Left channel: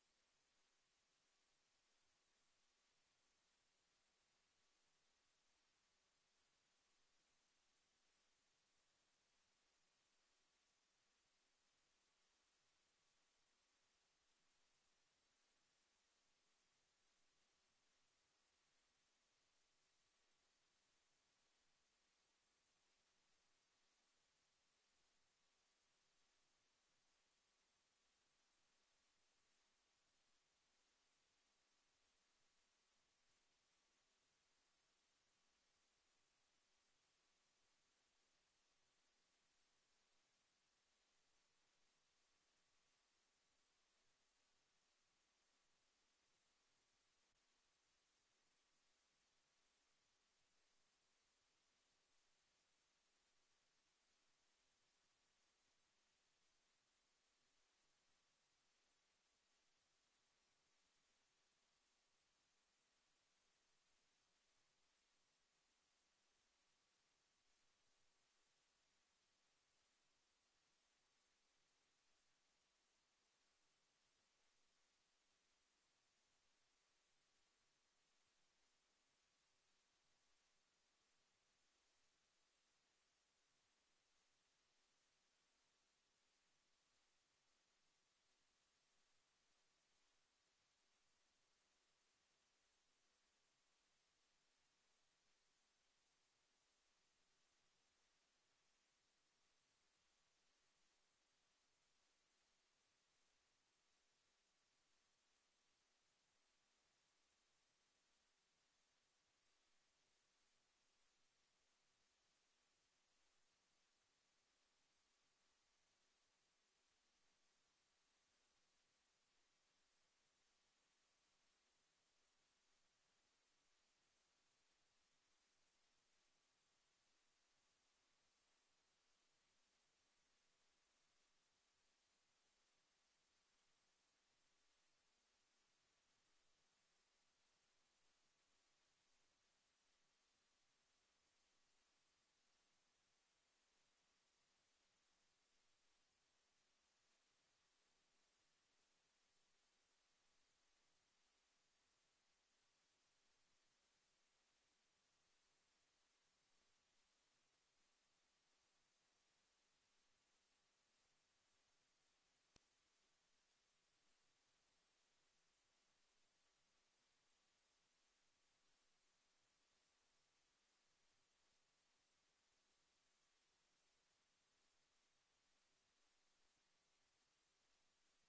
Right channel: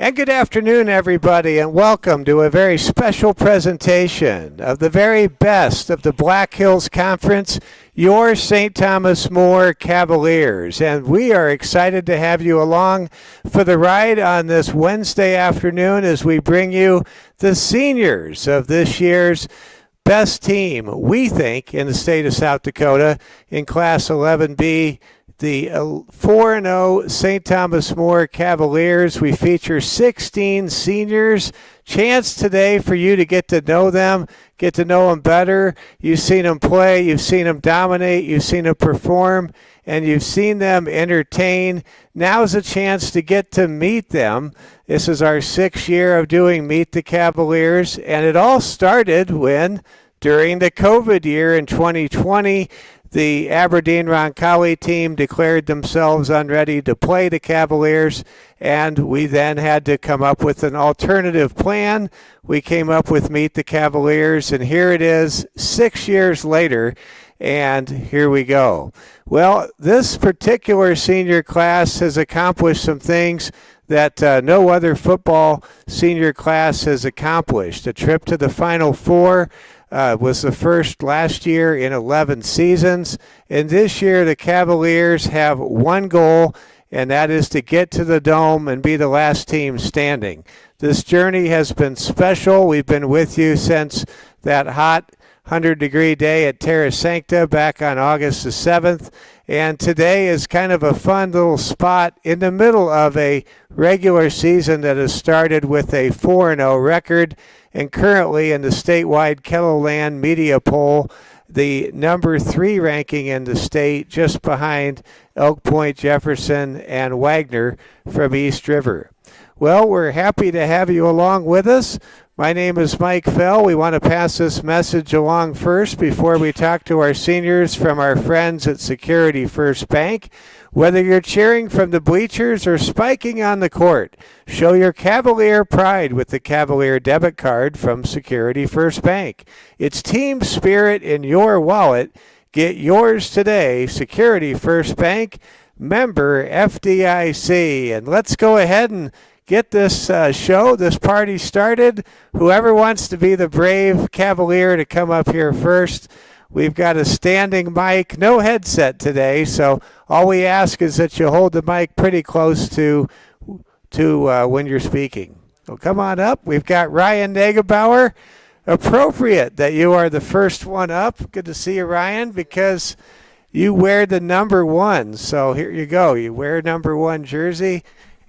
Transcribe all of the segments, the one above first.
And good afternoon, everybody, and welcome to a very special presentation of the very best of the Black Hills Conference, your St. Thomas More Cavaliers. And we are excited to have you along for the ride on this Wednesday afternoon as we bring you the seniors of this year's best team, we think, in the state of South Dakota in Class 11B. The 4-0 St. Thomas More Cavaliers. We feature 16 seniors. Chance today for you to get to know them better. You've seen them play, you've seen them dominate, you've seen them perform, and you've seen them entertain. Now's a chance to get to meet them. This is our 6th year of doing Meet the Cavaliers, and it all started when, during the COVID year in 2020, the Aberdeen Roncalli team declared themselves unready to play the Cavaliers, and we then had to come up with an alternative plan. We came up with Meet the Cavaliers, and here it is 6 years later, and here we go. Well, this particular senior class has accomplished some things that no other football senior class has accomplished. A trip to the Final Four was the first last year in 11 seasons. And this year, the Cavaliers have one goal, and that is to get to the Dome and be the last team standing. This journey has been special. We've been with you since that hot 100-degree day at Terra Sancta back on August the 7th. And today is kind of a fun little spot in the middle of a regular season that has started with a 4-0 record. And currently in the statewide Kettleland media poll, the number 3 ranking in the state, just behind Elk Point, Jefferson, and Wagner from East River. Well, we're happy to have you along with us. My name is Mike Fell. We want to pass this message along first before we talk to our seniors from our friends at Security First Bank. Whether you're cheering from the bleachers or spiking on the court, show your Cavalier pride with the Cavalier debit card from Security First Bank. It's team spirit in your wallet. Get yours today. Security First Bank, member FDIC. And let's go ahead and get this this party started. Whoever wants to be the brave Cavalier to come up here first. We've got a standing mic, no headset today, so all we ask is that you hold the mic pretty close to when you're speaking. So come on up. We've got Ryan Nagebauer. Appropriate that you are the first one up. Good to see you, Ryan, because you wear the number 1. So here you go. You wear number 1 jersey,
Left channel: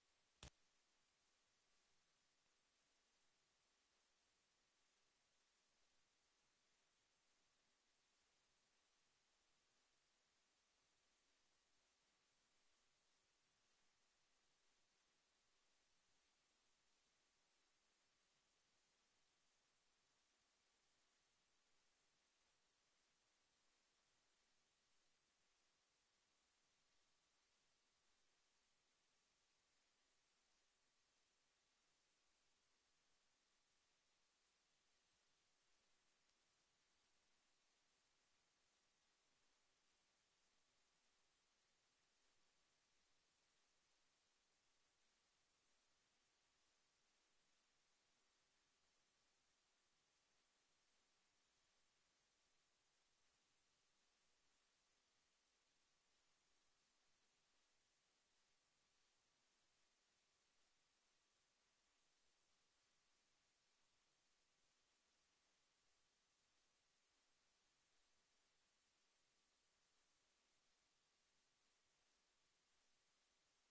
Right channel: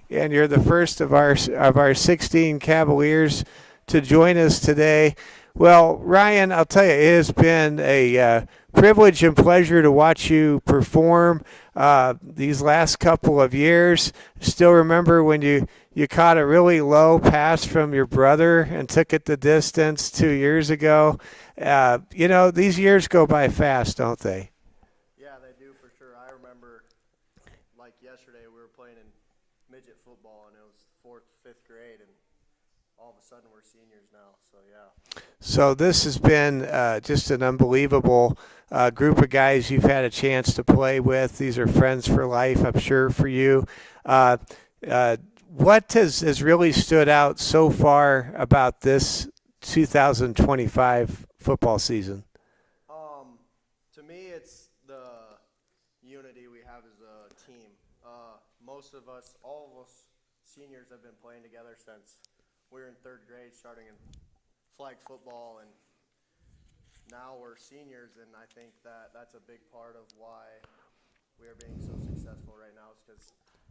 and you're the first of our 16 Cavaliers to join us today. Well, Ryan, I'll tell you, it has been a privilege and pleasure to watch you perform these last couple of years. Still remember when you caught a really low pass from your brother and took it the distance 2 years ago. These years go by fast, don't they? Yeah, they do for sure. I remember, like yesterday, we were playing in midget football, and it was 4th, 5th grade, and all of a sudden we're seniors now, so yeah. So this has been just an unbelievable group of guys you've had a chance to play with. These are friends for life, I'm sure, for you. What has really stood out so far about this 2025 football season? To me, it's the unity we have as a team. Most of us, all of us seniors have been playing together since we were in 3rd grade, starting in flag football, and now we're seniors, and I think that's a big part of why we are being so successful right now, is because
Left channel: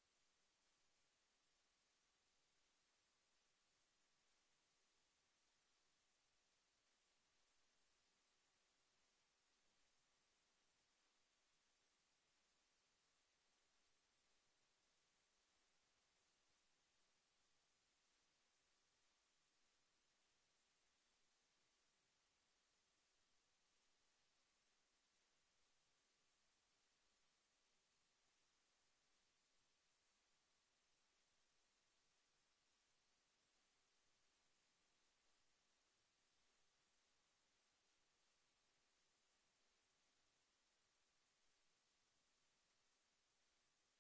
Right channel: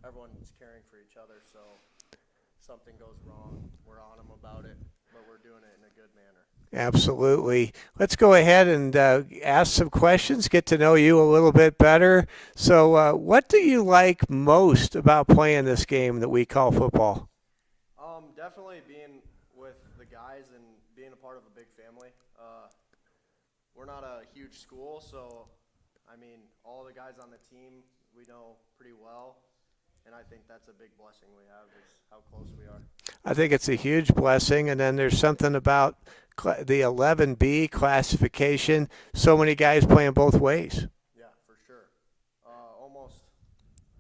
everyone is caring for each other. So something goes wrong, we're on them about it, but we're doing it in a good manner. Absolutely. Let's go ahead and ask some questions, get to know you a little bit better. So what do you like most about playing this game that we call football? Definitely being with the guys and being a part of a big family. We're not a huge school, so, I mean, all the guys on the team we know pretty well, and I think that's a big blessing we have is how close we are. I think it's a huge blessing, and then there's something about the 11B classification. So many guys playing both ways. Yeah, for sure. Almost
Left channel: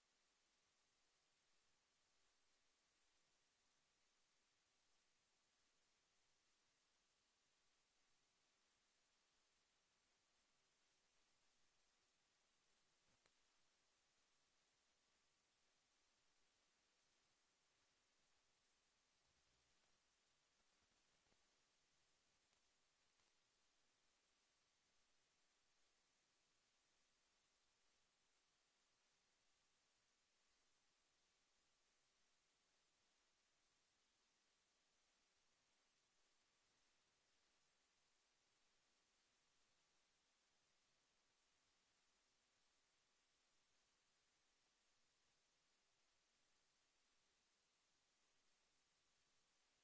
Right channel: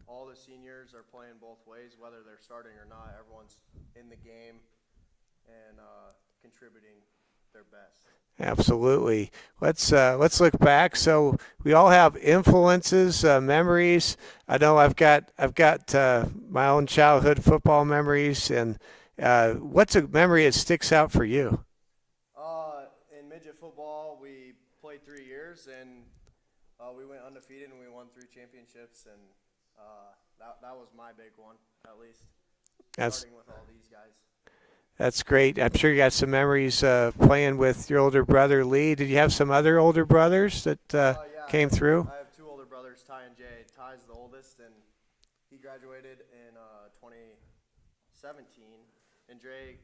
all the seniors are playing both ways, whether they're starting or not. Everyone's in the game and contributing their best. Absolutely. Let's look back. So we all have influences, memories. I know I've got my own childhood football memories, and what's a memory that sticks out for you? In midget football, we played 3 years, and we went undefeated, and we won 3 championships, and that was my big one, at least, That's starting with all these guys. that's great. I'm sure you got some memories playing with your older brother Lee. Did you have some other older brothers that Yeah, came through? I have 2 older brothers, Ty and Jay. Ty's the oldest, and he graduated in 2017, and Jay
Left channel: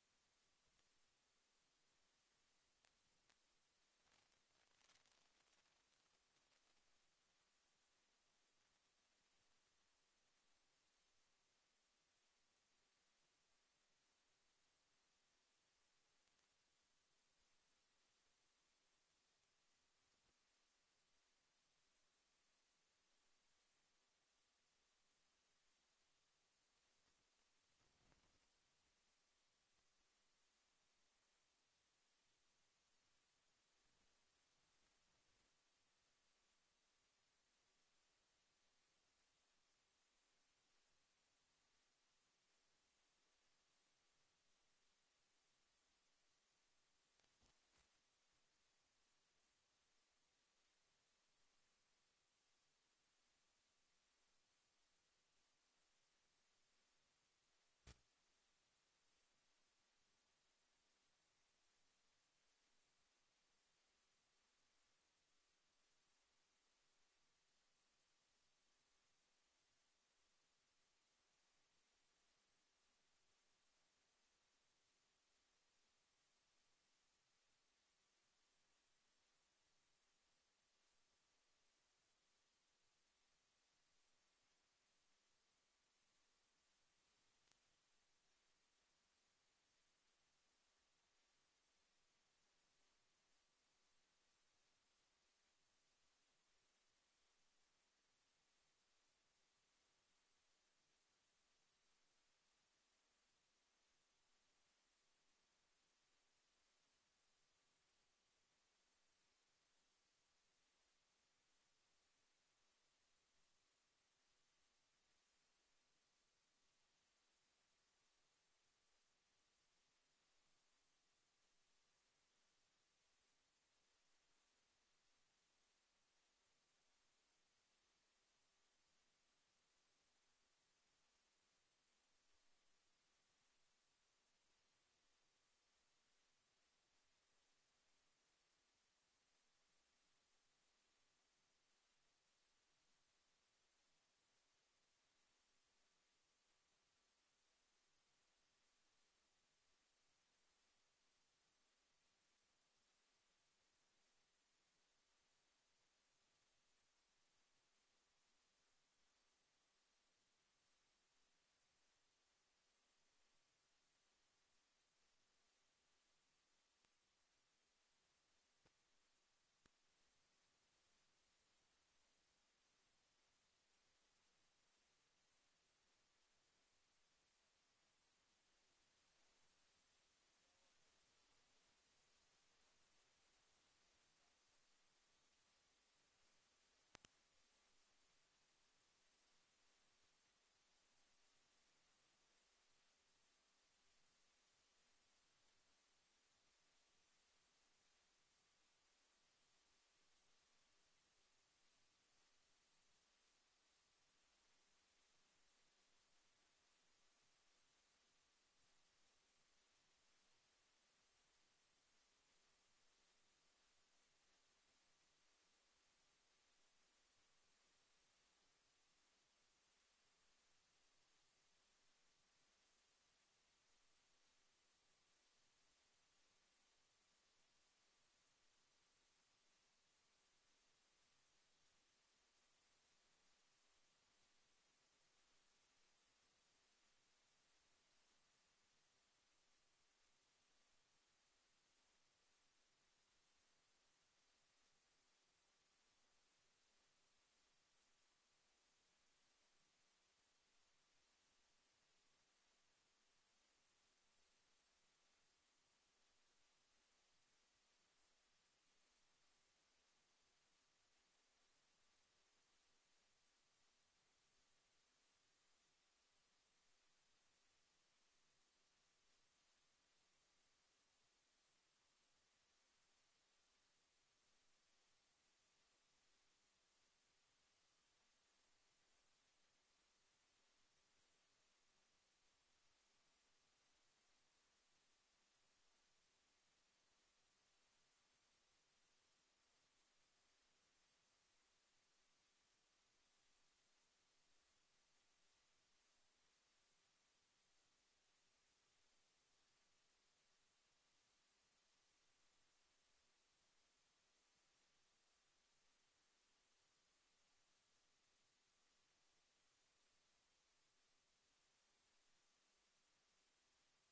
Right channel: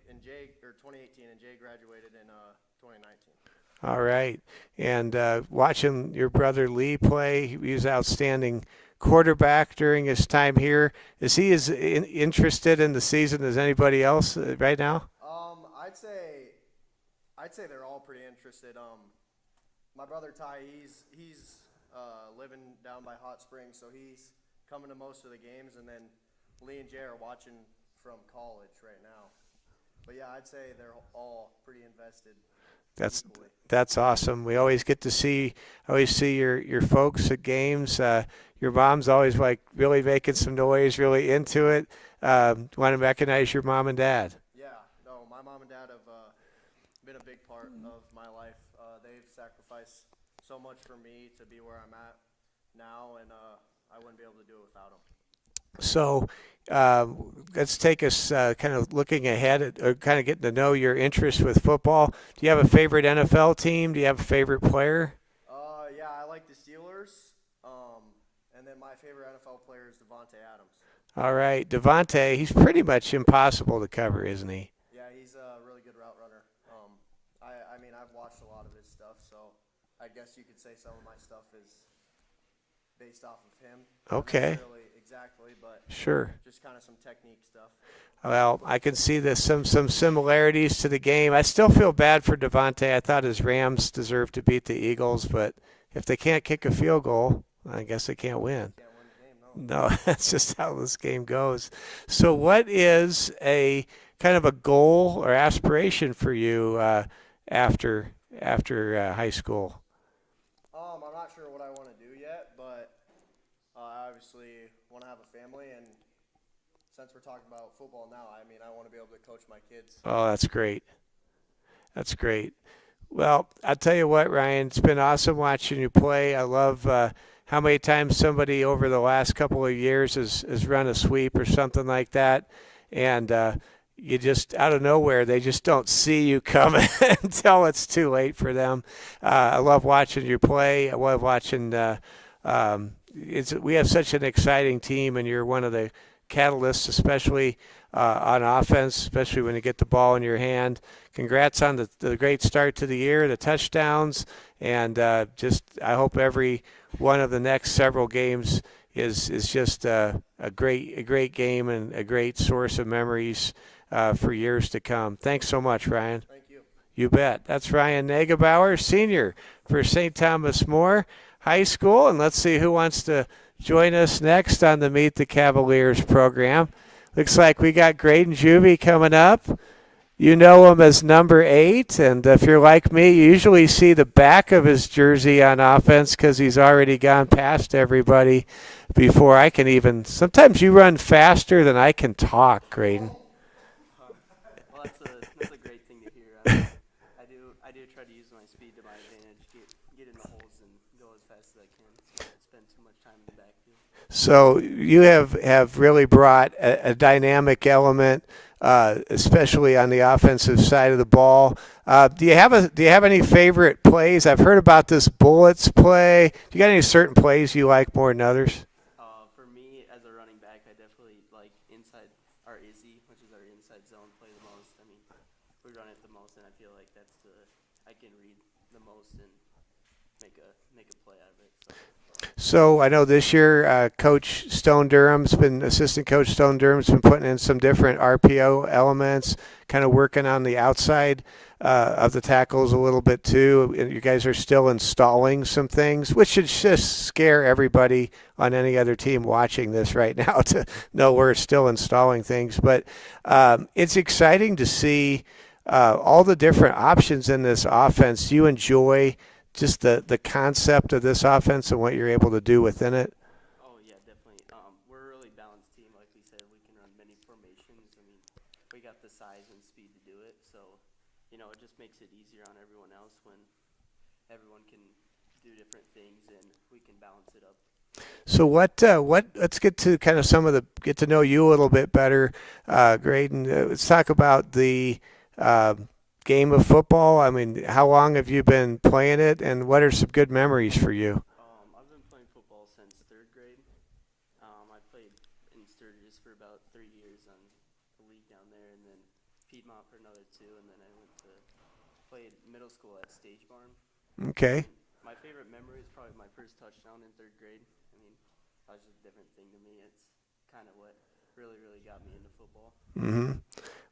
or 2018, and Jay graduated in 2019. All right. And watching your brother Lee play, he was outstanding quarterback during his time here. Is he as interested in the season as anybody else right now? I'd say they're all pretty interested. My brother Ty, he's living down by Hot Springs, so he's coming to most of the games, and then Lee and Jay are watching from college right now. But yeah, I'd say they're all pretty invested. That's Equally. that's awesome. We always get to always see your folks at games. Your mom's always like really making some noise, really into it. Want to recognize your mom and dad. Yeah, no, my mom and dad have been a big part of my life. They've sacrificed so much for me to be where I'm at now, and I wouldn't be able to do it without them. So let's take us kind of looking ahead at, or kind of getting to know your interest with football. Do you have a favorite NFL team? Do you have a favorite player? Yeah, I like the Steelers, and then my favorite NFL player is Devontae Adams. All right, Devontae, he's pretty much impossible to cover, isn't he? Yeah, he's a really good route runner. I mean, I've watched a lot of his stuff, so I guess you could say some of my stuff is based off of him. Okay. Not necessarily exactly, but Sure. just kind of some technique stuff. Well, I can see there's some similarities to the game. I still feel bad for Devontae. I thought his Rams deserved to beat the Eagles, but if they can't kick a field goal, I guess they can't win. Can't win the game, no. No, that's just how this game goes. So, what is a kind of a goal or aspiration for you after high school? I'm not sure what I want to do yet, but I obviously want to have a family, and since we're talking about football now, I mean, I want to be able to coach my kids. Oh, that's great. That's great. Well, I'll tell you what, Ryan, it's been awesome watching you play. I love how many times somebody over the last couple of years has run a sweep or something like that. And you just, out of nowhere, they just don't see you coming until it's too late for them. I love watching you play. I love watching. We have such an exciting team, and you're one of the catalysts, especially on offense, especially when you get the ball in your hand. Congrats on the great start to the year, the touchdowns, and just I hope every one of the next several games is just a great game and a great source of memories for years to come. Thanks so much, Ryan. Thank you. You bet. That's Ryan Nagebauer, senior for St. Thomas More High School, and let's see who wants to join us next on the Meet the Cavaliers program. Looks like we got Graydon Juvie coming up. You know him as number 8, and if you're like me, you usually see the back of his jersey on offense because he's already gone past everybody before I can even. Sometimes you run faster than I can talk, Graydon. Well, that's a great thing to hear. I do try to use my speed to my advantage, get in the holes and go as fast as I can. So I spend too much time in the backfield. So you have really brought a dynamic element, especially on the offensive side of the ball. Do you have any favorite plays? I've heard about this bullets play. Do you got any certain plays you like more than others? For me, as a running back, I definitely like inside our Izzy, which is our inside zone play the most. I mean, we run it the most, and I feel like I can read the most and make a play out of it. So. So I know this year, assistant coach Stone Durham's been putting in some different RPO elements, kind of working on the outside of the tackles a little bit too. And you guys are still installing some things, which should just scare everybody on any other team watching this right now to know we're still installing things. But it's exciting to see all the different options in this offense. Do you enjoy just the concept of this offense and what you're able to do within it? Oh yeah, definitely. We're a really balanced team. Like we said, we can run many formations. I mean, we got the size and speed to do it. So, it just makes it easier on everyone else when everyone can do different things and we can balance it up. So let's get to kind of get to know you a little bit better, Graydon. Let's talk about the uh, game of football. I mean, how long have you been playing it, and what are some good memories for you? I've been playing football since third grade. I played in Sturgis for about 3 years on the league down there, and then Piedmont for another 2, and then I went to play middle school at Stage Barn. Okay. My favorite memory is probably my first touchdown in third grade. I mean, that was just a different thing to me. It's kind of what really, really got me into football. Mm-hmm.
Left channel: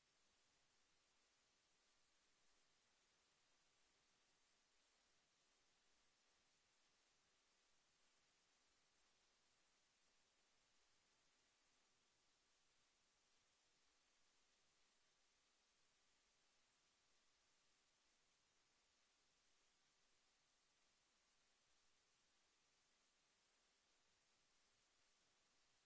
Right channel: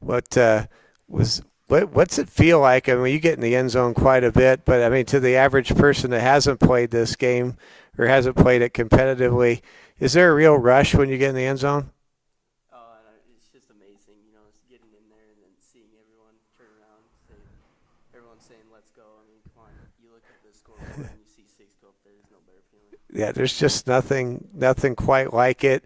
What was what's it feel like? I mean, you get in the end zone quite a bit, but I mean, to the average person that hasn't played this game or hasn't played it competitively, is there a real rush when you get in the end zone? And it's just amazing, it's getting in there and then seeing everyone turn around, everyone saying, "Let's go." I mean, come on, you look at the scoreboard and you see 6 go up there. There's no better feeling. Yeah, there's just nothing quite like it.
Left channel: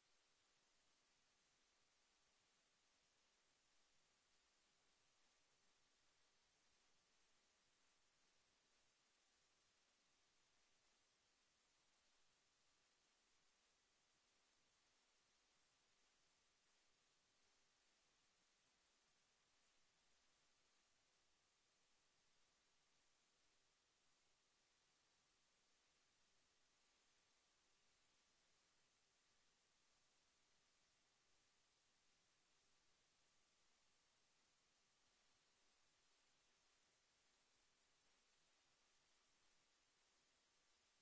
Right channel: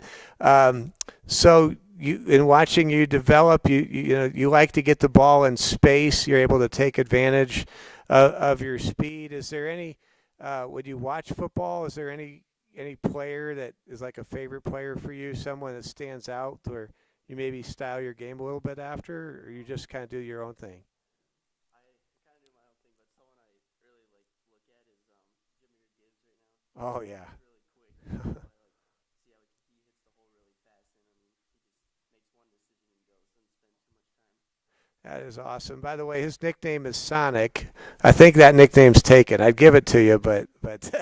So in watching you develop, you like to get the ball in space. You're able to take advantage of your speed. Is there any when you watch football? Is there any player that is like a favorite player for you? Someone that stands out, or you maybe style your game a little bit after, or you just kind of do your own thing? I kind of do my own thing, but someone I really like look at is Jameer Gibbs right now. Oh yeah. He's really quick, so I like see how he hits the hole really fast, and I mean, he just makes one decision and goes, doesn't spend too much time. That is awesome. By the way, his nickname is Sonic. I think that nickname's taken. I'd give it to you, but but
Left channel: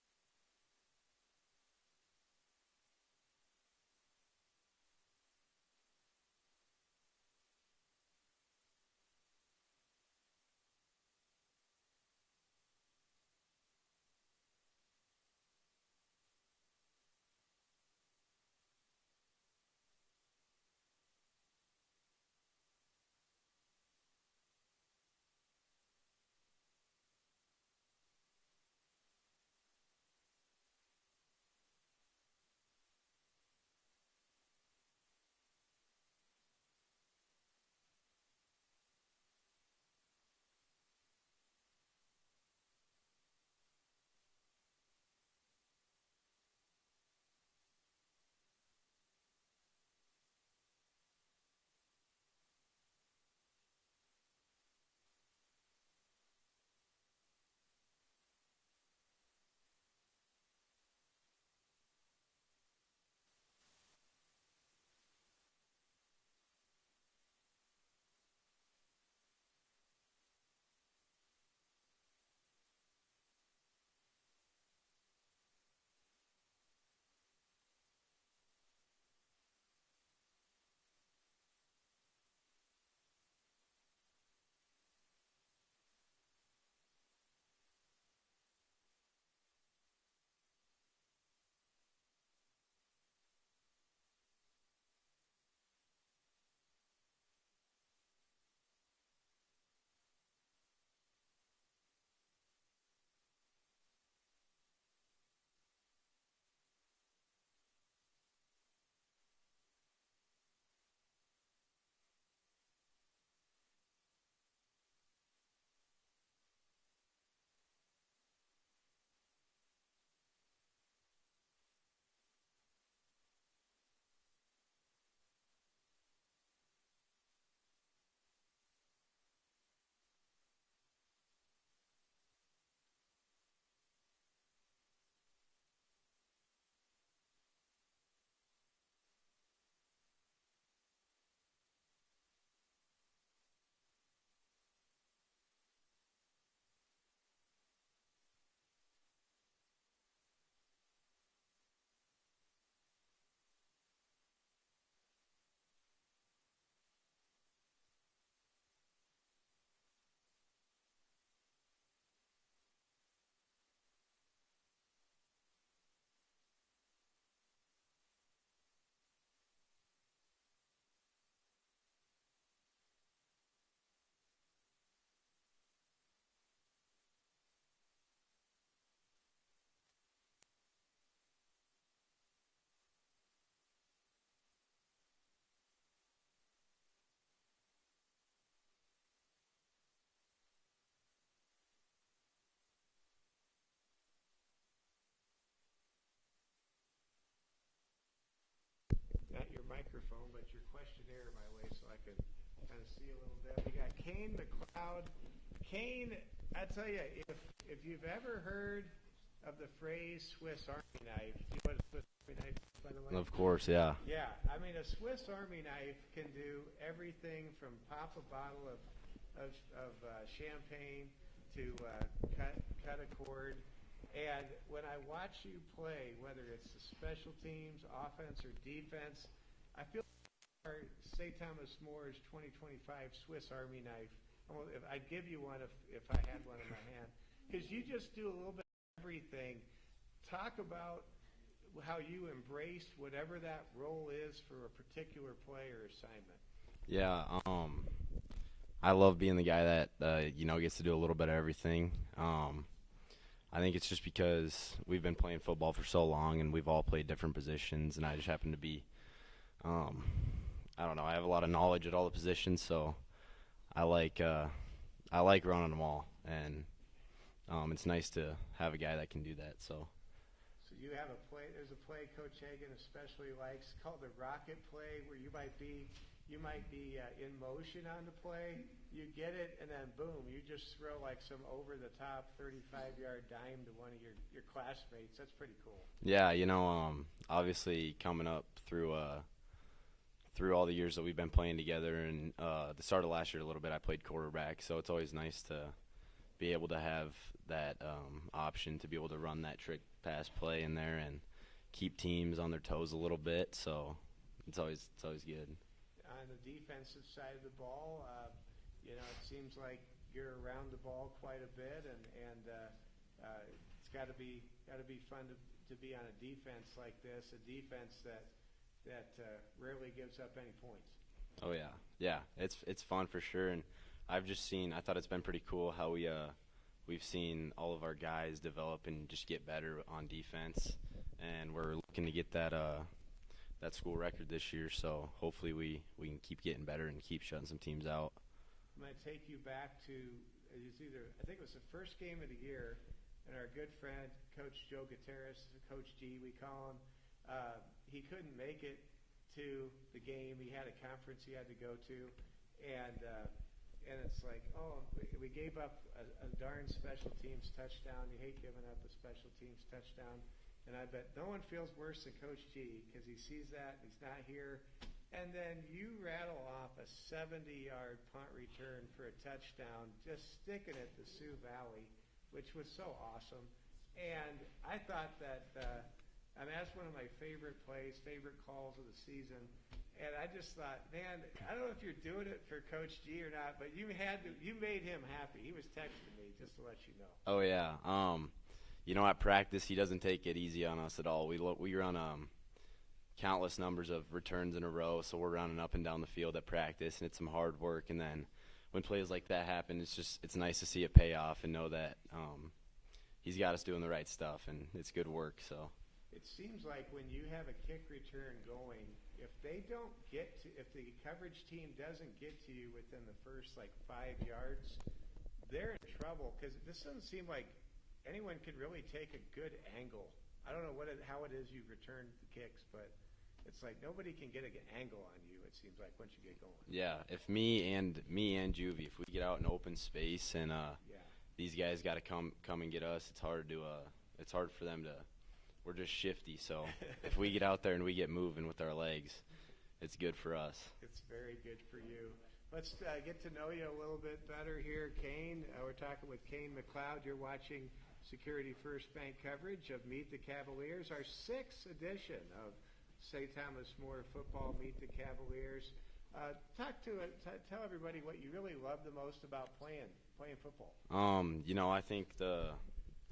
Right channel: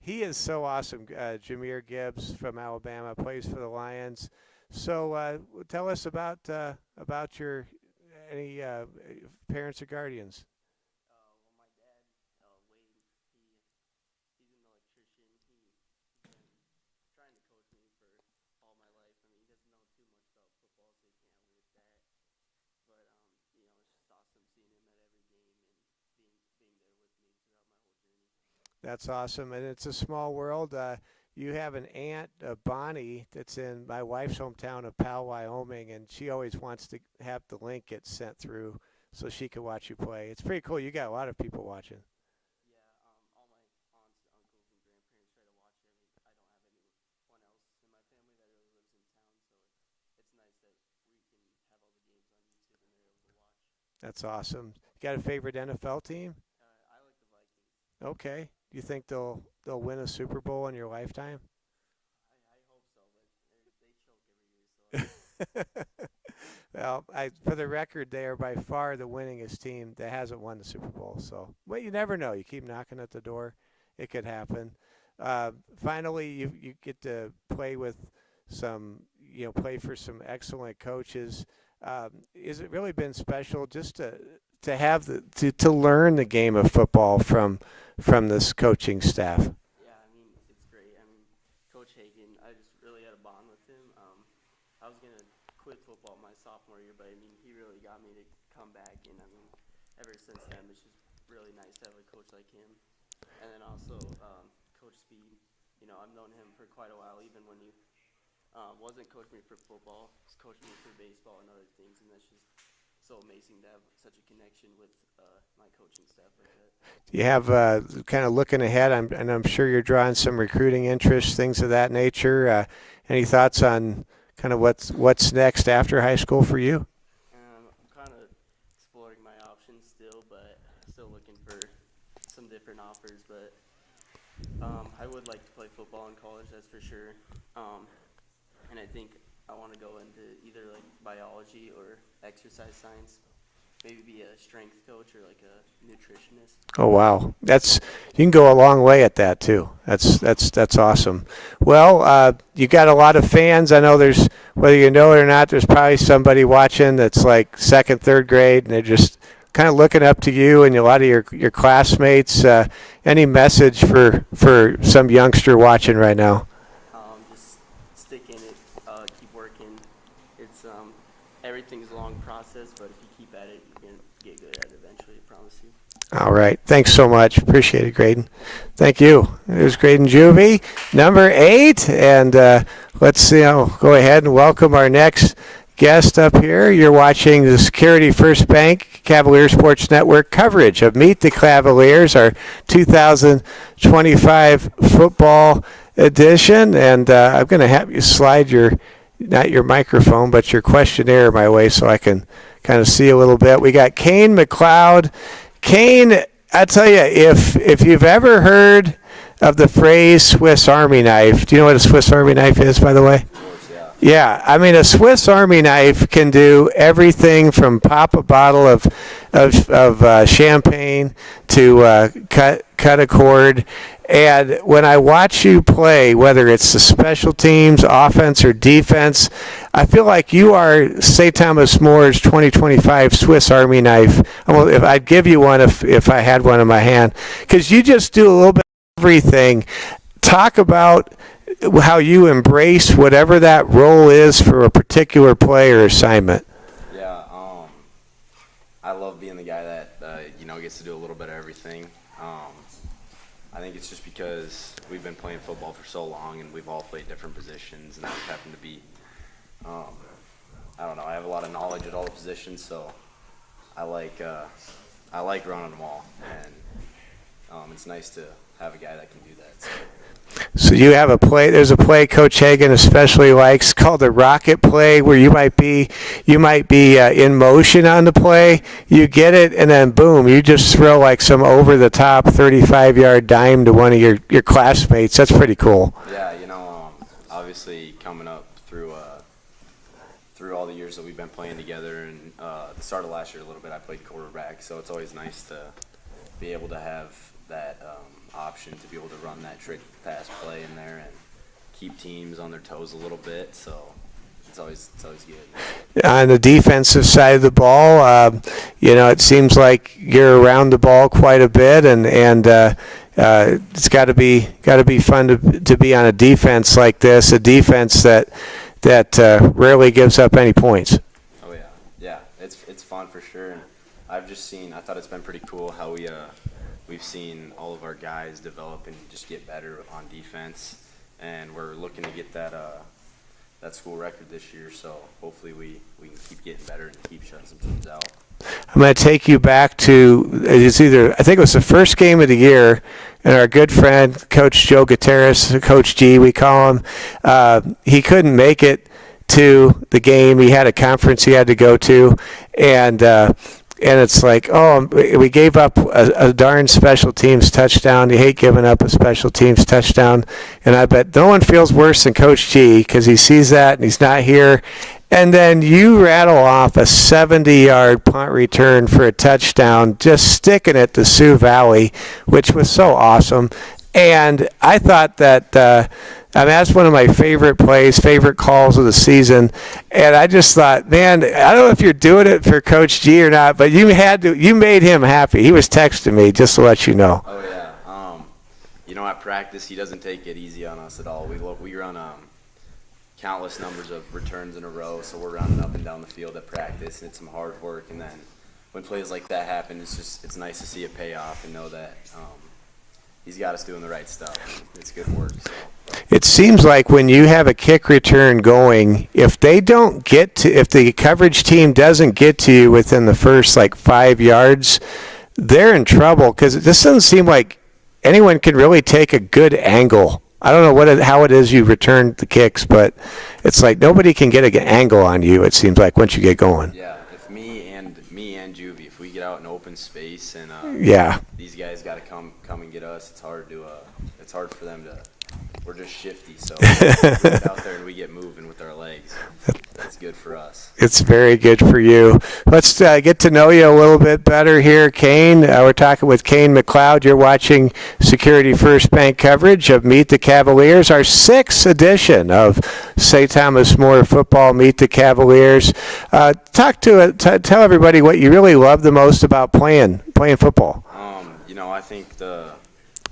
he is so awesome. Jameer Gibbs from Alabama plays for the Lions. So tell us about your any parents or guardians. Well, my dad, Wade, he's an electrician. He's been trying to coach me for all my life. I mean, he doesn't know too much about football, so he can't help me with that. But it's just awesome seeing him at every game and being there with me throughout my whole journey. That's awesome, and it's a small world. You have an aunt, Bonnie, that's in my wife's hometown of Powell, Wyoming, and she always wants to have the link get sent through so she can watch you play. It's pretty cool. You got a lot of people watching. Yeah, all my aunts, uncles, and grandparents try to watch every. I don't have anyone else in my family that really lives in town, so it's nice that we can have all the games on YouTube and they're able to watch. That's awesome. You got a favorite NFL team? I like the Vikings. Okay. Do you think they'll win a Super Bowl in your lifetime? I hope so, but they choke every year, so I don't know. Well, for the record, they are by far the winningest team that hasn't won the Super Bowl. So, well, you never know. You keep knocking at the door, it could happen. Uh, Finally, you get to play with play for some excellent coaches. Has it really been special just to have to learn the game of football from this coaching staff? Yeah, I mean, it's great. I mean, Coach Hagan, I just really had a bond with him. I was going to quit football my sophomore year, but I mean, he really got me to come back. And I mean, ever since then, it's just really nice to have a coach like him. And then also, Coach Speed, I've known him for quite a while, even when he wasn't coaching me for football. He's coached me for baseball and other things, and that's just so amazing to have such a connection with my coaching staff like that. You have kind of looking ahead, and I'm sure you're drawing some recruiting interest, things of that nature. Any thoughts on kind of what's next after high school for you? I'm kind of exploring my options still, but still looking for some different offers. But I would like to play football in college, that's for sure. And I think I want to go into either like biology or exercise science. maybe be a strength coach or like a nutritionist. Oh wow, you can go a long way at that too. That's awesome. Well, you got a lot of fans. I know there's, whether you know it or not, there's probably somebody watching that's like second, third grade, and they're just kind of looking up to you and a lot of your classmates. Any message for some youngster watching right now? Just stick in it, keep working. It's everything's a long process, but if you keep at it, you're gonna get good at it eventually. I promise you. All right. Thanks so much. Appreciate it, Graydon. Thank you. There's Graydon Juvie, number 8. And let's go ahead and welcome our next guest up here. You're watching the Security First Bank Cavalier Sports Network coverage of Meet the Cavaliers, our 2025 football edition. And I'm going to have you slide not your microphone, but your questionnaire my way so I can kind of see a little bit. We got Kane McLeod. Kane, I tell you, if you've ever heard of the phrase Swiss Army knife, do you know what a Swiss Army knife is, by the way? Of course, yeah. Yeah, I mean, a Swiss Army knife can do everything from pop a bottle of champagne to cut a cord. And when I watch you play, whether it's the special teams, offense, or defense, I feel like you are St. Thomas More's 2025 Swiss Army knife. Well, if I'd give you one if I had one in my hand, because you just do a little bit of everything. Talk about how you embrace whatever that role is for a particular play or assignment. Yeah, I love being the guy that gets to do a little bit of everything. I think it's just because we've been playing football for so long and we've all played different positions, and I just happen to be, I don't know, I have a lot of knowledge at all the positions, so I like running them all, and it's nice to have a guy that can do that. So you have there's a play Coach Hagan especially likes called the rocket play, where you might be in motion on the play, you get it, and then boom, you just throw like some over-the-top 35-yard dime to one of your classmates. That's pretty cool. Yeah, obviously coming up through all the years that we've been playing together, and the start of last year a little bit, I played quarterback, so it's always nice to be able to have that option to be able to run that trick pass play in there and keep teams on their toes a little bit. So it's always good. On the defensive side of the ball, it seems like you're around the ball quite a bit, and it's got to be fun to be on a defense like this, a defense that rarely gives up any points. Oh yeah, it's fun for sure. And I thought it's been pretty cool how we've seen all of our guys develop and just get better on defense, and we're looking to get that school record this year, so hopefully we can keep getting better and keep shutting some teams out. I'm going to take you back to, I think it was the first game of the year, and our good friend, Coach Joe Gutierrez, Coach G, we call him, he couldn't make it to the game. He had a conference he had to go to, and it's like, we gave up a darn special teams touchdown. You hate giving up a special teams touchdown. And I bet no one feels worse than Coach G, because he sees that and he's not here. And then you rattle off a 70-yard punt return for a touchdown, just sticking it to Sioux Valley, which was so awesome. And I thought that that's one of my favorite plays, favorite calls of the season. And I just thought, man, I don't know if you're doing it for Coach G or not, but you made him happy. He was texting me just to let you know. Oh yeah. At practice, he doesn't take it easy on us at all. We run countless numbers of returns in a row, so we're running up and down the field at practice, and it's some hard work. And then when plays like that happen, it's nice to see it pay off and know that he's got us doing the right stuff. It's good work. So. It seems like when you have a kick return going, if the coverage team doesn't get to you within the first 5 yards, they're in trouble, because it just doesn't seem like anyone can really take a good angle. I don't know how it is you return the kicks, but it's like nobody can get an angle on you, it seems like, once you get going. Yeah, if me and Juvie, if we get out in open space and these guys got to come and get us, it's hard for them to. We're just shifty, so we get out there and we get moving with our legs. It's good for us. It's very good for you. Let's get to know you a little bit better here, Kane. We're talking with Kane McLeod. You're watching Security First Bank coverage of Meet the Cavaliers, our 6th edition of St. Thomas More Football Meet the Cavaliers. Tell everybody what you really love the most about playing football. I think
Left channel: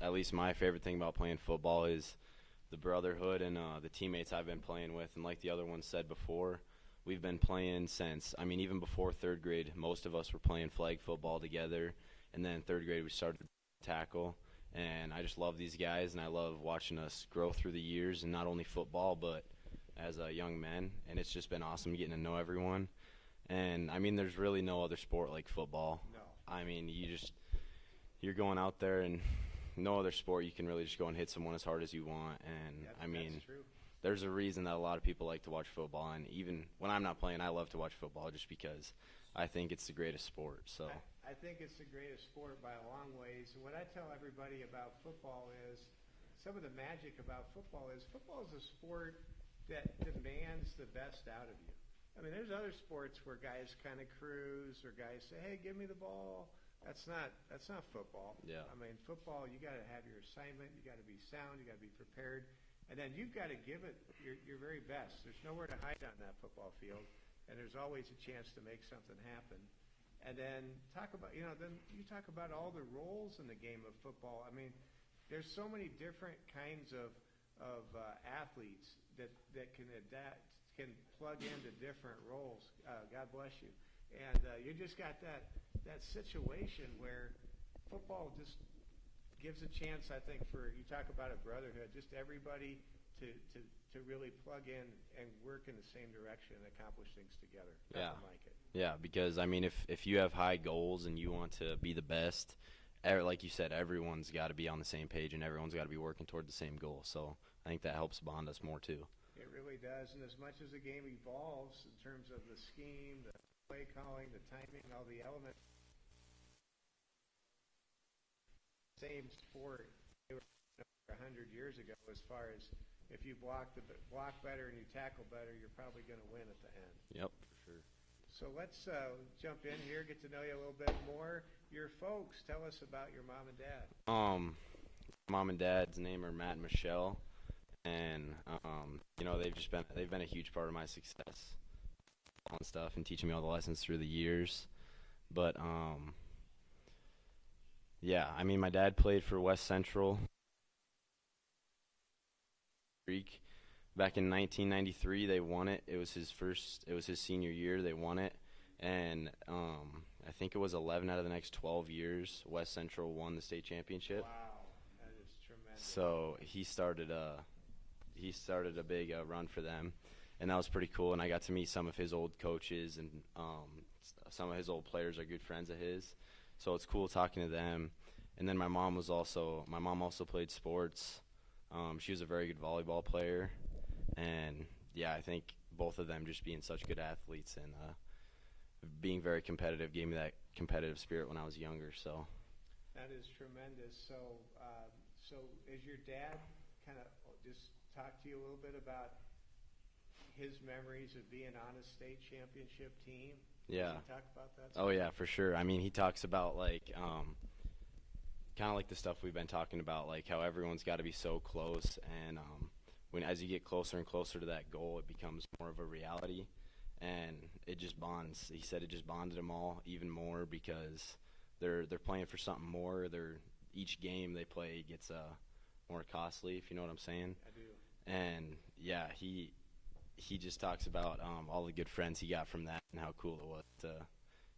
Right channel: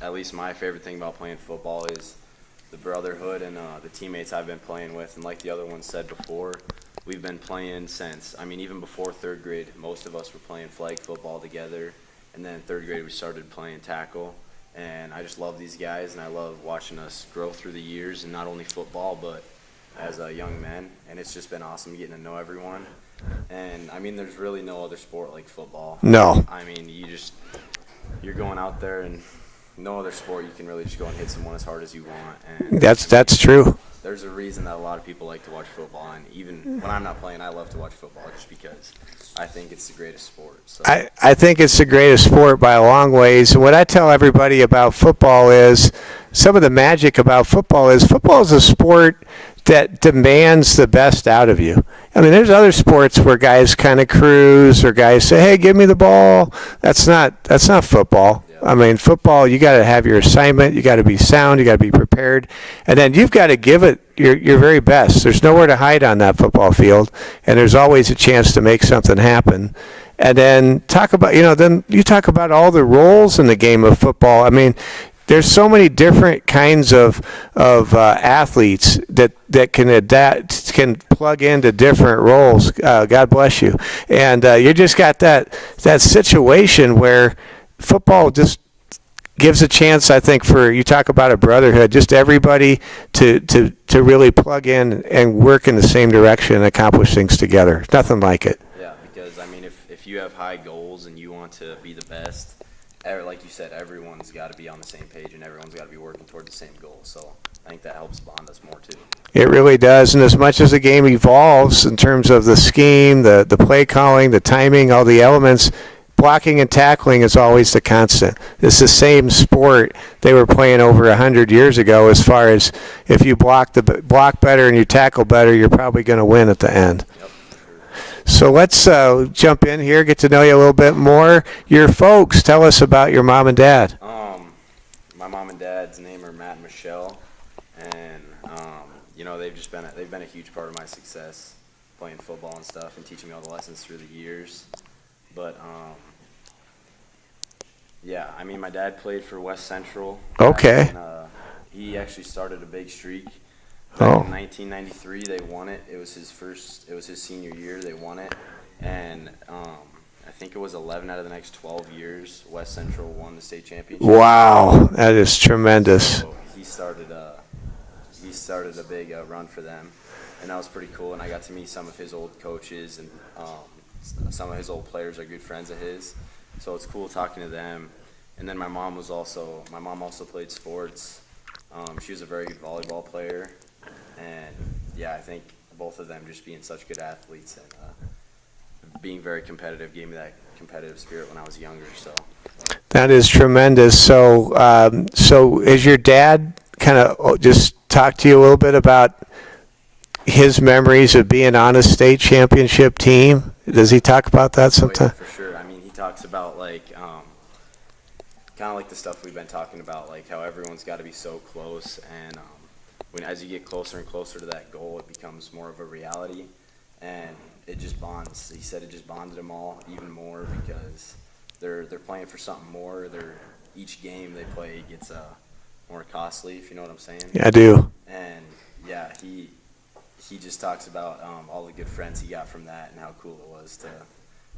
at least my favorite thing about playing football is the brotherhood and the teammates I've been playing with. And like the other one said before, we've been playing since, even before 3rd grade, most of us were playing flag football together. And then 3rd grade, we started playing tackle. And I just love these guys, and I love watching us grow through the years, and not only football, but as young men. And it's just been awesome getting to know everyone. And, there's really no other sport like football. No. You're going out there, and no other sport you can really just go and hit someone as hard as you want. And That's true. There's a reason that a lot of people like to watch football, and even when I'm not playing, I love to watch football just because I think it's the greatest sport. So. I think it's the greatest sport by a long ways. And what I tell everybody about football is, some of the magic about football is a sport that demands the best out of you. There's other sports where guys kind of cruise, or guys say, "Hey, give me the ball." That's not football. Yeah. Football, you got to have your assignment. You got to be sound. You got to be prepared, and then you've got to give it your very best. There's nowhere to hide on that football field, and there's always a chance to make something happen. And then then you talk about all the roles in the game of football. There's so many different kinds of athletes that can adapt, can plug into different roles. God bless you. And you just got that situation where football just gives a chance, I think, you talk about a brotherhood, just everybody to really plug in and work in the same direction and accomplish things together. Nothing like it. Yeah, because, if you have high goals and you want to be the best, like you said, everyone's got to be on the same page, and everyone's got to be working toward the same goal. So I think that helps bond us more too. It really does. And as much as the game evolves in terms of the scheme, the play calling, the timing, all the elements, blocking and tackling is always the constant. It's the same sport they were playing over 100 years ago, as far as if you block better and you tackle better, you're probably going to win at the end. Yep. So let's jump in here, get to know you a little bit more. Your folks, tell us about your mom and dad. My mom and dad's name are Matt and Michelle, and they've been a huge part of my success playing football and stuff, and teaching me all the lessons through the years. But my dad played for West Central. Okay. And, he actually started a big streak. Back in 1993, they won it. It was his senior year. They won it, and I think it was 11 out of the next 12 years, West Central won the state championship. Wow, that is tremendous. So he started a big run for them, and that was pretty cool. And I got to meet some of his old coaches, and some of his old players are good friends of his. So it's cool talking to them. And then my mom also played sports. She was a very good volleyball player. And I think both of them just being such good athletes and being very competitive gave me that competitive spirit when I was younger. So that is tremendous. So is your dad kind of just talk to you a little bit about his memories of being on a state championship team? Does he talk about that sometime? Oh, yeah, for sure. He talks about kind of like the stuff we've been talking about, like how everyone's got to be so close, and as you get closer and closer to that goal, it becomes more of a reality, and it just bonds. He said it just bonded them all even more, because they're playing for something more. Each game they play gets more costly, if you know what I'm saying. Yeah, I do. And he just talks about all the good friends he got from that, and how cool it was to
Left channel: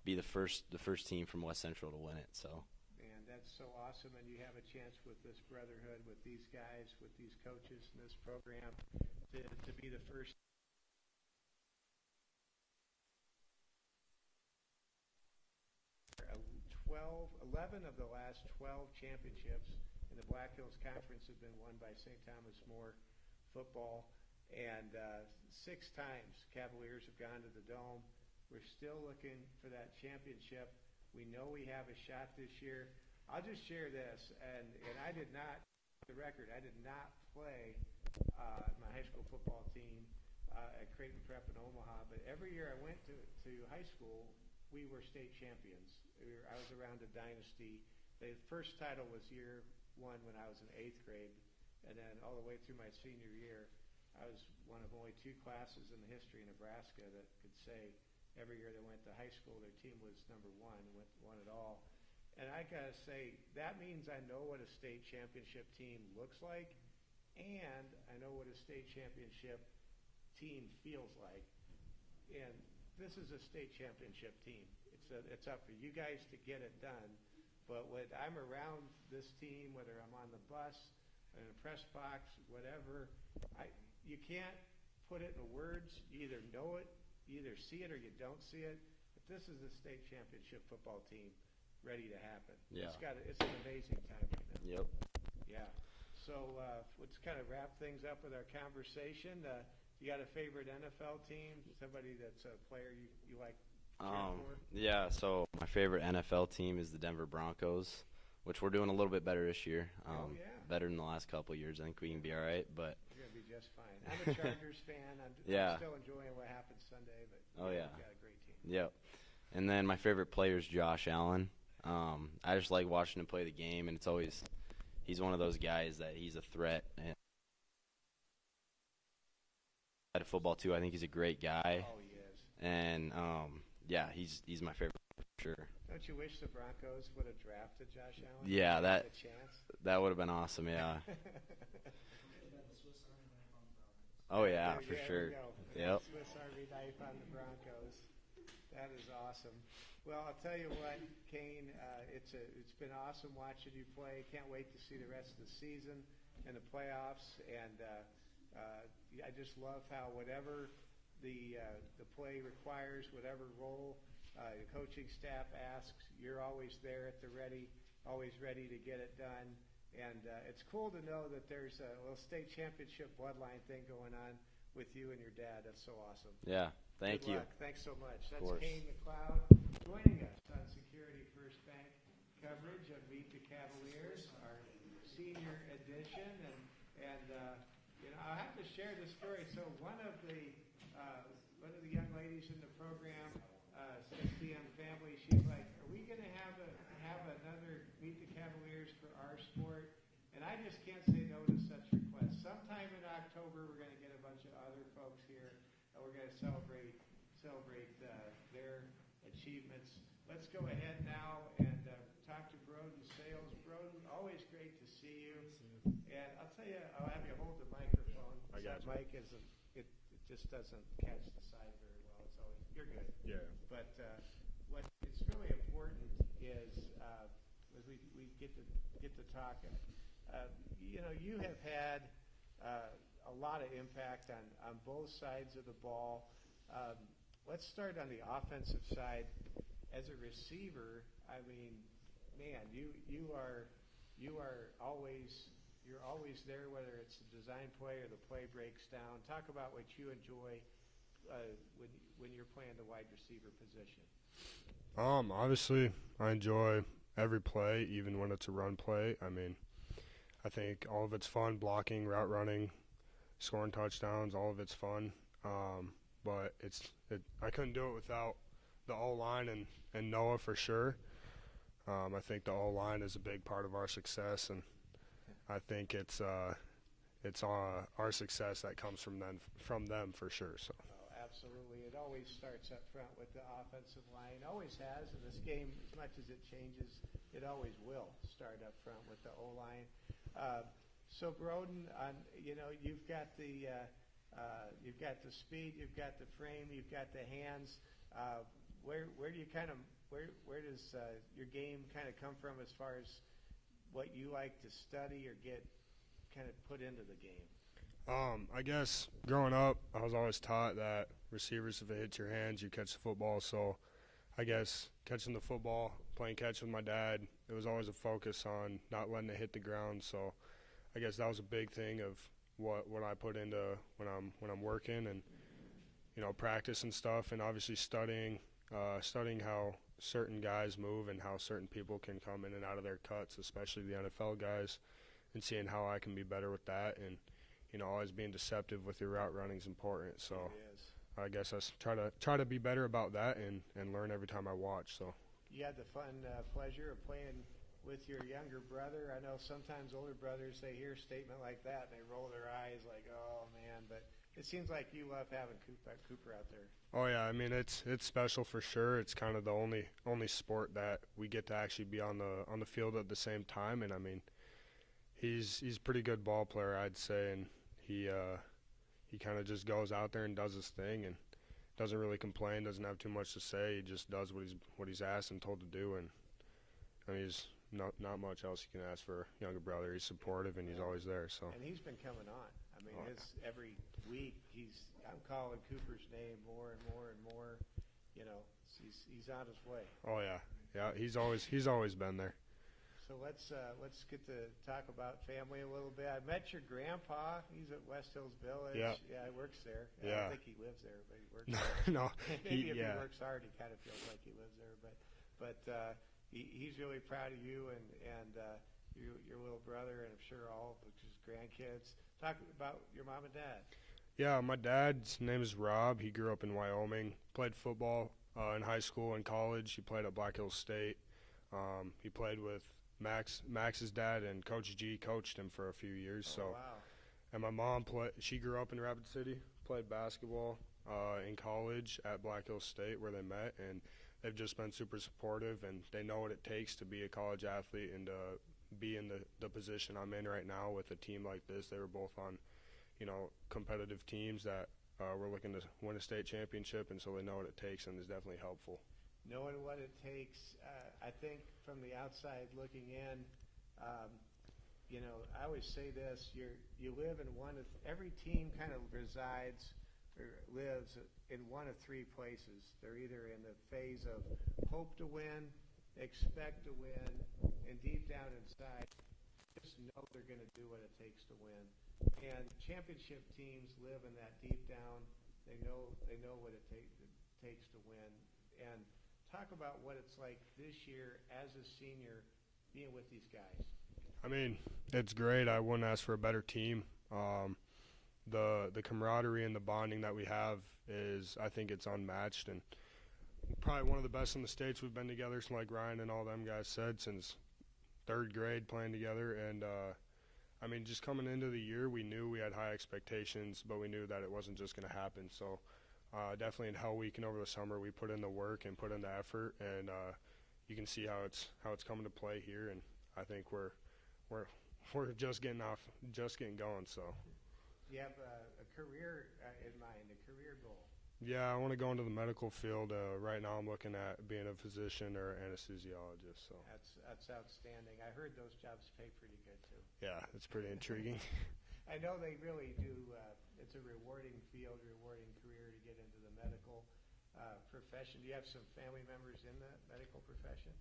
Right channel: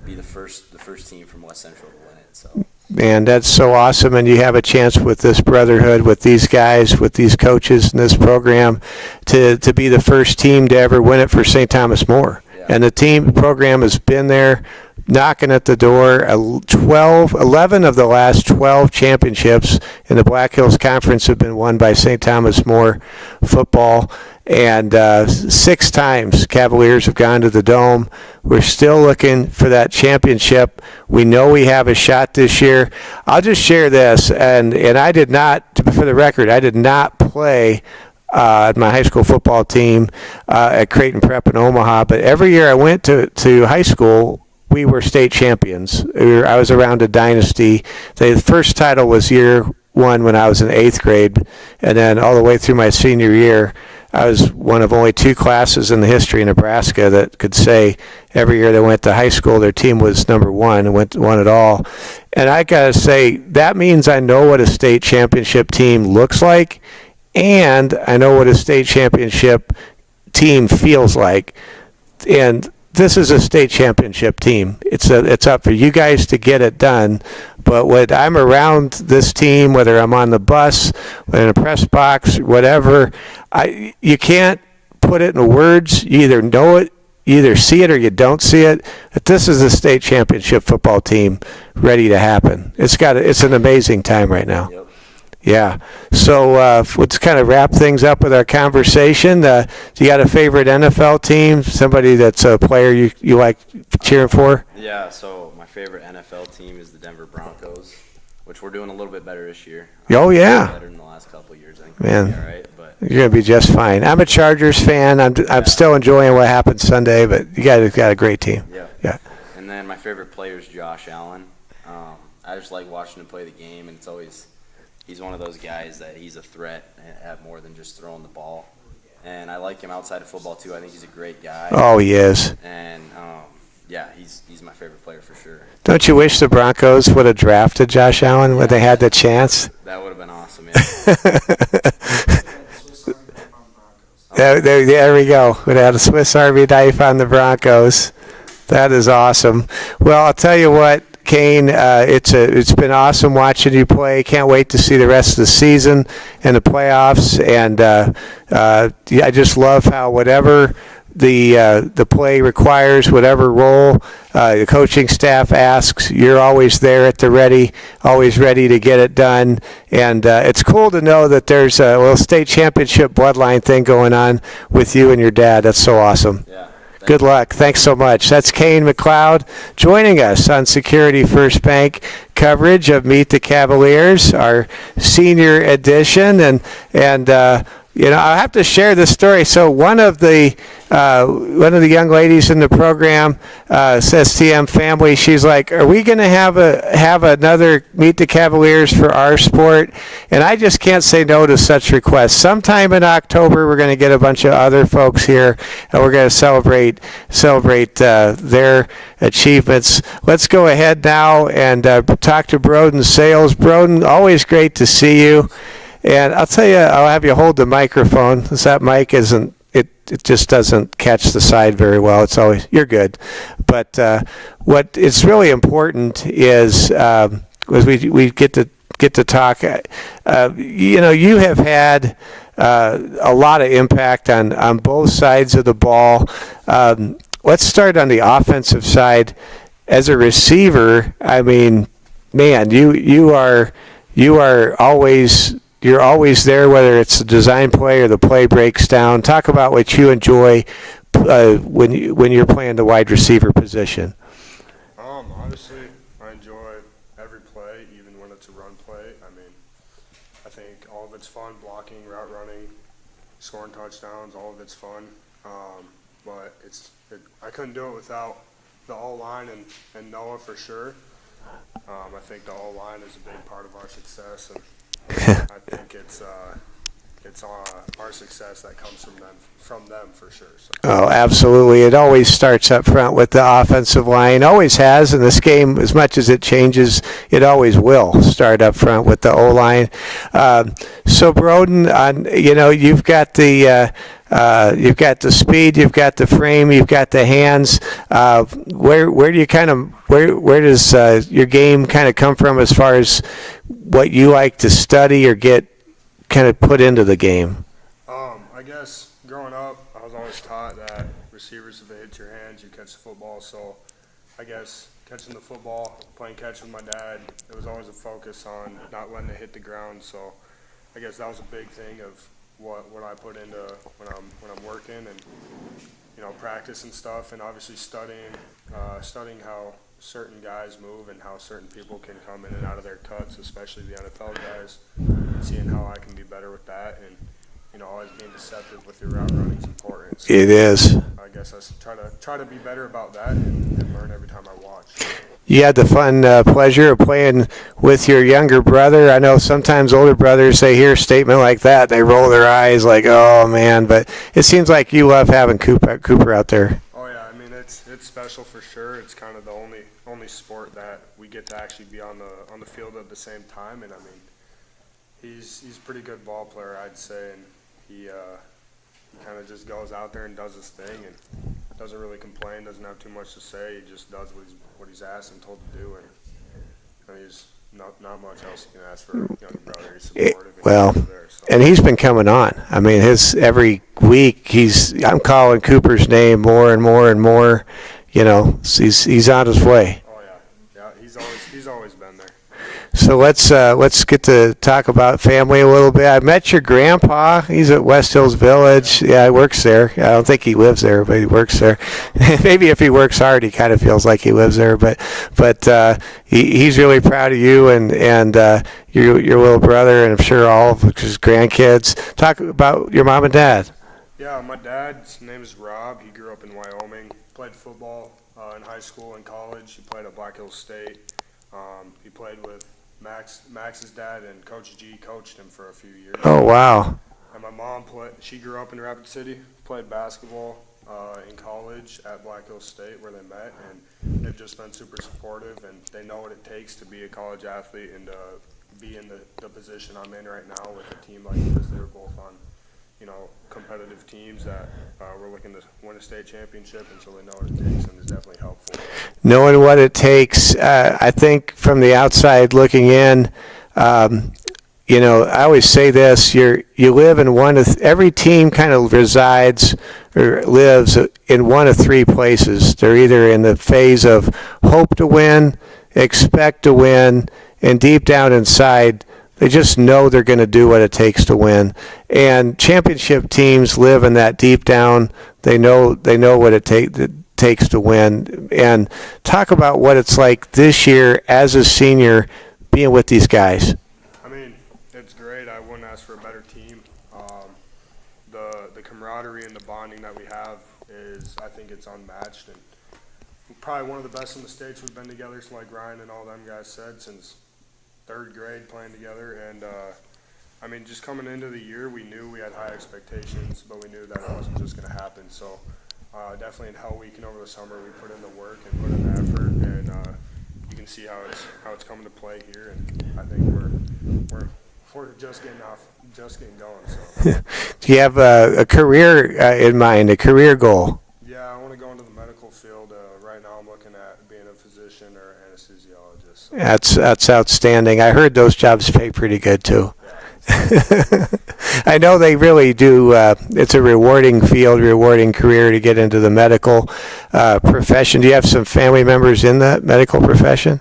be the first team from West Central to win it. So. Man, that's so awesome, and you have a chance with this brotherhood, with these guys, with these coaches in this program, to be the first team to ever win it for St. Thomas More. Yeah. And the program has been there knocking at the door. 11 of the last 12 championships in the Black Hills Conference have been won by St. Thomas More football. And 6 times Cavaliers have gone to the Dome. We're still looking for that championship. We know we have a shot this year. I'll just share this, and I did not, for the record, I did not play my high school football team at Creighton Prep in Omaha. But every year I went to high school, we were state champions. I was around a dynasty. The first title was year one when I was in 8th grade, and then all the way through my senior year, I was one of only 2 classes in the history of Nebraska that could say every year they went to high school, their team was number 1 and won it all. And I got to say, that means I know what a state championship team looks like, and I know what a state championship team feels like. And this is a state championship team. It's up for you guys to get it done. But when I'm around this team, whether I'm on the bus, in a press box, whatever, you can't put it in words. You either know it, you either see it or you don't see it. But this is a state championship football team ready to happen. It's an amazing time right now. Yep. Yeah. So let's kind of wrap things up with our conversation. Do you got a favorite NFL team? Somebody that's a player you like cheering for? Yeah, so my favorite NFL team is the Denver Broncos, which we're doing a little bit better this year. Oh, yeah. Better than the last couple of years, I think. Man. We'll be all right, but You're going to be just fine. I'm a Chargers fan. I'm still enjoying what happened Sunday, but you guys got a great team. yeah. Yeah. And then my favorite player is Josh Allen. I just like watching him play the game, and he's one of those guys that he's a threat at more than just throwing the ball. And I like him outside of football too. I think he's a great guy. Oh, he is. And yeah, he's my favorite player for sure. Don't you wish the Broncos would have drafted Josh Allen when they had the chance? That would have been awesome. Yeah. There we go. Would have had a Swiss Army knife on the Broncos. That is awesome. Well, I'll tell you what, Kane, it's been awesome watching you play. Can't wait to see the rest of the season and the playoffs. And I just love how whatever the play requires, whatever role the coaching staff asks, you're always there at the ready, always ready to get it done. And it's cool to know that there's a little state championship bloodline thing going on with you and your dad. That's so awesome. Yeah. Good luck. Thanks so much. That's Kane McLeod joining us on Security First Bank coverage of Meet the Cavaliers, our senior edition. And I have to share this story. So one of the young ladies in the program, STM family, she's like, "Are we going to have another Meet the Cavaliers for our sport?" And I just can't say no to such requests. Sometime in October, we're going to get a bunch of other folks here, and we're going to celebrate their achievements. Let's go ahead now and talk to Broden Sales. Broden, always great to see you. And I'll tell you, I'll have you hold the microphone, because that mic isn't, it just doesn't catch the side very well. It's always, you're good. But what is really important is we get to talk. You have had a lot of impact on both sides of the ball. Let's start on the offensive side. As a receiver, I mean, man, you are always. You're always there, whether it's the design play or the play breaks down. Talk about what you enjoy when you're playing the wide receiver position. Obviously, I enjoy every play, even when it's a run play. I mean, I think all of it's fun, blocking, route running, scoring touchdowns, all of it's fun. But I couldn't do it without the O-line and Noah for sure. I think the O-line is a big part of our success, and I think it's our success that comes from them for sure. So. Oh, absolutely. It always starts up front with the offensive line. Always has in this game. As much as it changes, it always will start up front with the O-line. So, Broden, you've got the speed, you've got the frame, you've got the hands. Where does your game kind of come from as far as what you like to study or get kind of put into the game? I guess growing up, I was always taught that receivers, if they hit your hands, you catch the football. So I guess catching the football, playing catch with my dad, it was always a focus on not letting it hit the ground. So I guess that was a big thing of what I put into when I'm working and practice and stuff, and obviously studying how certain guys move and how certain people can come in and out of their cuts, especially the NFL guys, and seeing how I can be better with that. And always being deceptive with your route running is important. So It is. I guess I should try to be better about that and learn every time I watch. You had the fun pleasure of playing with your younger brother. I know sometimes older brothers, they hear a statement like that, they roll their eyes like, oh man, but it seems like you love having Cooper out there. Oh yeah, I mean it's special for sure. It's kind of the only sport that we get to actually be on the field at the same time, and I mean he's a pretty good ball player, I'd say, and he kind of just goes out there and does his thing and doesn't really complain, doesn't have too much to say. He just does what he's asked and told to do, and I mean, he's not much else you can ask for a younger brother. He's supportive. Well, there, so. and he's been coming on. I mean, every week I'm calling Cooper's name more and more and more. He's on his way. Oh yeah, he's always been there. So let's get to talk about family a little bit. I met your grandpa. He's at West Hills Village. Yeah, he works there. I don't think he lives there, but he works there. Maybe if he works hard, he kind of feels like he lives there. But he's really proud of you and your little brother, and I'm sure all of his grandkids. Talk about your mom and dad. Yeah, my dad's name is Rob. He grew up in Wyoming. Played football in high school and college. He played at Black Hills State. He played with Max's dad, and Coach G coached him for a few years. Oh, wow. And my mom she grew up in Rapid City, played basketball in college at Black Hills State where they met, and they've just been super supportive, and they know what it takes to be a college athlete and be in the position I'm in right now with a team like this. They were both on, competitive teams that were looking to win a state championship, and so they know what it takes, and it's definitely helpful. Knowing what it takes, I think from the outside looking in, I always say this: you live in every team kind of resides or lives in one of three places. They're either in the phase of hope to win, expect to win, and deep down inside, they just know they're going to do what it takes to win. And championship teams live in that deep down. They know what it takes to win. And talk about what it's like this year as a senior being with these guys. I mean, it's great. I wouldn't ask for a better team. The camaraderie and the bonding that we have I think it's unmatched, and probably one of the best in the States. We've been together, like Ryan and all them guys said, since third grade playing together. And I mean, just coming into the year, we knew we had high expectations, but we knew that it wasn't just going to happen. So definitely in Hell Week and over the summer, we put in the work and put in the effort, and you can see how it's coming to play here. And I think we're just getting going. So. Do you have a career in mind, a career goal? Yeah, I want to go into the medical field. Right now, I'm looking at being a physician or anesthesiologist. So. That's outstanding. I heard those jobs pay pretty good too. Yeah. I know they really do. It's a rewarding field, rewarding career to get into the medical profession. Do you have some family members in the medical profession?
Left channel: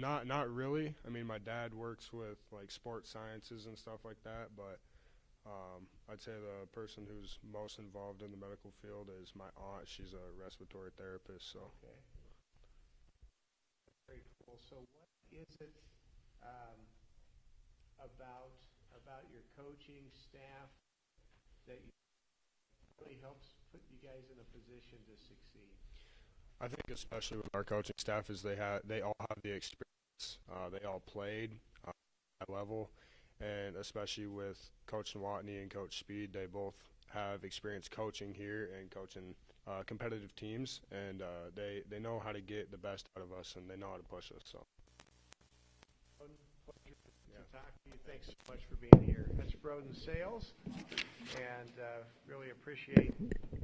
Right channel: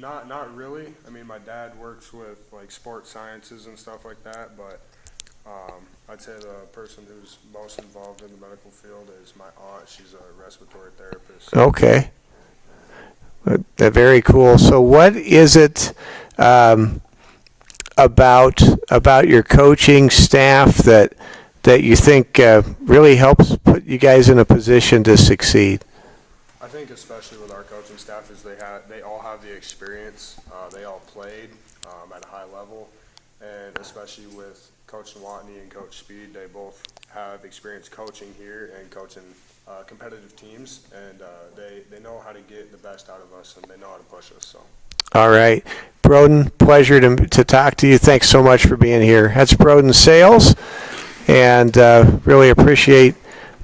Not really. I mean, my dad works with like sports sciences and stuff like that, but I'd say the person who's most involved in the medical field is my aunt. She's a respiratory therapist. Okay. Very cool. So what is it about your coaching staff that you think really helps put you guys in a position to succeed? I think especially with our coaching staff is they all have the experience. They all played at a high level, and especially with Coach Watney and Coach Speed, they both have experience coaching here and coaching competitive teams, and they know how to get the best out of us, and they know how to push us. So. All right. Broden, pleasure to talk to you. Thanks so much for being here. That's Broden Sales, and really appreciate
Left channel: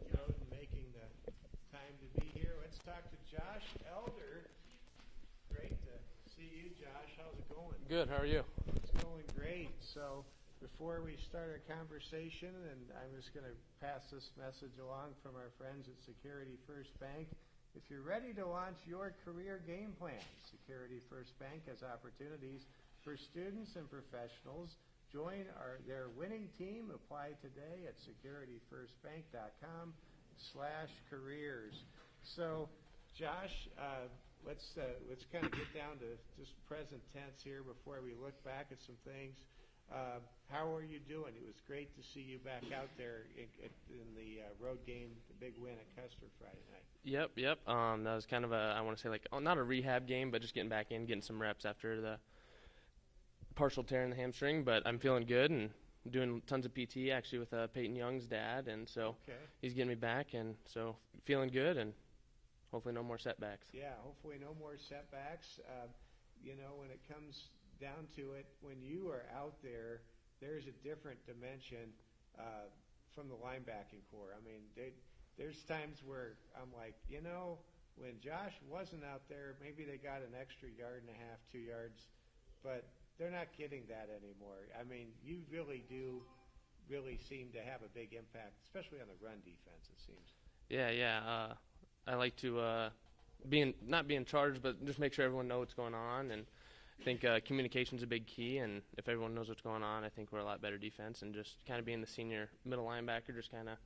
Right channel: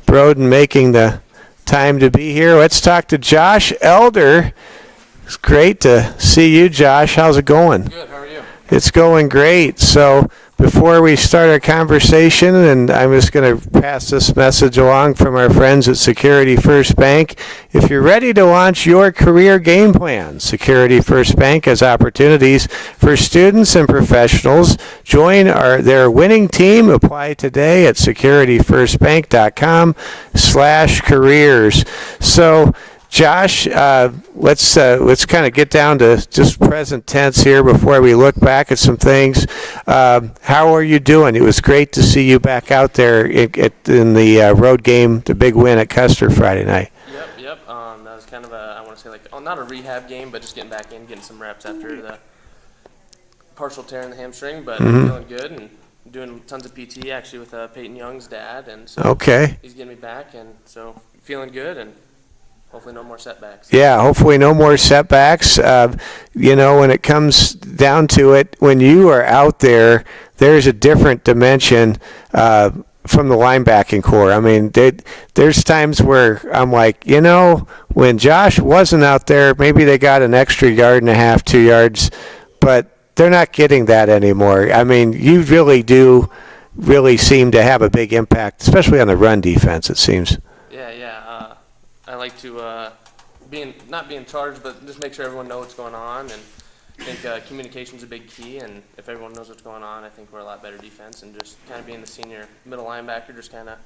Broden making the time to be here. Let's talk to Josh Elder. It's great to see you, Josh. How's it going? Good. How are you? It's going great. So before we start our conversation, and I'm just going to pass this message along from our friends at Security First Bank. If you're ready to launch your career game plan, Security First Bank has opportunities for students and professionals. Join their winning team. Apply today at securityfirstbank.com/careers. So Josh, let's kind of get down to just present tense here before we look back at some things. How are you doing? It was great to see you back out there in the road game, the big win at Custer Friday night. Yep. That was kind of I want to say not a rehab game, but just getting back in, getting some reps after the partial tear in the hamstring. But I'm feeling good and doing tons of PT actually with Peyton Young's dad, and so Okay. he's getting me back, and so feeling good and hopefully no more setbacks. Yeah, hopefully no more setbacks. When it comes down to it, when you are out there, there's a different dimension from the linebacking core. I mean, there's times where I'm like, when Josh wasn't out there, maybe they got an extra 1.5 yards, 2 yards, but they're not getting that anymore. I mean, you really do seem to have a big impact, especially on the run defense, it seems. I like to not be in charge, but just make sure everyone knows what's going on. And I think communication's a big key. And if everyone knows what's going on, I think we're a lot better defense. And just kind of being the senior middle linebacker, just kind of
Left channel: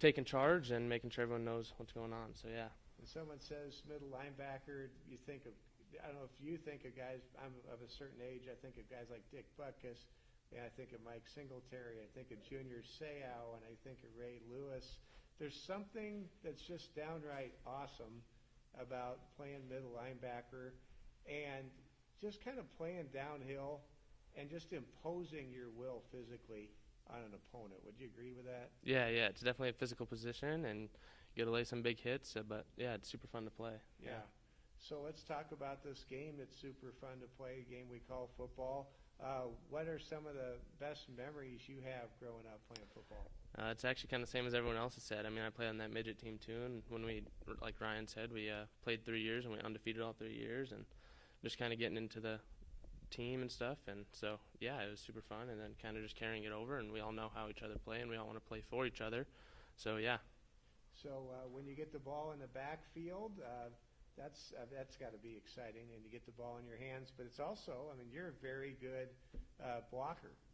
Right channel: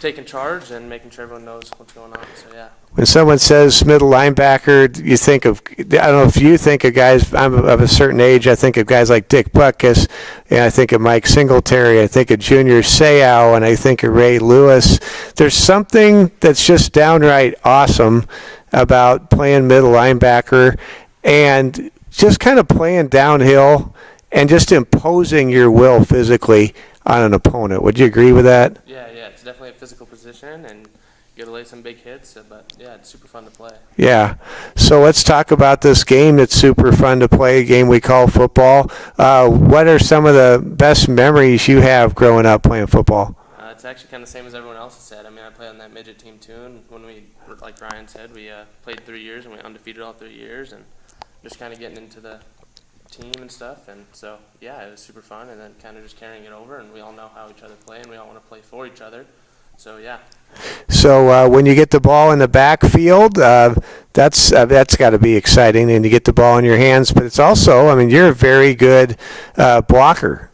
taking charge and making sure everyone knows what's going on. So yeah. When someone says middle linebacker, you think of, I don't know if you think of guys, I'm of a certain age, I think of guys like Dick Butkus, and I think of Mike Singletary, I think of Junior Seau, and I think of Ray Lewis. There's something that's just downright awesome about playing middle linebacker and just kind of playing downhill and just imposing your will physically on an opponent. Would you agree with that? Yeah, it's definitely a physical position, and you got to lay some big hits. But yeah, it's super fun to play. Yeah. So let's talk about this game that's super fun to play, a game we call football. What are some of the best memories you have growing up playing football? It's actually kind of the same as everyone else has said. I mean, I played on that midget team too, and when we, like Ryan said, we played 3 years and we undefeated all 3 years, and just kind of getting into the team and stuff. And so, yeah, it was super fun, and then kind of just carrying it over, and we all know how each other play, and we all want to play for each other. So, yeah. So when you get the ball in the backfield, that's got to be exciting, and you get the ball in your hands. But it's also, I mean, you're a very good blocker.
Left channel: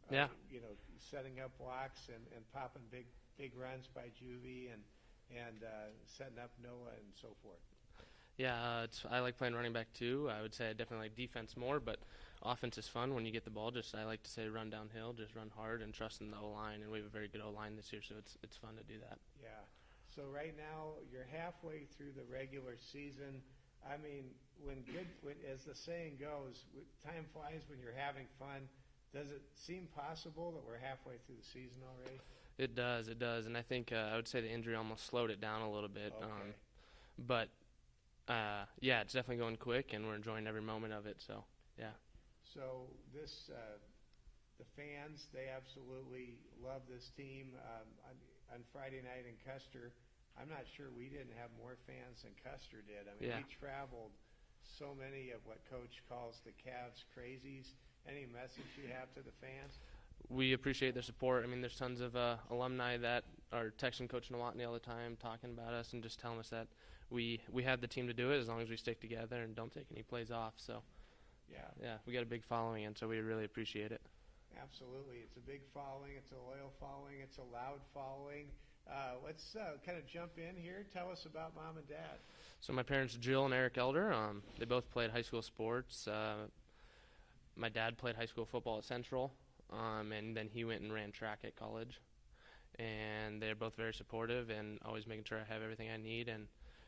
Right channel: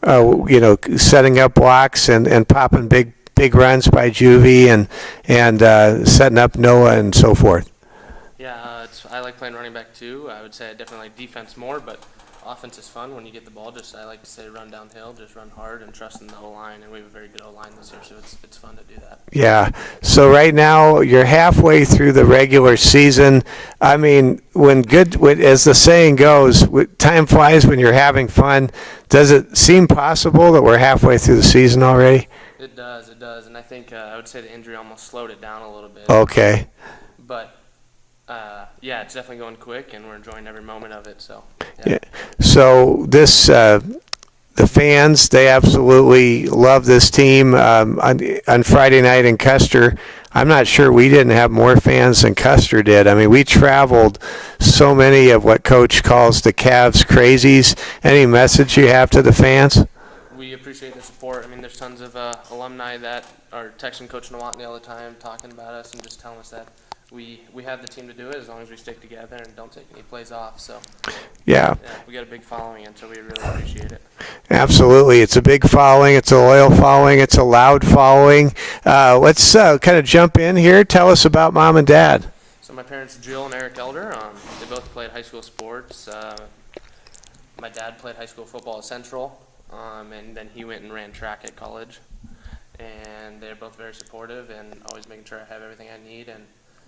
Setting up blocks and popping big runs by Juvie and setting up Noah and so forth. Yeah, I like playing running back too. I would say I definitely like defense more, but offense is fun when you get the ball. Just I like to say run downhill, just run hard and trust in the O-line, and we have a very good O-line this year, so it's fun to do that. Yeah. So right now you're halfway through the regular season. I mean, as the saying goes, time flies when you're having fun. Does it seem possible that we're halfway through the season already? It does, and I think I would say the injury almost slowed it down a little bit. Okay. But yeah, it's definitely going quick, and we're enjoying every moment of it. So. Yeah. So the fans, they absolutely love this team. On Friday night in Custer, I'm not sure we didn't have more fans than Custer did. I mean, we traveled so many of what Coach calls the Cavs crazies. Any message you have to the fans? We appreciate the support. I mean, there's tons of alumni that are texting Coach Nowotny all the time, talking about us and just telling us that we have the team to do it as long as we stick together and don't take any plays off. So Yeah. we got a big following, and so we really appreciate it. Absolutely. It's a big following. It's a loyal following. It's a loud following. Let's kind of jump in here. Tell us about Mom and Dad. So my parents, Jill and Eric Elder, they both played high school sports. My dad played high school football at Central, and then he went and ran track at college. And they're both very supportive and always making sure I have everything I need, and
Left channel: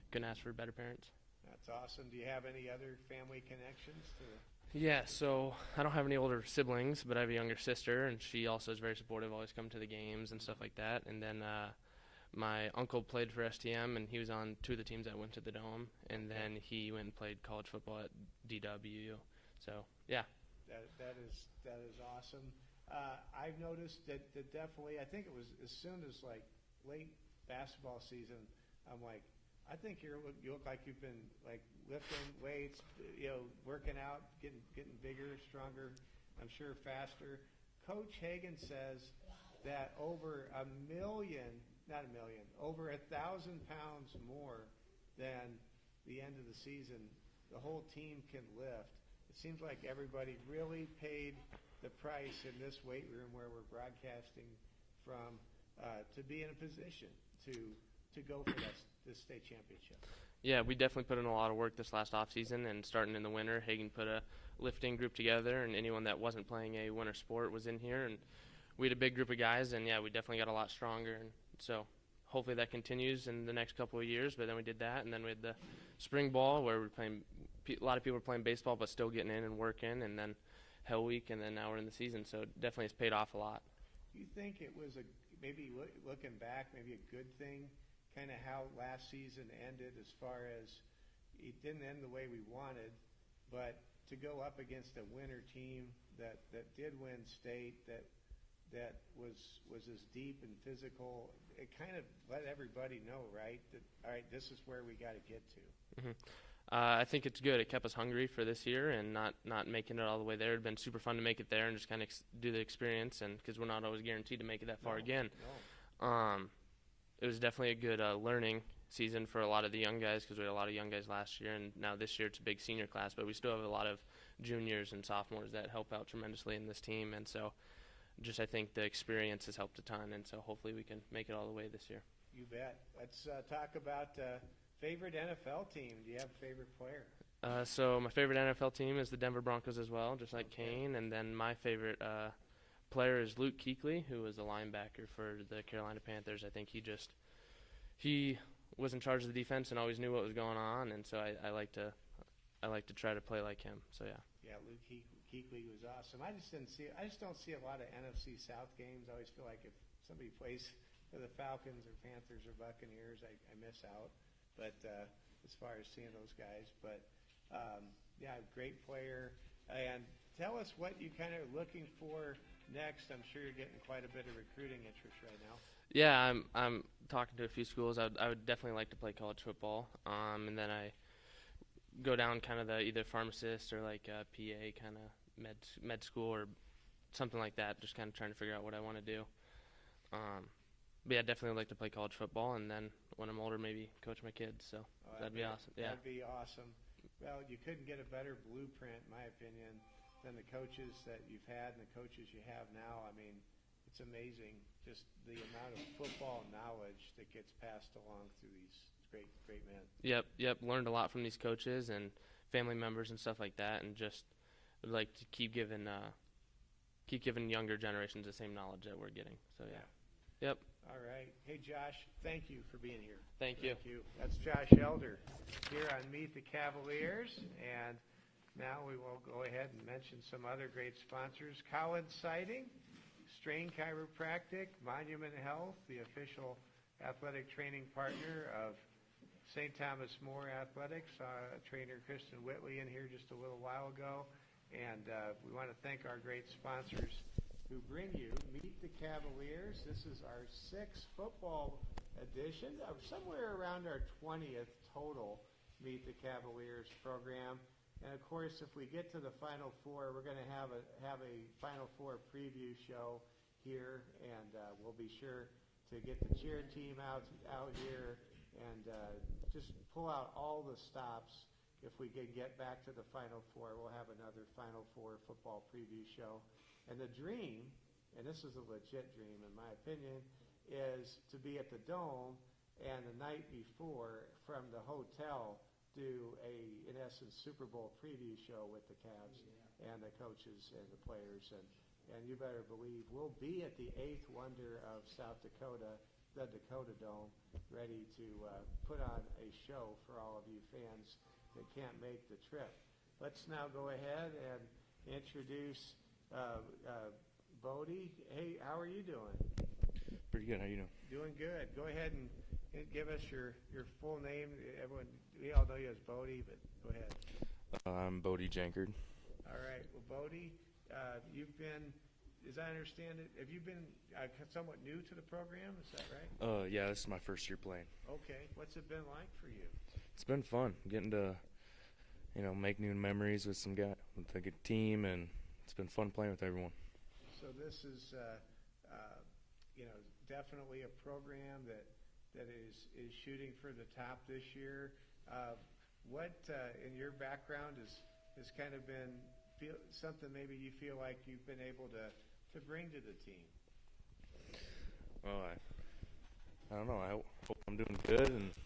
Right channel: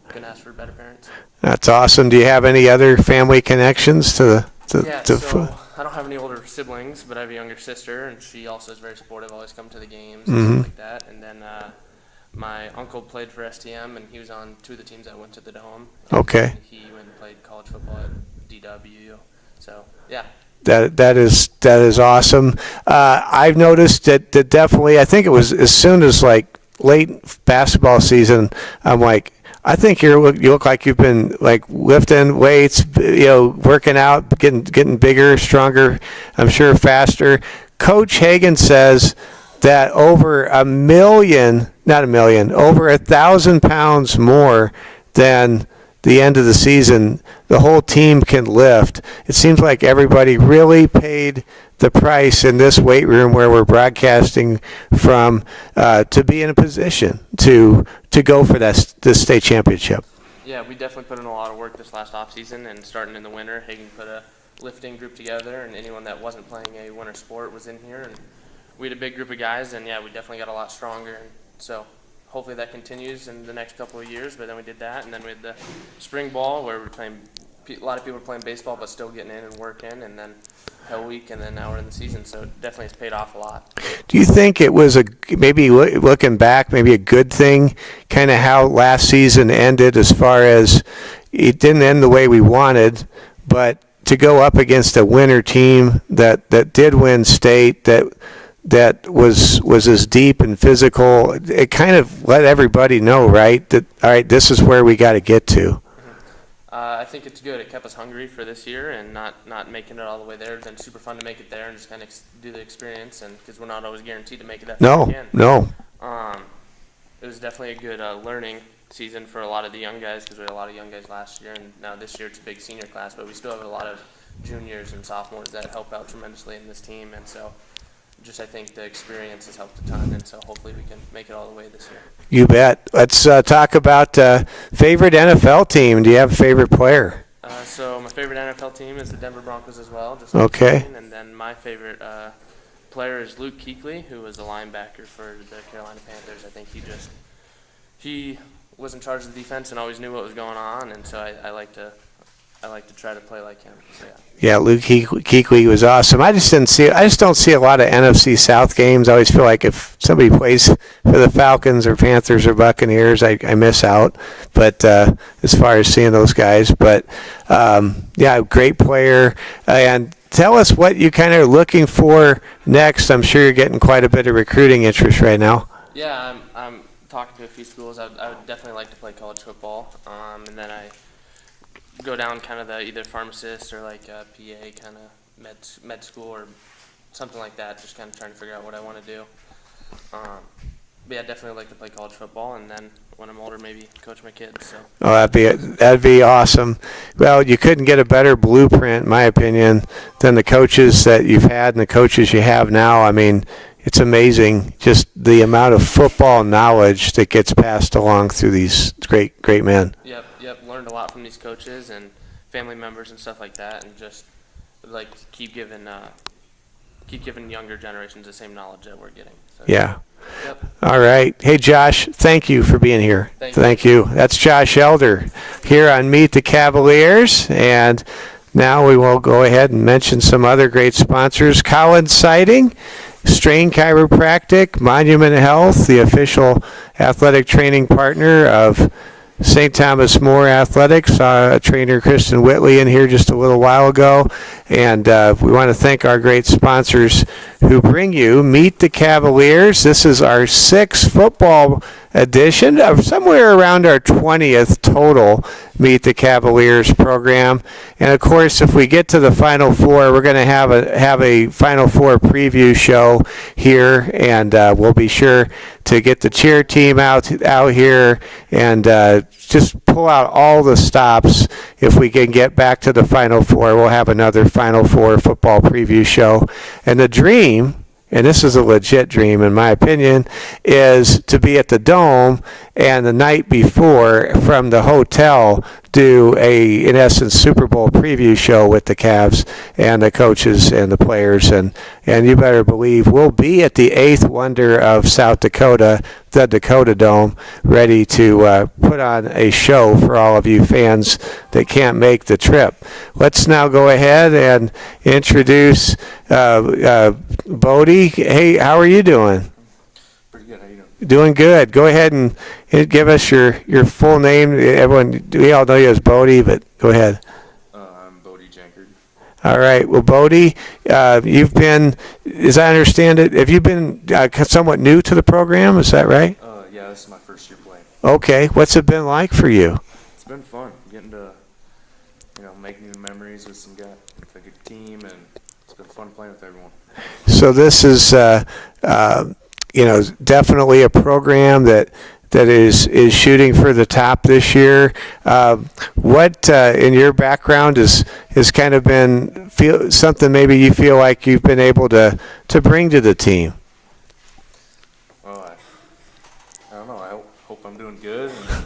couldn't ask for better parents. That's awesome. Do you have any other family connections to Yeah, so I don't have any older siblings, but I have a younger sister, and she also is very supportive, always come to the games and stuff like that. And then my uncle played for STM, and he was on 2 of the teams that went to the Dome. Okay. And he went and played college football at DW. So, yeah. That is awesome. I've noticed that definitely, I think it was as soon as like late basketball season, I'm like, I think you look like you've been like lifting weights, working out, getting bigger, stronger, I'm sure faster. Coach Hagan says that over over 1,000 pounds more than the end of the season, the whole team can lift. It seems like everybody really paid the price in this weight room where we're broadcasting from to be in a position to go for this state championship. Yeah, we definitely put in a lot of work this last off season, and starting in the winter, Hagen put a lifting group together, and anyone that wasn't playing a winter sport was in here, and we had a big group of guys, and yeah, we definitely got a lot stronger, and so hopefully that continues in the next couple of years. But then we did that, and then we had the spring ball where we're playing. A lot of people were playing baseball, but still getting in and working, and then Hell Week, and then now we're in the season, so it definitely has paid off a lot. Do you think it was maybe looking back, maybe a good thing, kind of how last season ended, as far as it didn't end the way we wanted, but to go up against a winter team that did win state, that was as deep and physical, it kind of let everybody know, right, that all right, this is where we got to get to. I think it's good. It kept us hungry for this year, and not making it all the way there. It's been super fun to make it there and just kind of do the experience, and because we're not always guaranteed to make it that far again. No. It was definitely a good learning season for a lot of the young guys, because we had a lot of young guys last year, and now this year it's a big senior class, but we still have a lot of juniors and sophomores that help out tremendously in this team, and so just I think the experience has helped a ton, and so hopefully we can make it all the way this year. You bet. Let's talk about favorite NFL team. Do you have a favorite player? So my favorite NFL team is the Denver Broncos as well. Just Okay. And then my favorite player is Luke Kuechly, who was a linebacker for the Carolina Panthers. I think he was in charge of the defense and always knew what was going on, and so I like to try to play like him. So, yeah. Yeah, Luke Kuechly was awesome. I just don't see a lot of NFC South games. I always feel like if somebody plays for the Falcons or Panthers or Buccaneers, I miss out. But as far as seeing those guys, but yeah, great player. And tell us what you kind of are looking for next. I'm sure you're getting quite a bit of recruiting interest right now. Yeah, I'm talking to a few schools. I would definitely like to play college football, and then I go down kind of the either pharmacist or like PA kind of med school or something like that, just kind of trying to figure out what I want to do. But yeah, definitely like to play college football, and then when I'm older, maybe coach my kids. So. Oh, that'd be awesome. Well, you couldn't get a better blueprint, in my opinion, than the coaches that you've had and the coaches you have now. I mean, it's amazing just the amount of football knowledge that gets passed along through these great men. Yep. Learned a lot from these coaches and family members and stuff like that, and just would like to keep giving younger generations the same knowledge that we're getting. So, Yeah. Yep. All right. Hey, Josh, thank you for being here. Thank you. That's Josh Elder here on Meet the Cavaliers. And now we will go ahead and mention some other great sponsors. Collins Siding, Strain Chiropractic, Monument Health, the official athletic training partner of St. Thomas More Athletics. Trainer Kristen Whitley in here just a little while ago. And we want to thank our great sponsors who bring you Meet the Cavaliers. This is our 6th football edition, of somewhere around our 20th total Meet the Cavaliers program. And of course, if we get to the Final Four, we're going to have a Final Four preview show here, and we'll be sure to get the cheer team out here and just pull out all the stops. If we can get back to the Final Four, we'll have another Final Four football preview show. And the dream, and this is a legit dream in my opinion, is to be at the Dome and the night before from the hotel do in essence, Super Bowl preview show with the Cavs and the coaches and the players. And you better believe we'll be at the 8th wonder of South Dakota, the Dakota Dome, ready to put on a show for all of you fans that can't make the trip. Let's now go ahead and introduce Bodie. Hey, how are you doing? Pretty good. How you doing? Doing good. Go ahead and give us your full name. Everyone, we all know you as Bodie, but go ahead. I'm Bodie Jankard. All right. Well, Bodie, you've been, as I understand it, have you been somewhat new to the program? Is that right? Yeah, this is my first year playing. Okay. What's it been like for you? It's been fun getting to, make new memories with a good team, and it's been fun playing with everyone. So this is, definitely a program that is shooting for the top this year. What in your background has kind of been something maybe you feel like you've been able to bring to the team? Well, I don't know. I hope I'm doing good, and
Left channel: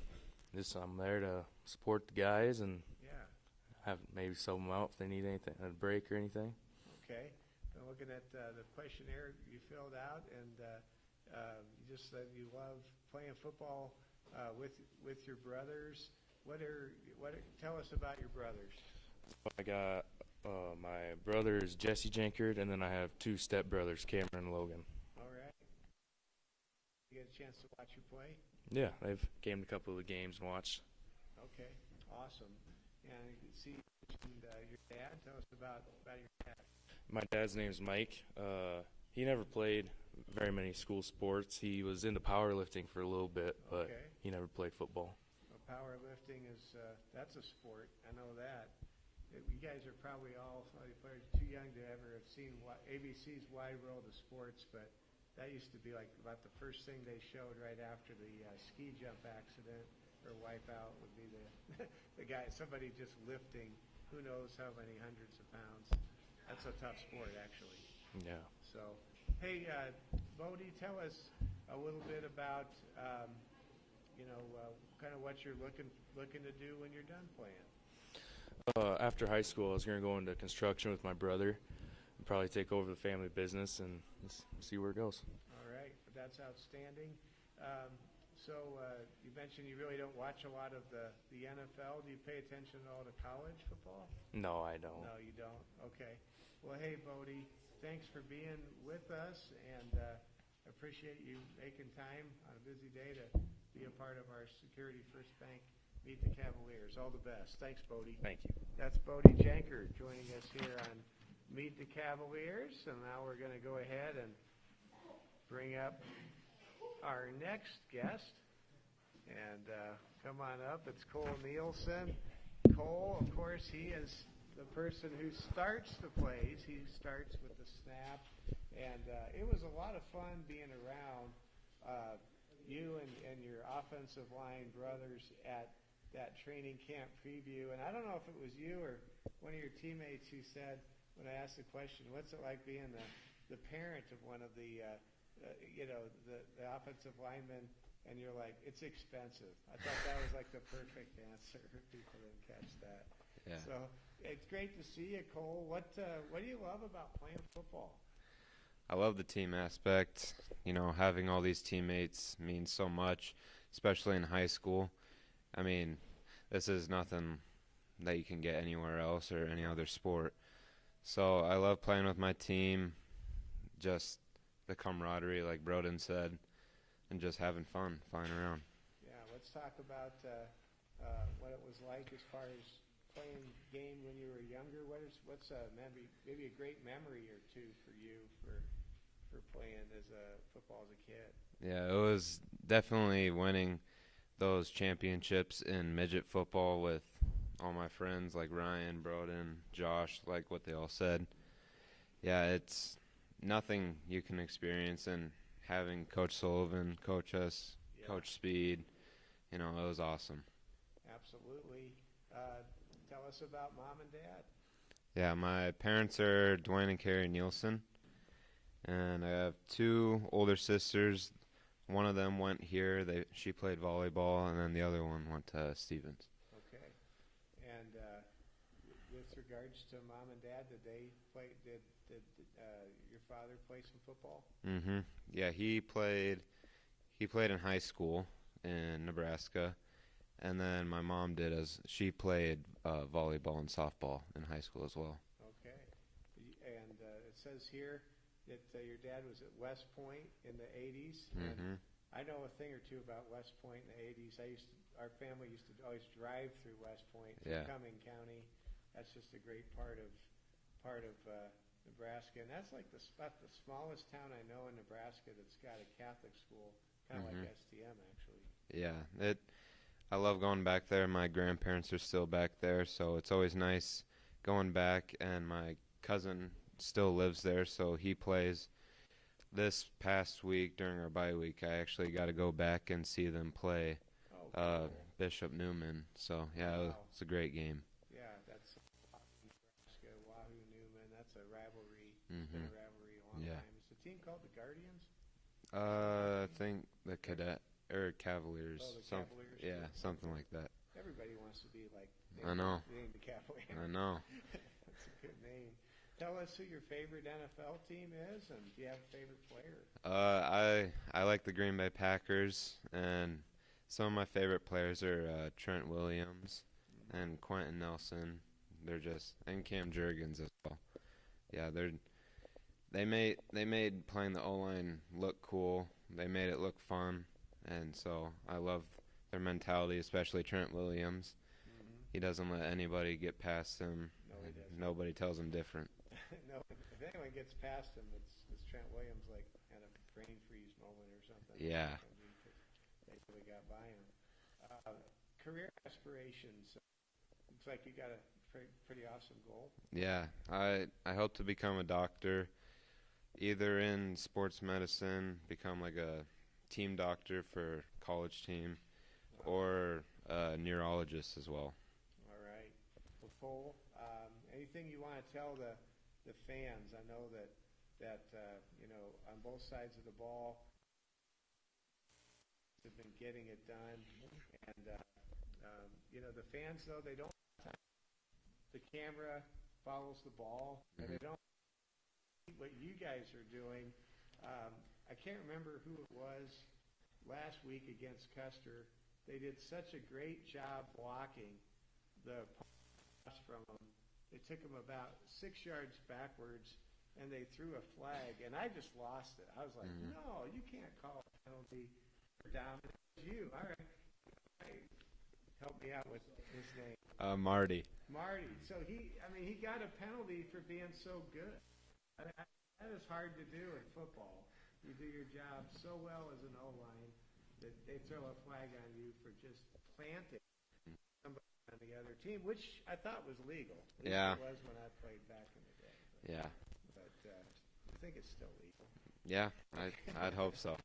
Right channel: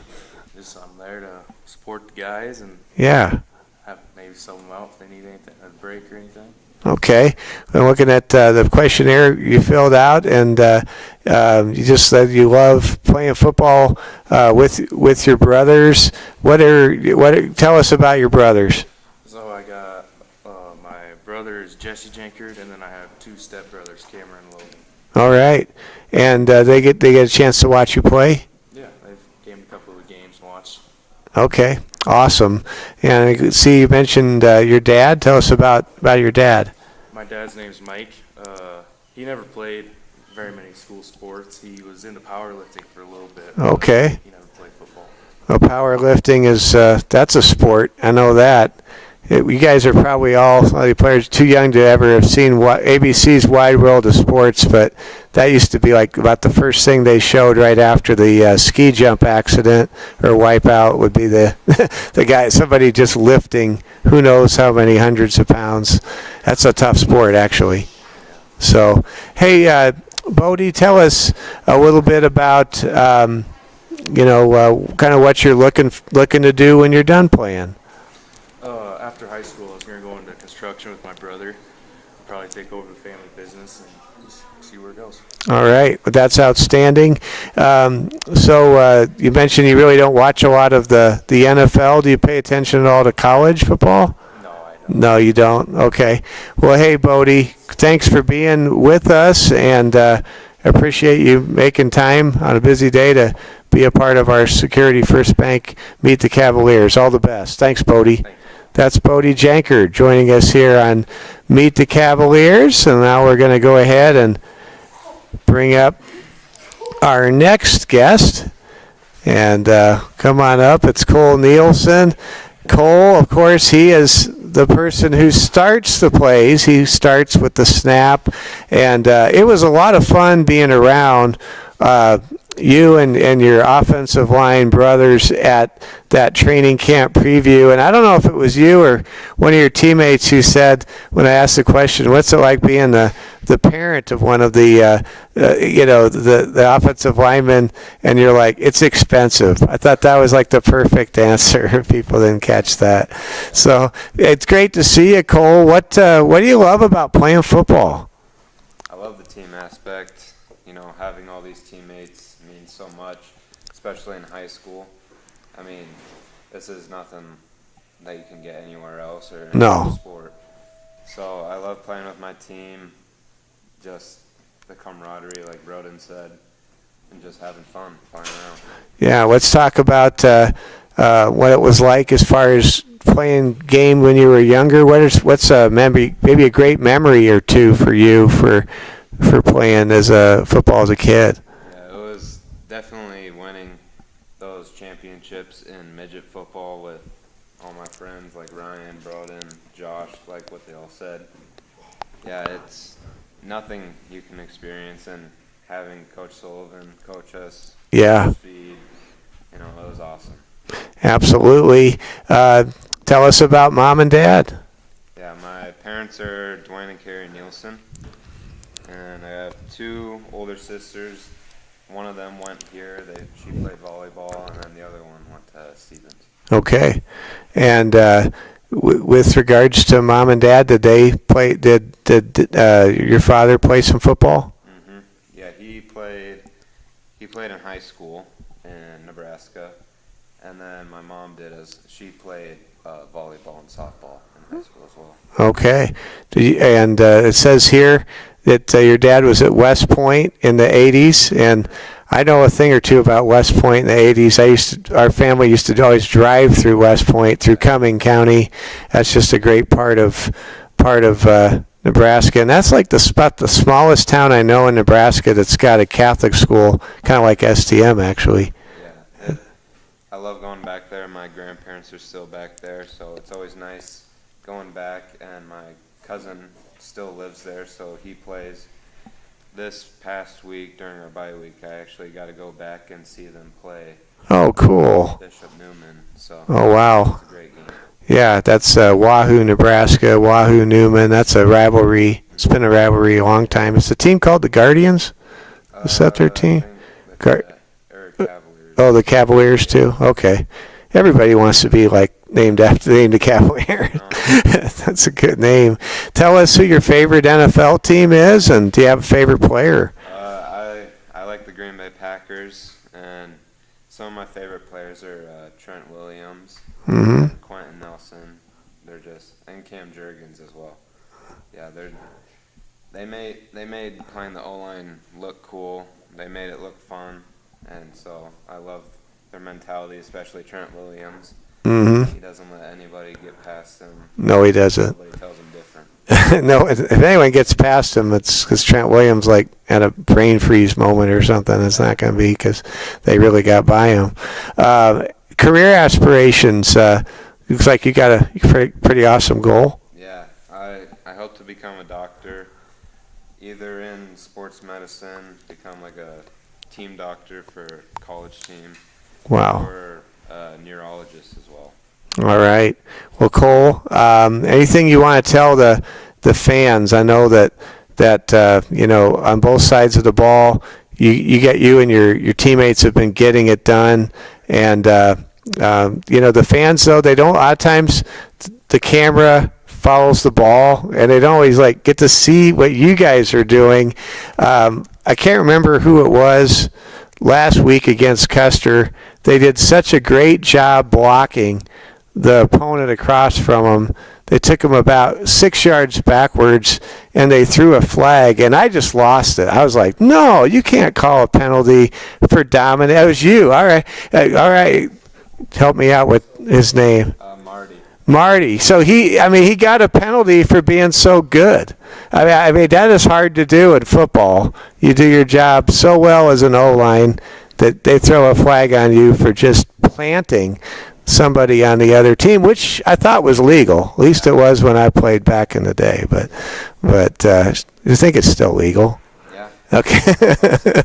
just I'm there to support the guys and Yeah. have maybe sub them out if they need anything, a break or anything. Okay. I'm looking at the questionnaire you filled out, and you just said you love playing football with your brothers. Tell us about your brothers? So I got my brother is Jesse Jenkard, and then I have two stepbrothers, Cameron and Logan. All right. And they get a chance to watch you play? Yeah, they've came to a couple of the games and watched. Okay. Awesome. And I could see you mentioned your dad. Tell us about your dad. My dad's name's Mike. He never played very many school sports. He was into powerlifting for a little bit. but Okay. He never played football. Well, powerlifting is that's a sport. I know that. You guys are probably all the players too young to ever have seen ABC's Wide World of Sports, but that used to be like about the first thing they showed right after the ski jump accident or wipeout would be the the guy, somebody just lifting who knows how many hundreds of pounds. That's a tough sport, actually. So, hey, Bodie, tell us a little bit about kind of what you're looking to do when you're done playing. After high school, I was going to go into construction with my brother. Probably take over the family business and just see where it goes. All right, well, that's outstanding. So you mentioned you really don't watch a lot of the NFL. Do you pay attention at all to college football? No, I don't. No, you don't. Okay. Well, hey, Bodie, thanks for being with us, and appreciate you making time on a busy day to be a part of our Security First Bank Meet the Cavaliers. All the best. Thanks, Bodie. Thank you. That's Bodie Jenkard joining us here on Meet the Cavaliers. And now we're going to go ahead and bring up our next guest. And come on up. It's Cole Nielsen. Cole, of course, he is the person who starts the plays. He starts with the snap. And it was a lot of fun being around you and your offensive line brothers at that training camp preview. And I don't know if it was you or one of your teammates who said, when I asked the question, what's it like being the parent of one of the offensive linemen, and you're like, it's expensive. I thought that was like the perfect answer. People didn't catch that. So it's great to see you, Cole. What do you love about playing football? I love the team aspect. Having all these teammates means so much, especially in high school. I mean, this is nothing that you can get anywhere else or any other sport. So I love playing with my team, just the camaraderie, like Broden said, and just having fun, flying around. Yeah, let's talk about what it was like as far as playing game when you were younger. What's a memory, maybe a great memory or two for you for playing football as a kid? Yeah, it was definitely winning those championships in midget football with all my friends like Ryan, Broden, Josh, like what they all said. Yeah, it's nothing you can experience, and having Coach Sullivan coach us, Yeah, speed, it was awesome. absolutely. Tell us about Mom and Dad. Yeah, my parents are Dwayne and Carrie Nielsen, and I have two older sisters. One of them went here. She played volleyball, and then the other one went to Stevens. Okay. And with regards to Mom and Dad, did they play? Did your father play some football? Mm-hmm. Yeah, he played in high school in Nebraska, and then my mom she played volleyball and softball in high school as well. Okay. And it says here that your dad was at West Point in the 80s, and I know a thing or two about West Point in the 80s. Our family used to always drive through West Point, through Cumming County. That's just a great part of Nebraska, and that's like the smallest town I know in Nebraska that's got a Catholic school, kind of like STM actually. Yeah, I love going back there. My grandparents are still back there, so it's always nice going back, and my cousin still lives there, so he plays. This past week during our bye week, I actually got to go back and see them play. Oh, cool. Bishop Newman. So Oh, wow. it's a great game. Yeah, that's Wahoo, Nebraska, Wahoo, Newman. That's a rivalry. It's been a rivalry a long time. It's a team called the Guardians. Is that their team? I think they call it Cavaliers. Oh, the Cavaliers too. Okay. Everybody wants to be like named after the Cavaliers. That's a good name. Tell us who your favorite NFL team is, and do you have a favorite player? I like the Green Bay Packers, and some of my favorite players are Trent Williams, Mm-hmm. Quentin Nelson. And Cam Jurgens as well. Yeah, they made playing the O-line look cool. They made it look fun, and so I love their mentality, especially Trent Williams. Mm-hmm. He doesn't let anybody get past him. No, he doesn't. Nobody tells him different. No, if anyone gets past him, it's because Trent Williams like had a brain freeze moment or something. It's not going to be because they really got by him. Career aspirations. Looks like you got a pretty awesome goal. Yeah, I hope to become a doctor, either in sports medicine, become like a team doctor for a college team, Wow. or a neurologist as well. All right. Well, Cole, anything you want to tell the fans? I know that on both sides of the ball, you and your teammates have been getting it done, and the fans though, they don't. A lot of times, the camera follows the ball, and they don't always like get to see what you guys are doing. I can't remember who it was last week against Custer. They did such a great job blocking the opponent across from them. They took them about 6 yards backwards, and they threw a flag, and I just lost it. I was like, no, you can't call a penalty for dominant. That was you. All right. Help me out with his name. Marty. So he got a penalty for being so good. I mean that is hard to do in football. You do your job so well as an O-line that they throw a flag on you for just planting somebody on the other team, which I thought was legal. At least it was when I played back in the day. But I think it's still legal. Yeah. Okay.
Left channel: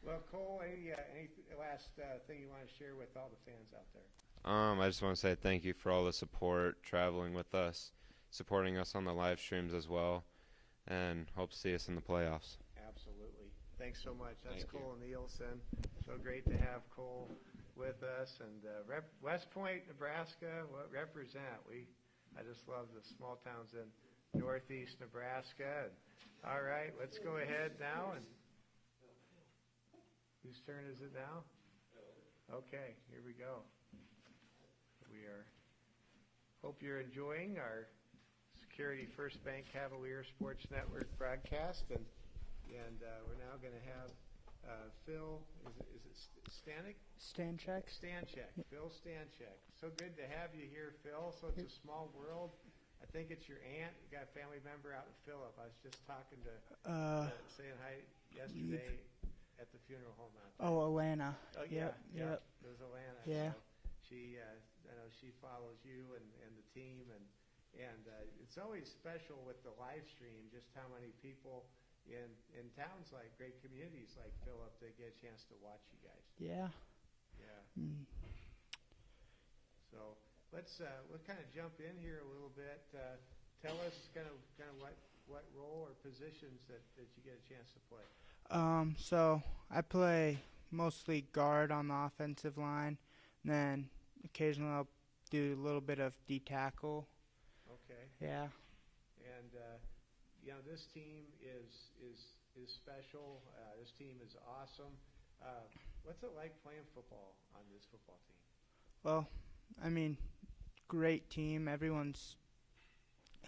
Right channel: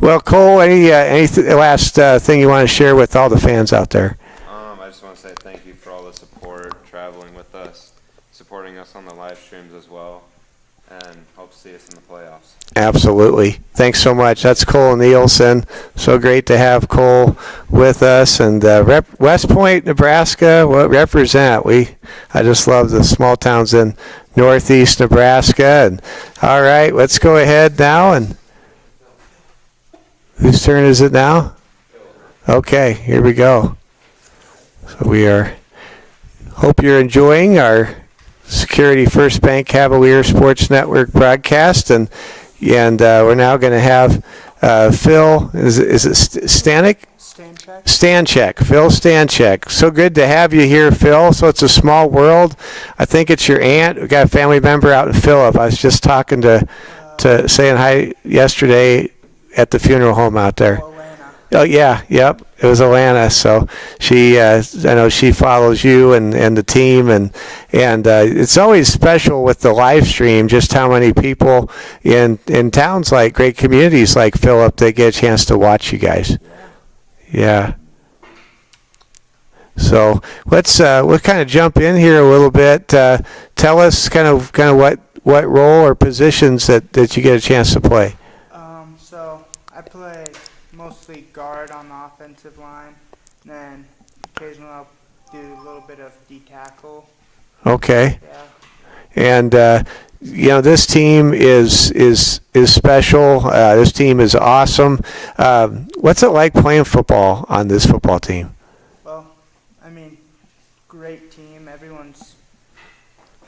Well, Cole, any last thing you want to share with all the fans out there? I just want to say thank you for all the support, traveling with us, supporting us on the live streams as well, and hope to see us in the playoffs. Absolutely. Thanks so much. That's Cole Nielsen. So great to have Cole with us. And West Point, Nebraska, what represent? I just love the small towns in northeast Nebraska. And all right, let's go ahead now. And whose turn is it now? Okay, here we go. So hope you're enjoying our Security First Bank Cavalier Sports Network broadcast, and we're now going to have Phil. Is it Stanek? Stanchek. Phil Stanchek. So good to have you here, Phil. So it's a small world. I think it's your aunt. We got a family member out in Phillip. I was just talking to saying hi yesterday at the funeral home out there. Oh yeah, yep. It was Alana. So she, I know she follows you and the team, and it's always special with the live stream just how many people in towns like great communities like Phillip, they get a chance to watch you guys. Yeah. So we'll kind of jump in here a little bit. Tell us kind of what role or positions that you get a chance to play. So I play mostly guard on the offensive line, and then occasionally I'll do a little bit of D-tackle. Okay. Yeah. And this team is special. This team is awesome. What's it like playing football on this football team? Well, I mean, great team. Everyone's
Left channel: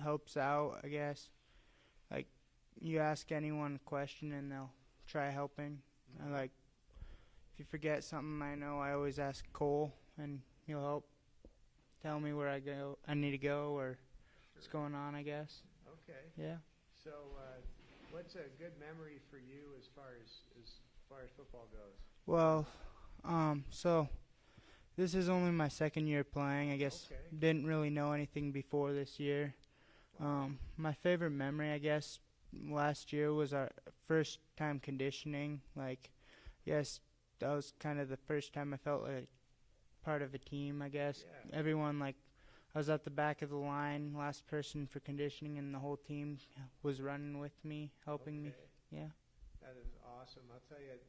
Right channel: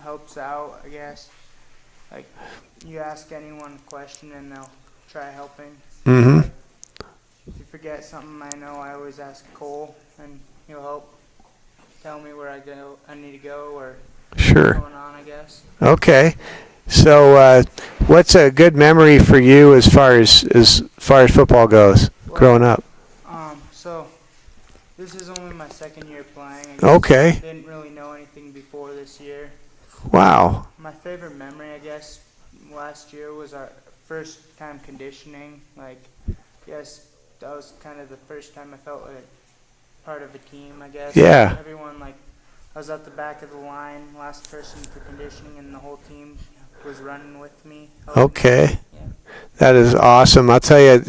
helps out, I guess. Like, you ask anyone a question and they'll try helping. Mm-hmm. Like, if you forget something, I know I always ask Cole, and he'll help tell me where I need to go, or Sure. what's going on, I guess. Okay. So what's a good memory for you as far as football goes, growing up? So this is only my second year playing. I guess Okay. I didn't really know anything before this year. Wow. My favorite memory, I guess, last year was our first time conditioning. Like, yes, that was kind of the first time I felt like part of a team, I guess. Yeah. Everyone, like, I was at the back of the line, last person for conditioning, and the whole team was running with me. helping me. Okay. Yeah. That is awesome. I'll tell you,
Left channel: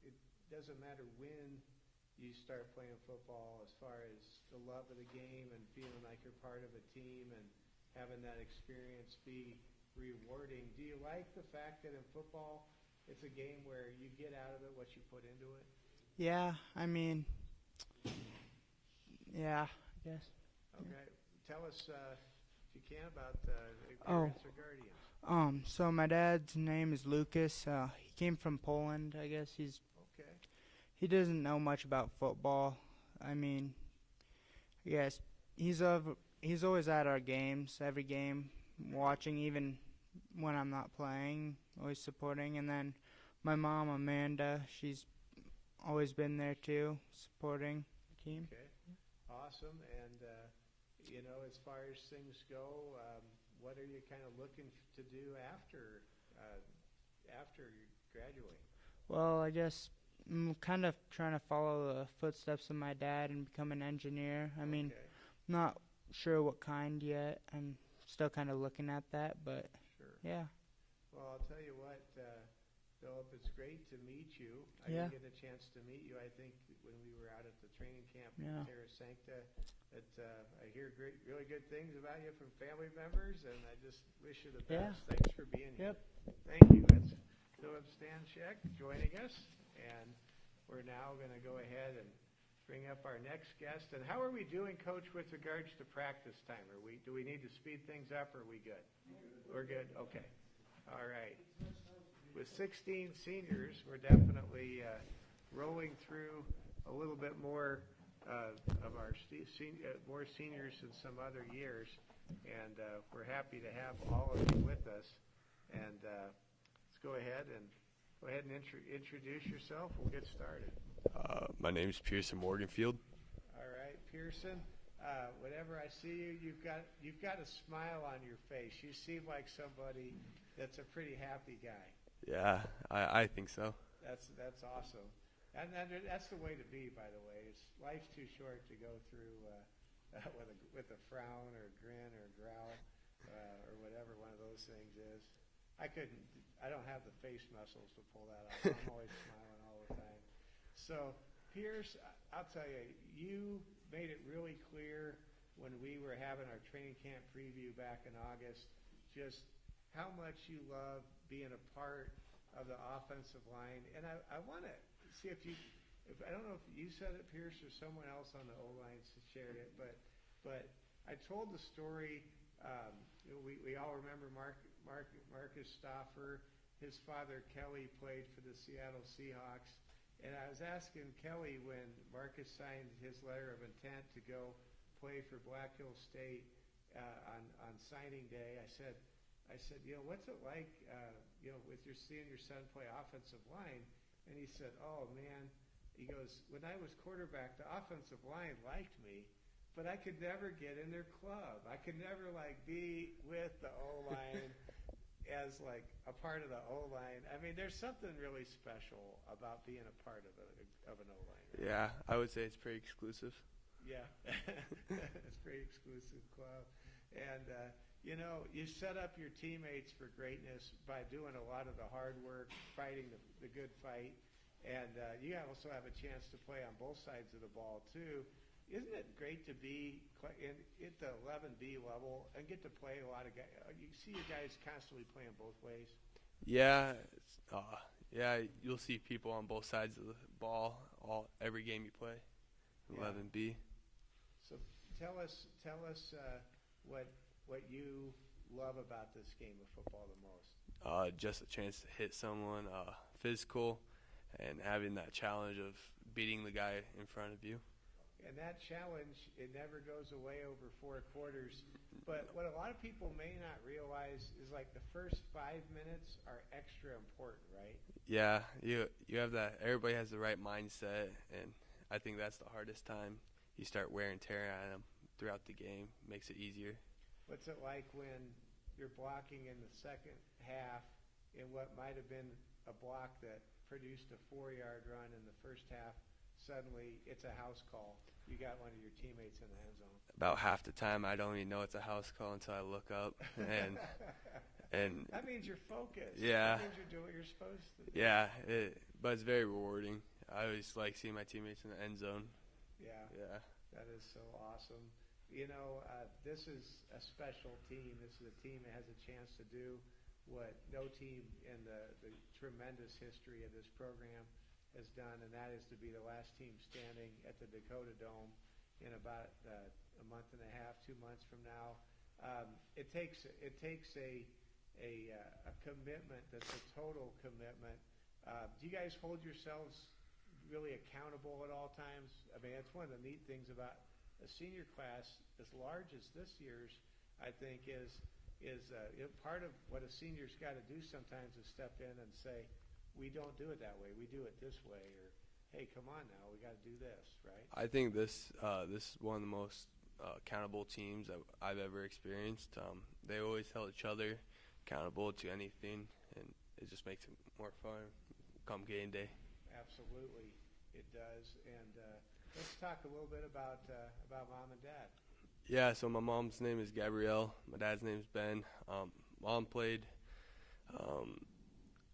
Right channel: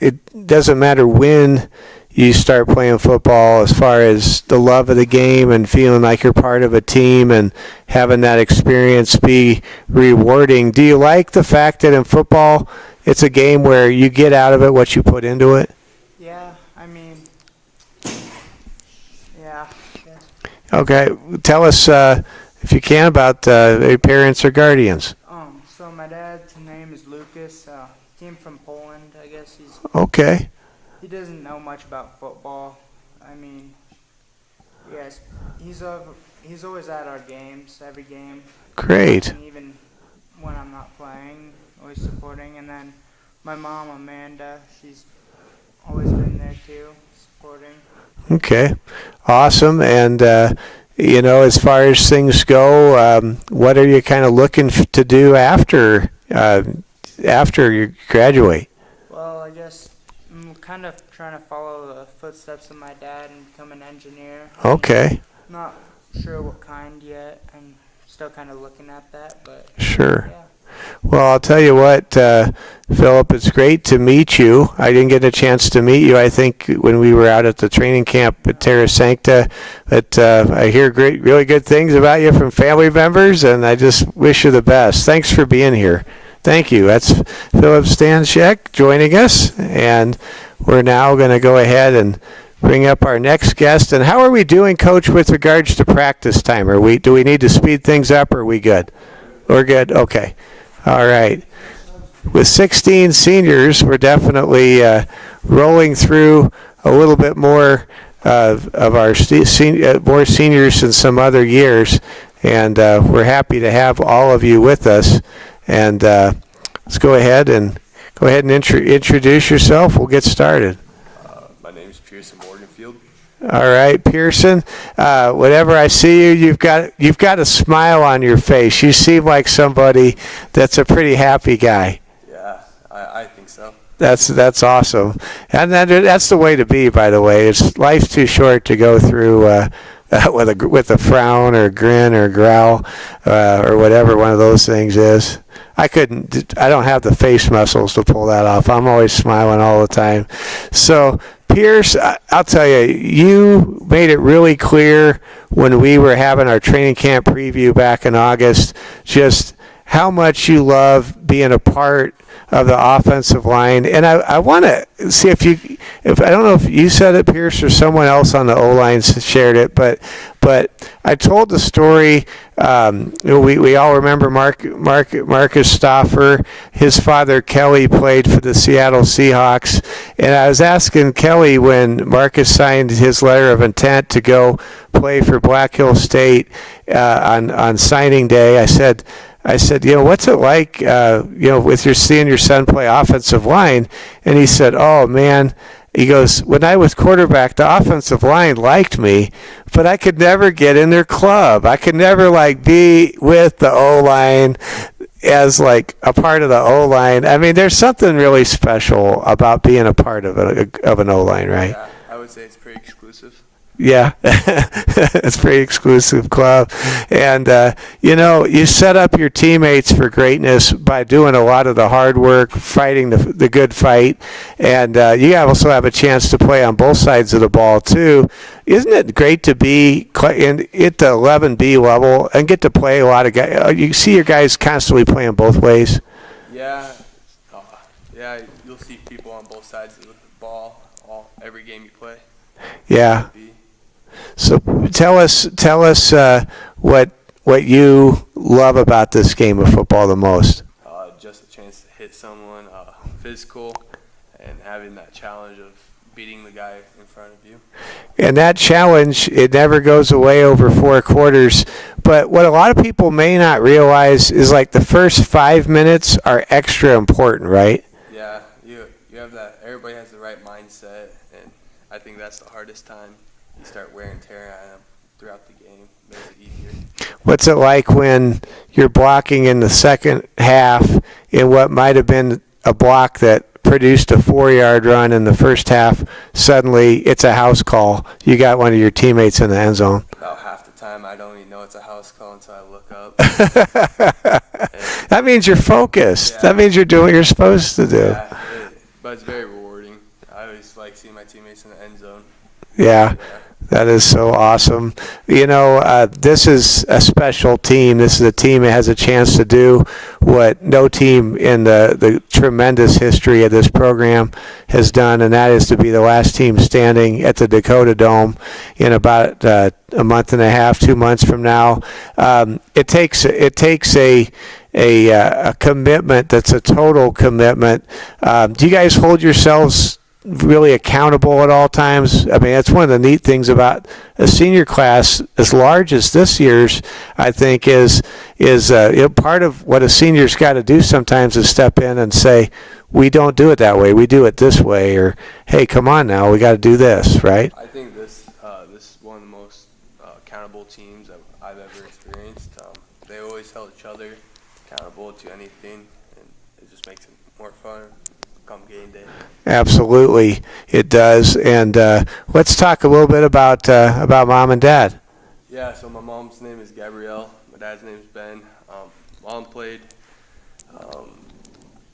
it doesn't matter when you start playing football as far as the love of the game and feeling like you're part of a team and having that experience be rewarding. Do you like the fact that in football it's a game where you get out of it what you put into it? Yeah, I mean, yeah. Yes. Okay, tell us, if you can, about your parents or guardians. So my dad's name is Lucas. He came from Poland. I guess Okay, he doesn't know much about football. I mean, yes, he's always at our games, every game. great. And even when I'm not playing, always supporting. And then my mom, Amanda, she's always been there too, supporting. Okay, awesome. And as far as things go, what are you kind of looking to do after you graduate? Well, I guess I'm kind of trying to follow the footsteps of my dad and become an engineer. Okay, Not sure what kind yet. I'm still kind of looking at that, but sure. yeah. Well, I'll tell you what, Philip, it's great to meet you. I didn't get a chance to meet you, I think, when we were out at the training camp at Terra Sancta. But I hear really good things about you from family members, and I just wish you the best. Thanks for being here. Thank you. That's Philip Stanchek joining us, and we're now going to go ahead and bring up our next guest. And how are we doing, Coach, with regards to practice time? Do we need to speed things up, or are we good? We're good? Okay. All right. With 16 seniors, we're definitely rolling through a little bit more of our more seniors than some other years, and we're happy to have all of you with us. And let's go ahead and introduce yourself. We'll get started. My name's Pearson Morganfield. All right, Pearson. Whenever I see you, you've got a smile on your face. You seem like somebody that's a pretty happy guy. Yeah, I think so. That's awesome, and that's the way to be. By the way, life's too short to go through with a frown or a grin or a growl or whatever one of those things is. I don't have the face muscles to pull that off. I'm always smiling all the time. So, Pierce, I'll tell you, you made it really clear when we were having our training camp preview back in August, just how much you love being a part of the offensive line. And I want to see if I don't know if you said it, Pierce, or someone else on the O-line shared it, but I told the story. We all remember Marcus Stauffer. His father, Kelly, played for the Seattle Seahawks. And I was asking Kelly when Marcus signed his letter of intent to go play for Black Hill State on signing day, I said, what's it like, with seeing your son play offensive line? And he said, oh, man. He goes, when I was quarterback, the offensive line liked me, but I could never get in their club. I could never, be with the O-line as, a part of the O-line. I mean, there's something really special about being a part of an O-line, right? Yeah, I would say it's pretty exclusive. Yeah, it's a pretty exclusive club. And, you set up your teammates for greatness by doing a lot of the hard work, fighting the good fight. And you also have a chance to play on both sides of the ball, too. Isn't it great to be at the 11B level and get to play a lot of guys? You see your guys constantly playing both ways? Yeah, you'll see people on both sides of the ball every game you play. Yeah. So tell us what you love about this game of football the most. Just a chance to hit someone physical and having that challenge of beating the guy in front of you. And that challenge, it never goes away over 4 quarters. But what a lot of people may not realize is the first 5 minutes are extra important, right? Yeah, you have that. Everybody has the right mindset, and I think that's the hardest time. You start wear and tear on them throughout the game. Makes it easier. What's it like when you're blocking in the second half in what might have been a block that produced a 4-yard run in the first half? Suddenly, it's a house call. You got one of your teammates in the end zone. About half the time, I don't even know know it's a house call until I look up. That means you're focused. Yeah. That means you're doing what you're supposed to do. Yeah, but it's very rewarding. I always like seeing my teammates in the end zone. Yeah. That is so awesome. You know, this is a special team. This is a team that has a chance to do what no team in the tremendous history of this program has done, and that is to be the last team standing at the Dakota Dome in about a month and a half, 2 months from now. It takes a commitment that's a total commitment. Do you guys hold yourselves really accountable at all times? I mean, that's one of the neat things about a senior class as large as this year's, I think, is part of what a senior's got to do sometimes is step in and say, we don't do it that way, we do it this way, or hey, come on now, we got to do this, right? I think this is one of the most accountable teams I've ever experienced. They always held each other accountable to anything, and it just makes it more fun come game day. Absolutely, it does. And let's talk a little bit about mom and dad. Yeah, so my mom's name is Gabrielle. My dad's name is Ben. Mom played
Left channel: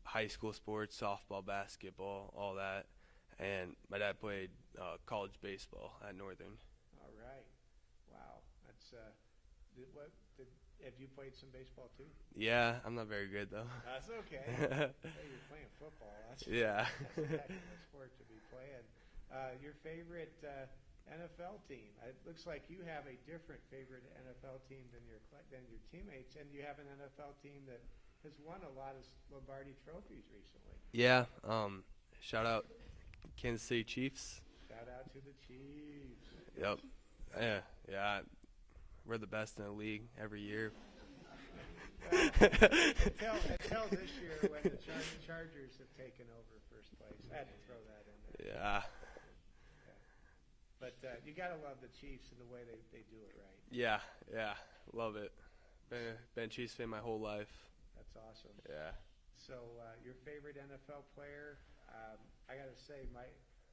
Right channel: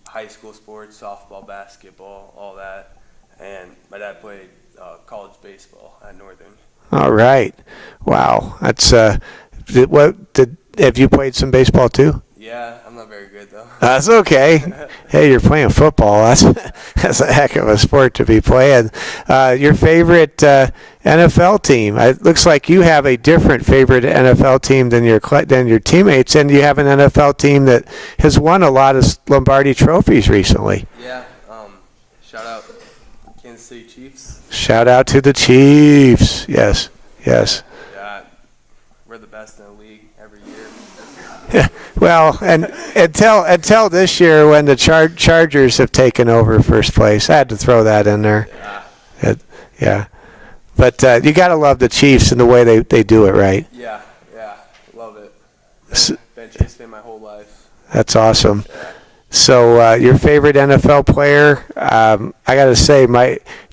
high school sports, softball, basketball, all that. And my dad played college baseball at Northern. All right. Wow. That's have you played some baseball too? Yeah, I'm not very good though. That's okay. Hey, you're playing football. That's a heck of a sport to be playing. Your favorite NFL team? It looks like you have a different favorite NFL team than your teammates, and you have an NFL team that has won a lot of Lombardi trophies recently. Yeah. Shout out Kansas City Chiefs. Shout out to the Chiefs. Yes. Yes. Yeah. We're the best in the league every year. Well, and until this year when the Chargers have taken over first place, I had to throw that in there. Yeah. But you got to love the Chiefs and the way they do it, right? Yeah, love it. Been Chiefs fan my whole life. That's awesome. So your favorite NFL player? I got to say,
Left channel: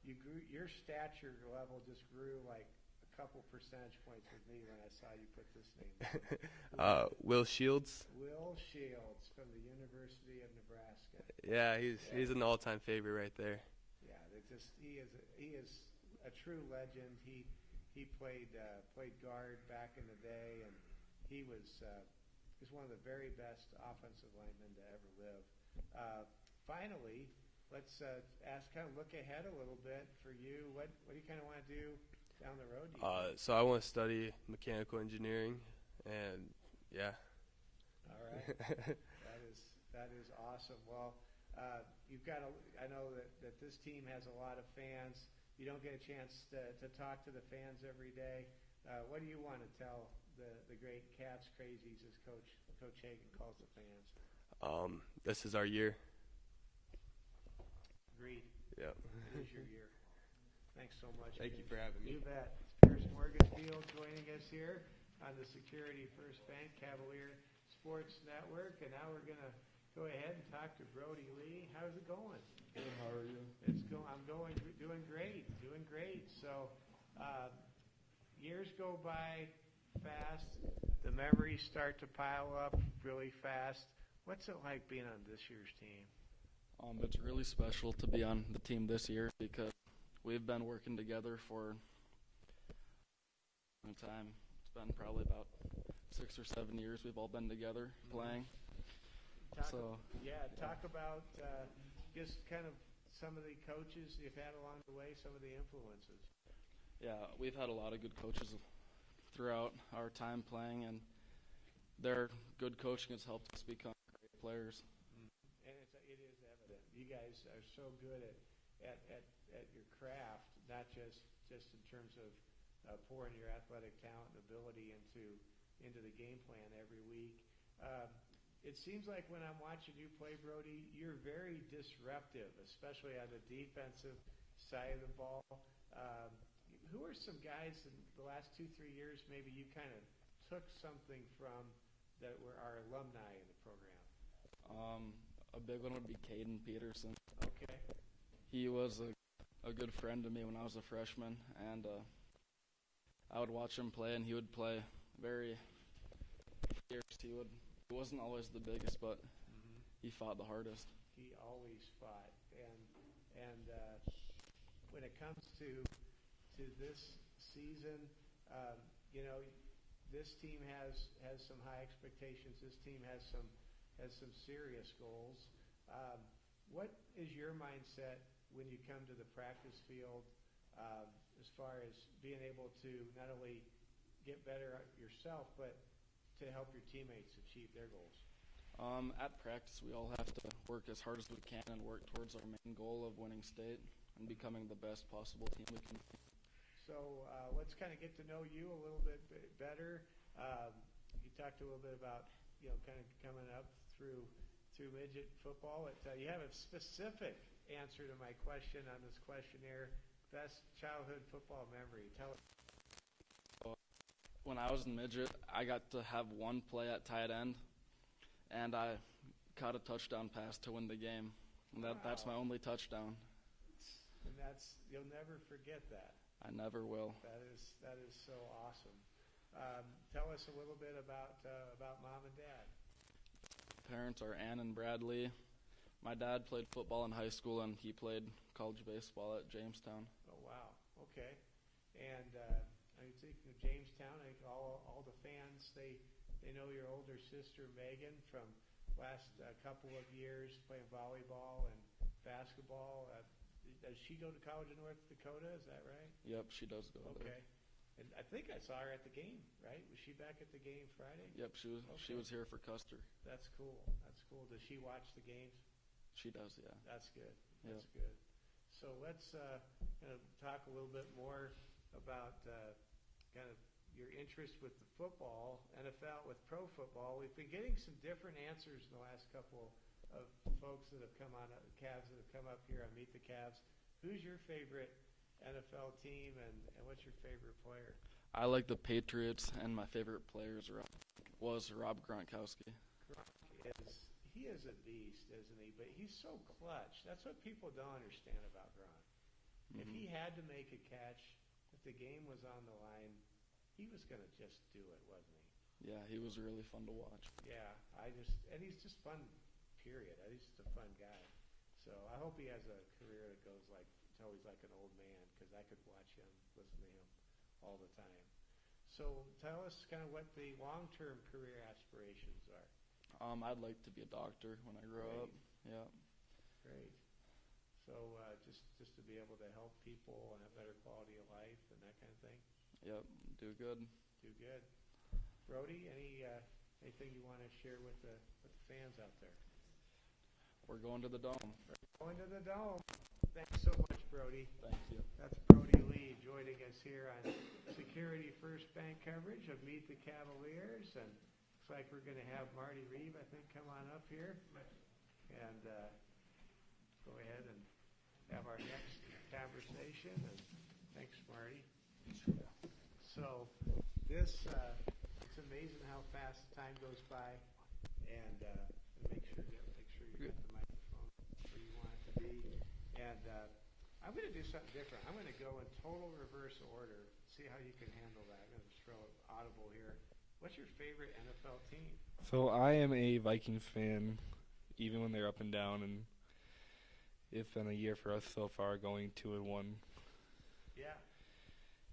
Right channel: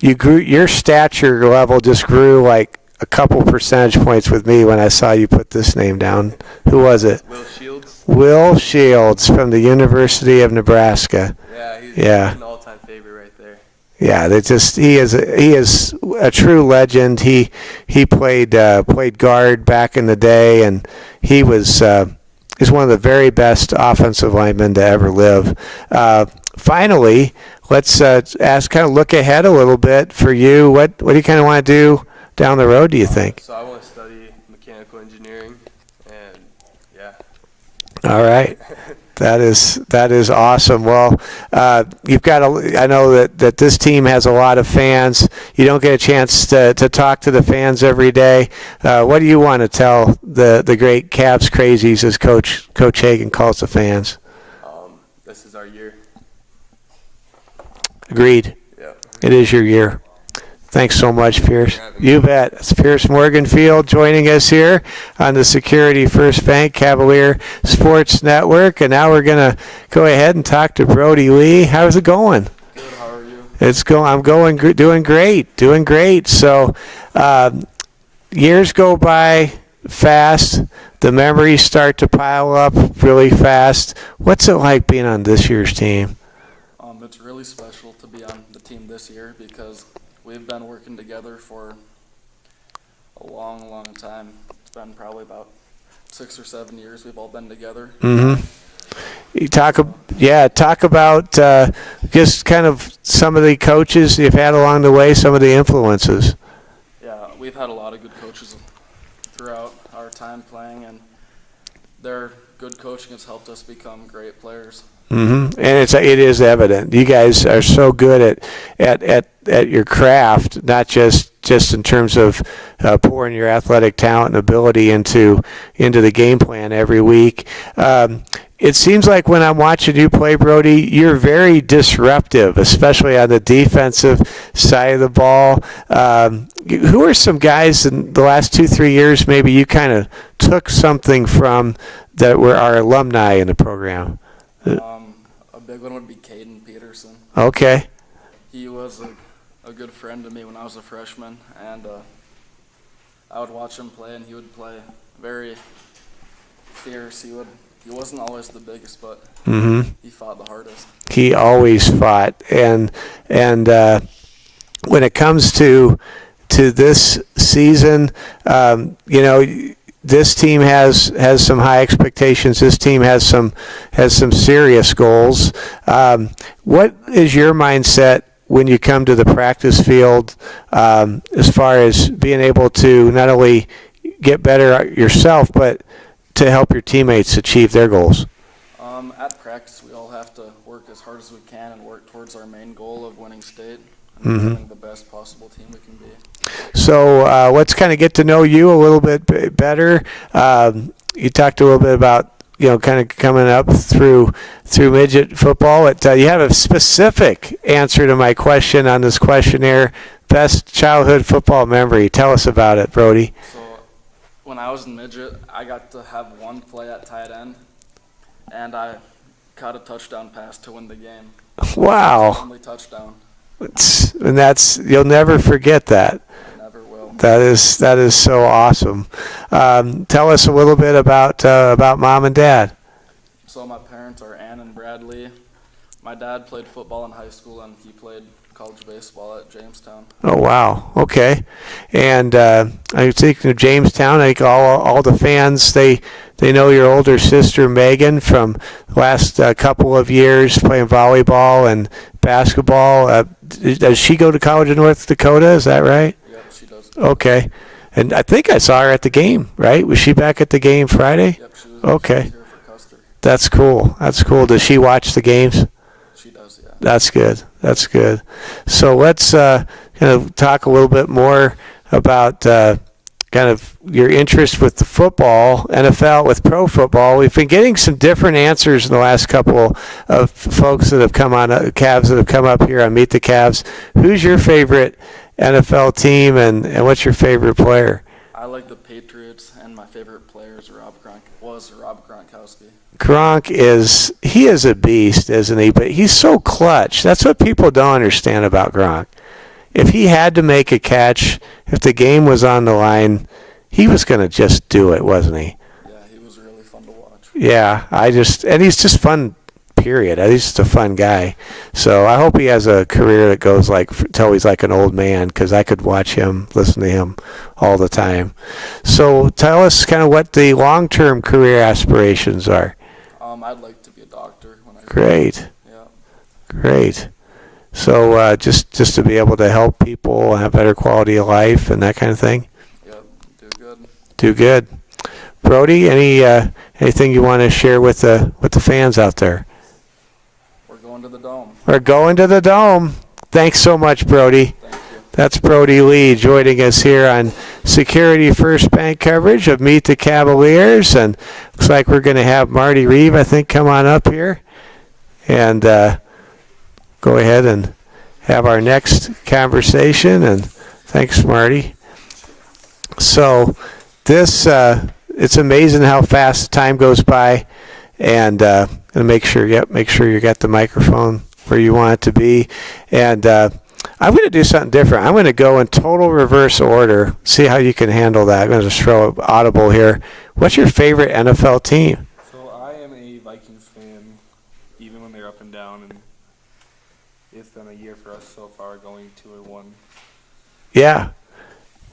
your stature level just grew like a couple percentage points with me when I saw you put this name down. Who was it? Will Shields. Will Shields from the University of Nebraska. Yeah, he's an all-time favorite right there. Yeah, he is a true legend. He played guard back in the day, and he's one of the very best offensive linemen to ever live. Finally, let's look ahead a little bit for you. What do you kind of want to do down the road, do you think? So I want to study mechanical engineering, and yeah. All right. That is awesome. Well, I know that this team has a lot of fans. You don't get a chance to talk to the fans every day. What do you want to tell the great Cavs crazies, as Coach Hagan calls the fans? This is our year. Agreed. Yeah. It is your year. Thanks so much, Pierce. You bet. It's Pierce Morganfield joining us here on the Security First Bank Cavalier Sports Network. And now we're going to go ahead and talk to Brody Lee. How's it going? Good. How are you? I'm doing great. So years go by fast. The memories start to pile up really fast. What's it like being on this year's team? It's really special to be on the team this year because we've been working together for a long, long time. It's been probably about 6 or 7 years we've all been together. Mm-hmm. You talk about just kind of some of the coaches you've had along the way, some of the influences. Yeah, we've had a lot of good coaches throughout our time playing, and their good coaching has helped us become great players. Mm-hmm. And it is evident. You guys are so good at your craft, not just in terms of pouring your athletic talent and ability into the game plan every week. It seems like when I'm watching you play, Brody, you're very disruptive, especially on the defensive side of the ball. Who are some guys in the last 2-3 years maybe you kind of took something from that were our alumni in the program? A big one would be Caden Peterson. Okay. He was a good friend to me when I was a freshman, and I would watch him play, and he would play very fierce. He wasn't always the biggest, but he fought the hardest. He always fought, and when it comes to this season, this team has some high expectations. This team has some serious goals. What is your mindset when you come to the practice field, as far as being able to not only get better yourself, but to help your teammates achieve their goals? At practice, we all have to work as hard as we can and work towards our main goal of winning state and becoming the best possible team we can be. So let's kind of get to know you a little bit better. You talked a little bit about kind of coming up through midget football. You have a specific answer to my question on this questionnaire. Best childhood football memory. Tell us about it, Brody. So when I was in midget, I got to have one play at tight end, and I caught a touchdown pass to win the game. Wow. Only touchdown. And that's, you'll never forget that. I never will. That is so awesome. Tell us a little bit about mom and dad. So my parents are Ann and Bradley. My dad played football in high school, and he played college baseball at Jamestown. Oh, wow. Okay. And I think of Jamestown, I think all the fans, they know your older sister Megan from the last couple of years playing volleyball and basketball. Does she go to college in North Dakota? Is that right? Yep, she does. Okay. And I think I saw her at the game, right? Was she back at the game Friday? Yep, she was Okay. here for Custer. That's cool. That's cool. Does she watch the games? She does, yeah. That's good. That's good. So let's kind of talk a little bit more about kind of your interest with the football, NFL, with pro football. We've been getting some different answers in the last couple of folks that have come on, Cavs that have come up here on Meet the Cavs. Who's your favorite NFL team, and what's your favorite player? I like the Patriots, and my favorite player is Rob Gronkowski. Gronk he is a beast, isn't he? But he's so clutch. That's what people don't understand about Gronk. If he had to make a catch, if the game was on the line, he was going to just do it, wasn't he? Yeah, he was really fun to watch. Yeah, and he's just fun, period. He's just a fun guy. So I hope he has a career that goes till he's like an old man, because I could watch him, listen to him all the time. So tell us kind of what the long-term career aspirations are. I'd like to be a doctor when I Great. Yeah. Great. So just to be able to help people have better quality of life and that kind of thing. Yep, do good. Do good. Brody, anything you want to share with the fans out there? We're going to the Dome. We're going to the Dome. Thanks so much, Brody. Thank you. That's Brody Lee joining us here on Security First Bank coverage of Meet the Cavaliers. And looks like we're going to have Marty Reeve, I think, come on up here and go ahead and have our next conversation. And thanks, Marty. So this, it's amazing how fast time goes by. And make sure you got the microphone where you want it to be. And I'm going to do something different. I'm going to go in total reverse order, see how you can handle that. I'm going to just throw an audible here. What's your favorite NFL team? So I am a Vikings fan, even when they're up and down, and it's been a year for us so far, going 2-1. Yeah.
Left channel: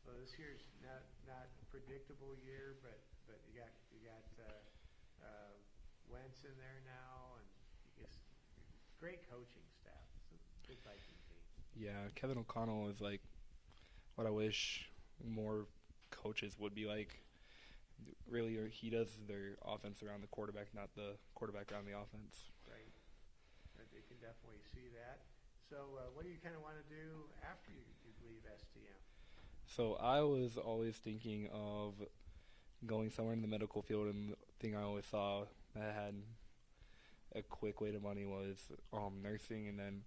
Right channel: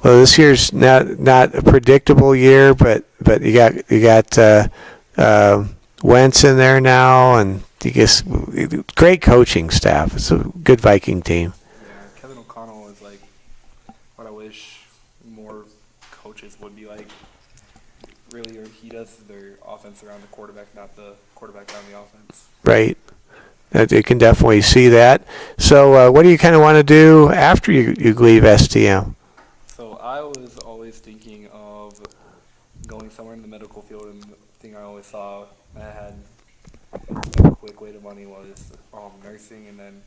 Well, this year's not a predictable year, but you got Wentz in there now, and you guess great coaching staff. It's a good Viking team. Yeah, Kevin O'Connell is like what I wish more coaches would be like. Really, he does their offense around the quarterback, not the quarterback around the offense. Right. You can definitely see that. So what do you kind of want to do after you leave STM? So I was always thinking of going somewhere in the medical field, and the thing I always saw that had a quick way to money was nursing, and then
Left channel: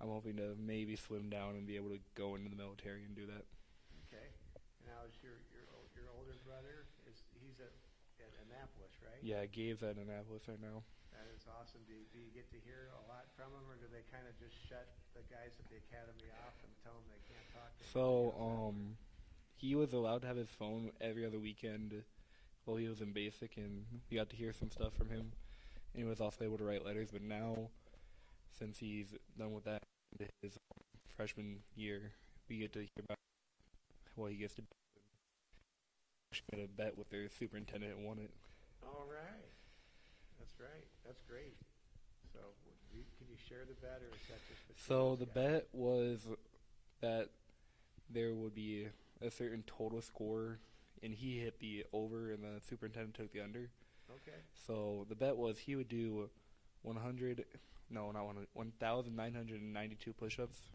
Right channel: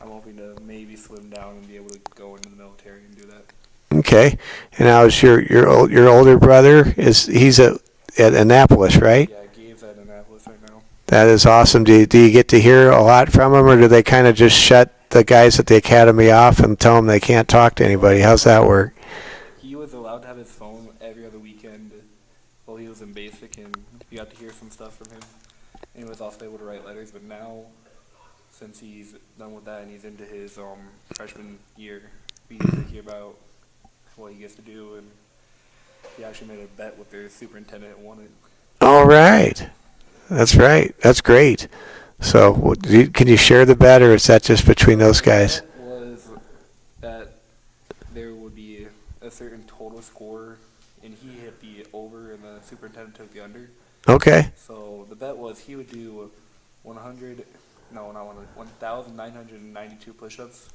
I'm hoping to maybe slim down and be able to go into the military and do that. Okay. And now is your older brother, he's at Annapolis, right? Yeah, Gabe's at Annapolis right now. That is awesome. Do you get to hear a lot from him, or do they kind of just shut the guys at the academy off and tell them they can't talk to anybody? How's that work? He was allowed to have his phone phone every other weekend while he was in basic, and we got to hear some stuff from him. And he was also able to write letters, but now, since he's done with that and he's into his freshman year, we get to hear about what he gets to do, and he actually made a bet with their superintendent and won it. All right. That's right. That's great. So can you share the bet, or is that just between those guys? The bet was that there would be a certain total score, and he hit the over, and the superintendent took the under. Okay. So the bet was he would do 1,992 push-ups,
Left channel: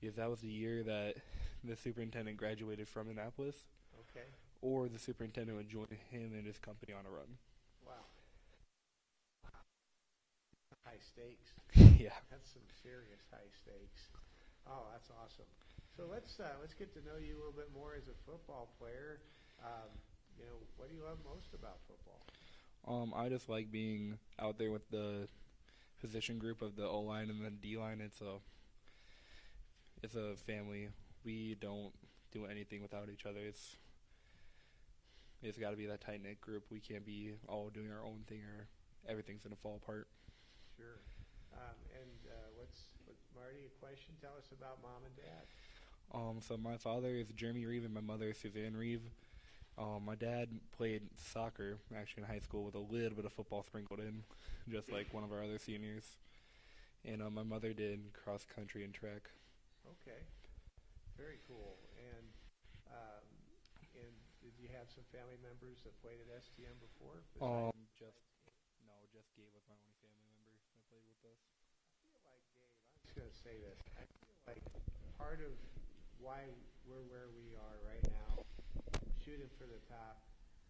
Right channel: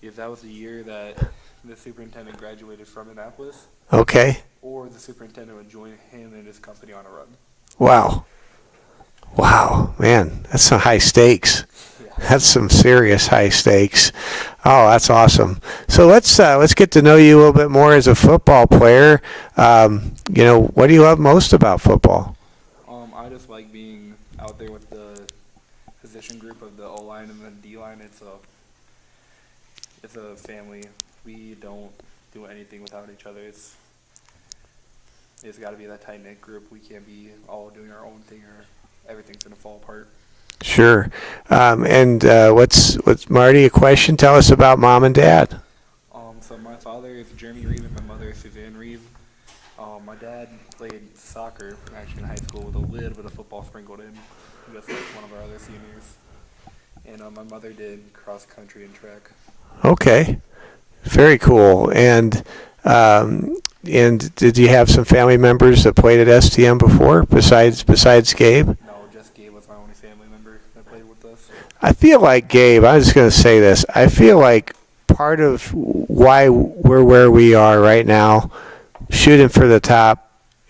because that was the year that the superintendent graduated from Annapolis, Okay. or the superintendent would join him and his company on a run. Wow. Wow, man, that's some high stakes. That's some serious high stakes. Oh, that's awesome. So let's get to know you a little bit more as a football player. What do you love most about football? I just like being out there with the position group of the O-line and the D-line. It's a family. We don't do anything without each other. It's got to be that tight-knit group. We can't be all doing our own thing, or everything's going to fall apart. Sure. What's Marty, a question? Tell us about mom and dad. So my father is Jeremy Reeve and my mother is Suzanne Reeve. My dad played soccer actually in high school with a little bit of football sprinkled in, just like one of our other seniors. And my mother did cross country and track. Okay. Very cool. And did you have some family members that played at STM before besides Gabe? No, just Gabe was my only family member that played with us. I feel like Gabe, I'm just going to say this. I feel like part of why we're where we are right now, shooting for the top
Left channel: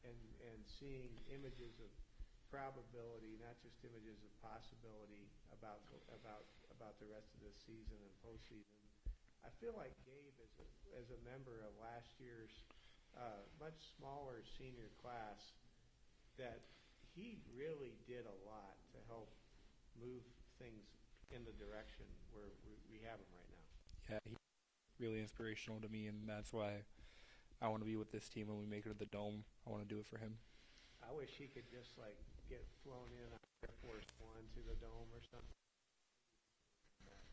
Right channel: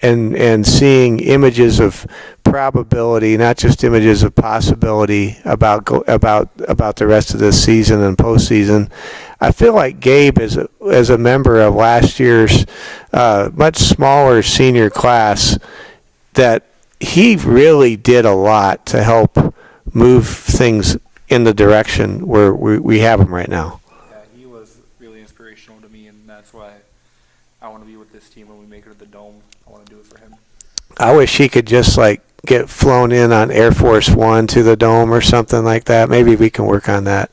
and seeing images of probability, not just images of possibility about the rest of this season and postseason. I feel like Gabe, as a member of last year's much smaller senior class, that he really did a lot to help move things in the direction where we have them right now. Yeah, he was really inspirational to me, and that's why I want to be with this team when we make it to the Dome. I want to do it for him. I wish he could just get flown in on Air Force One to the Dome or something like that. Maybe we can work on that.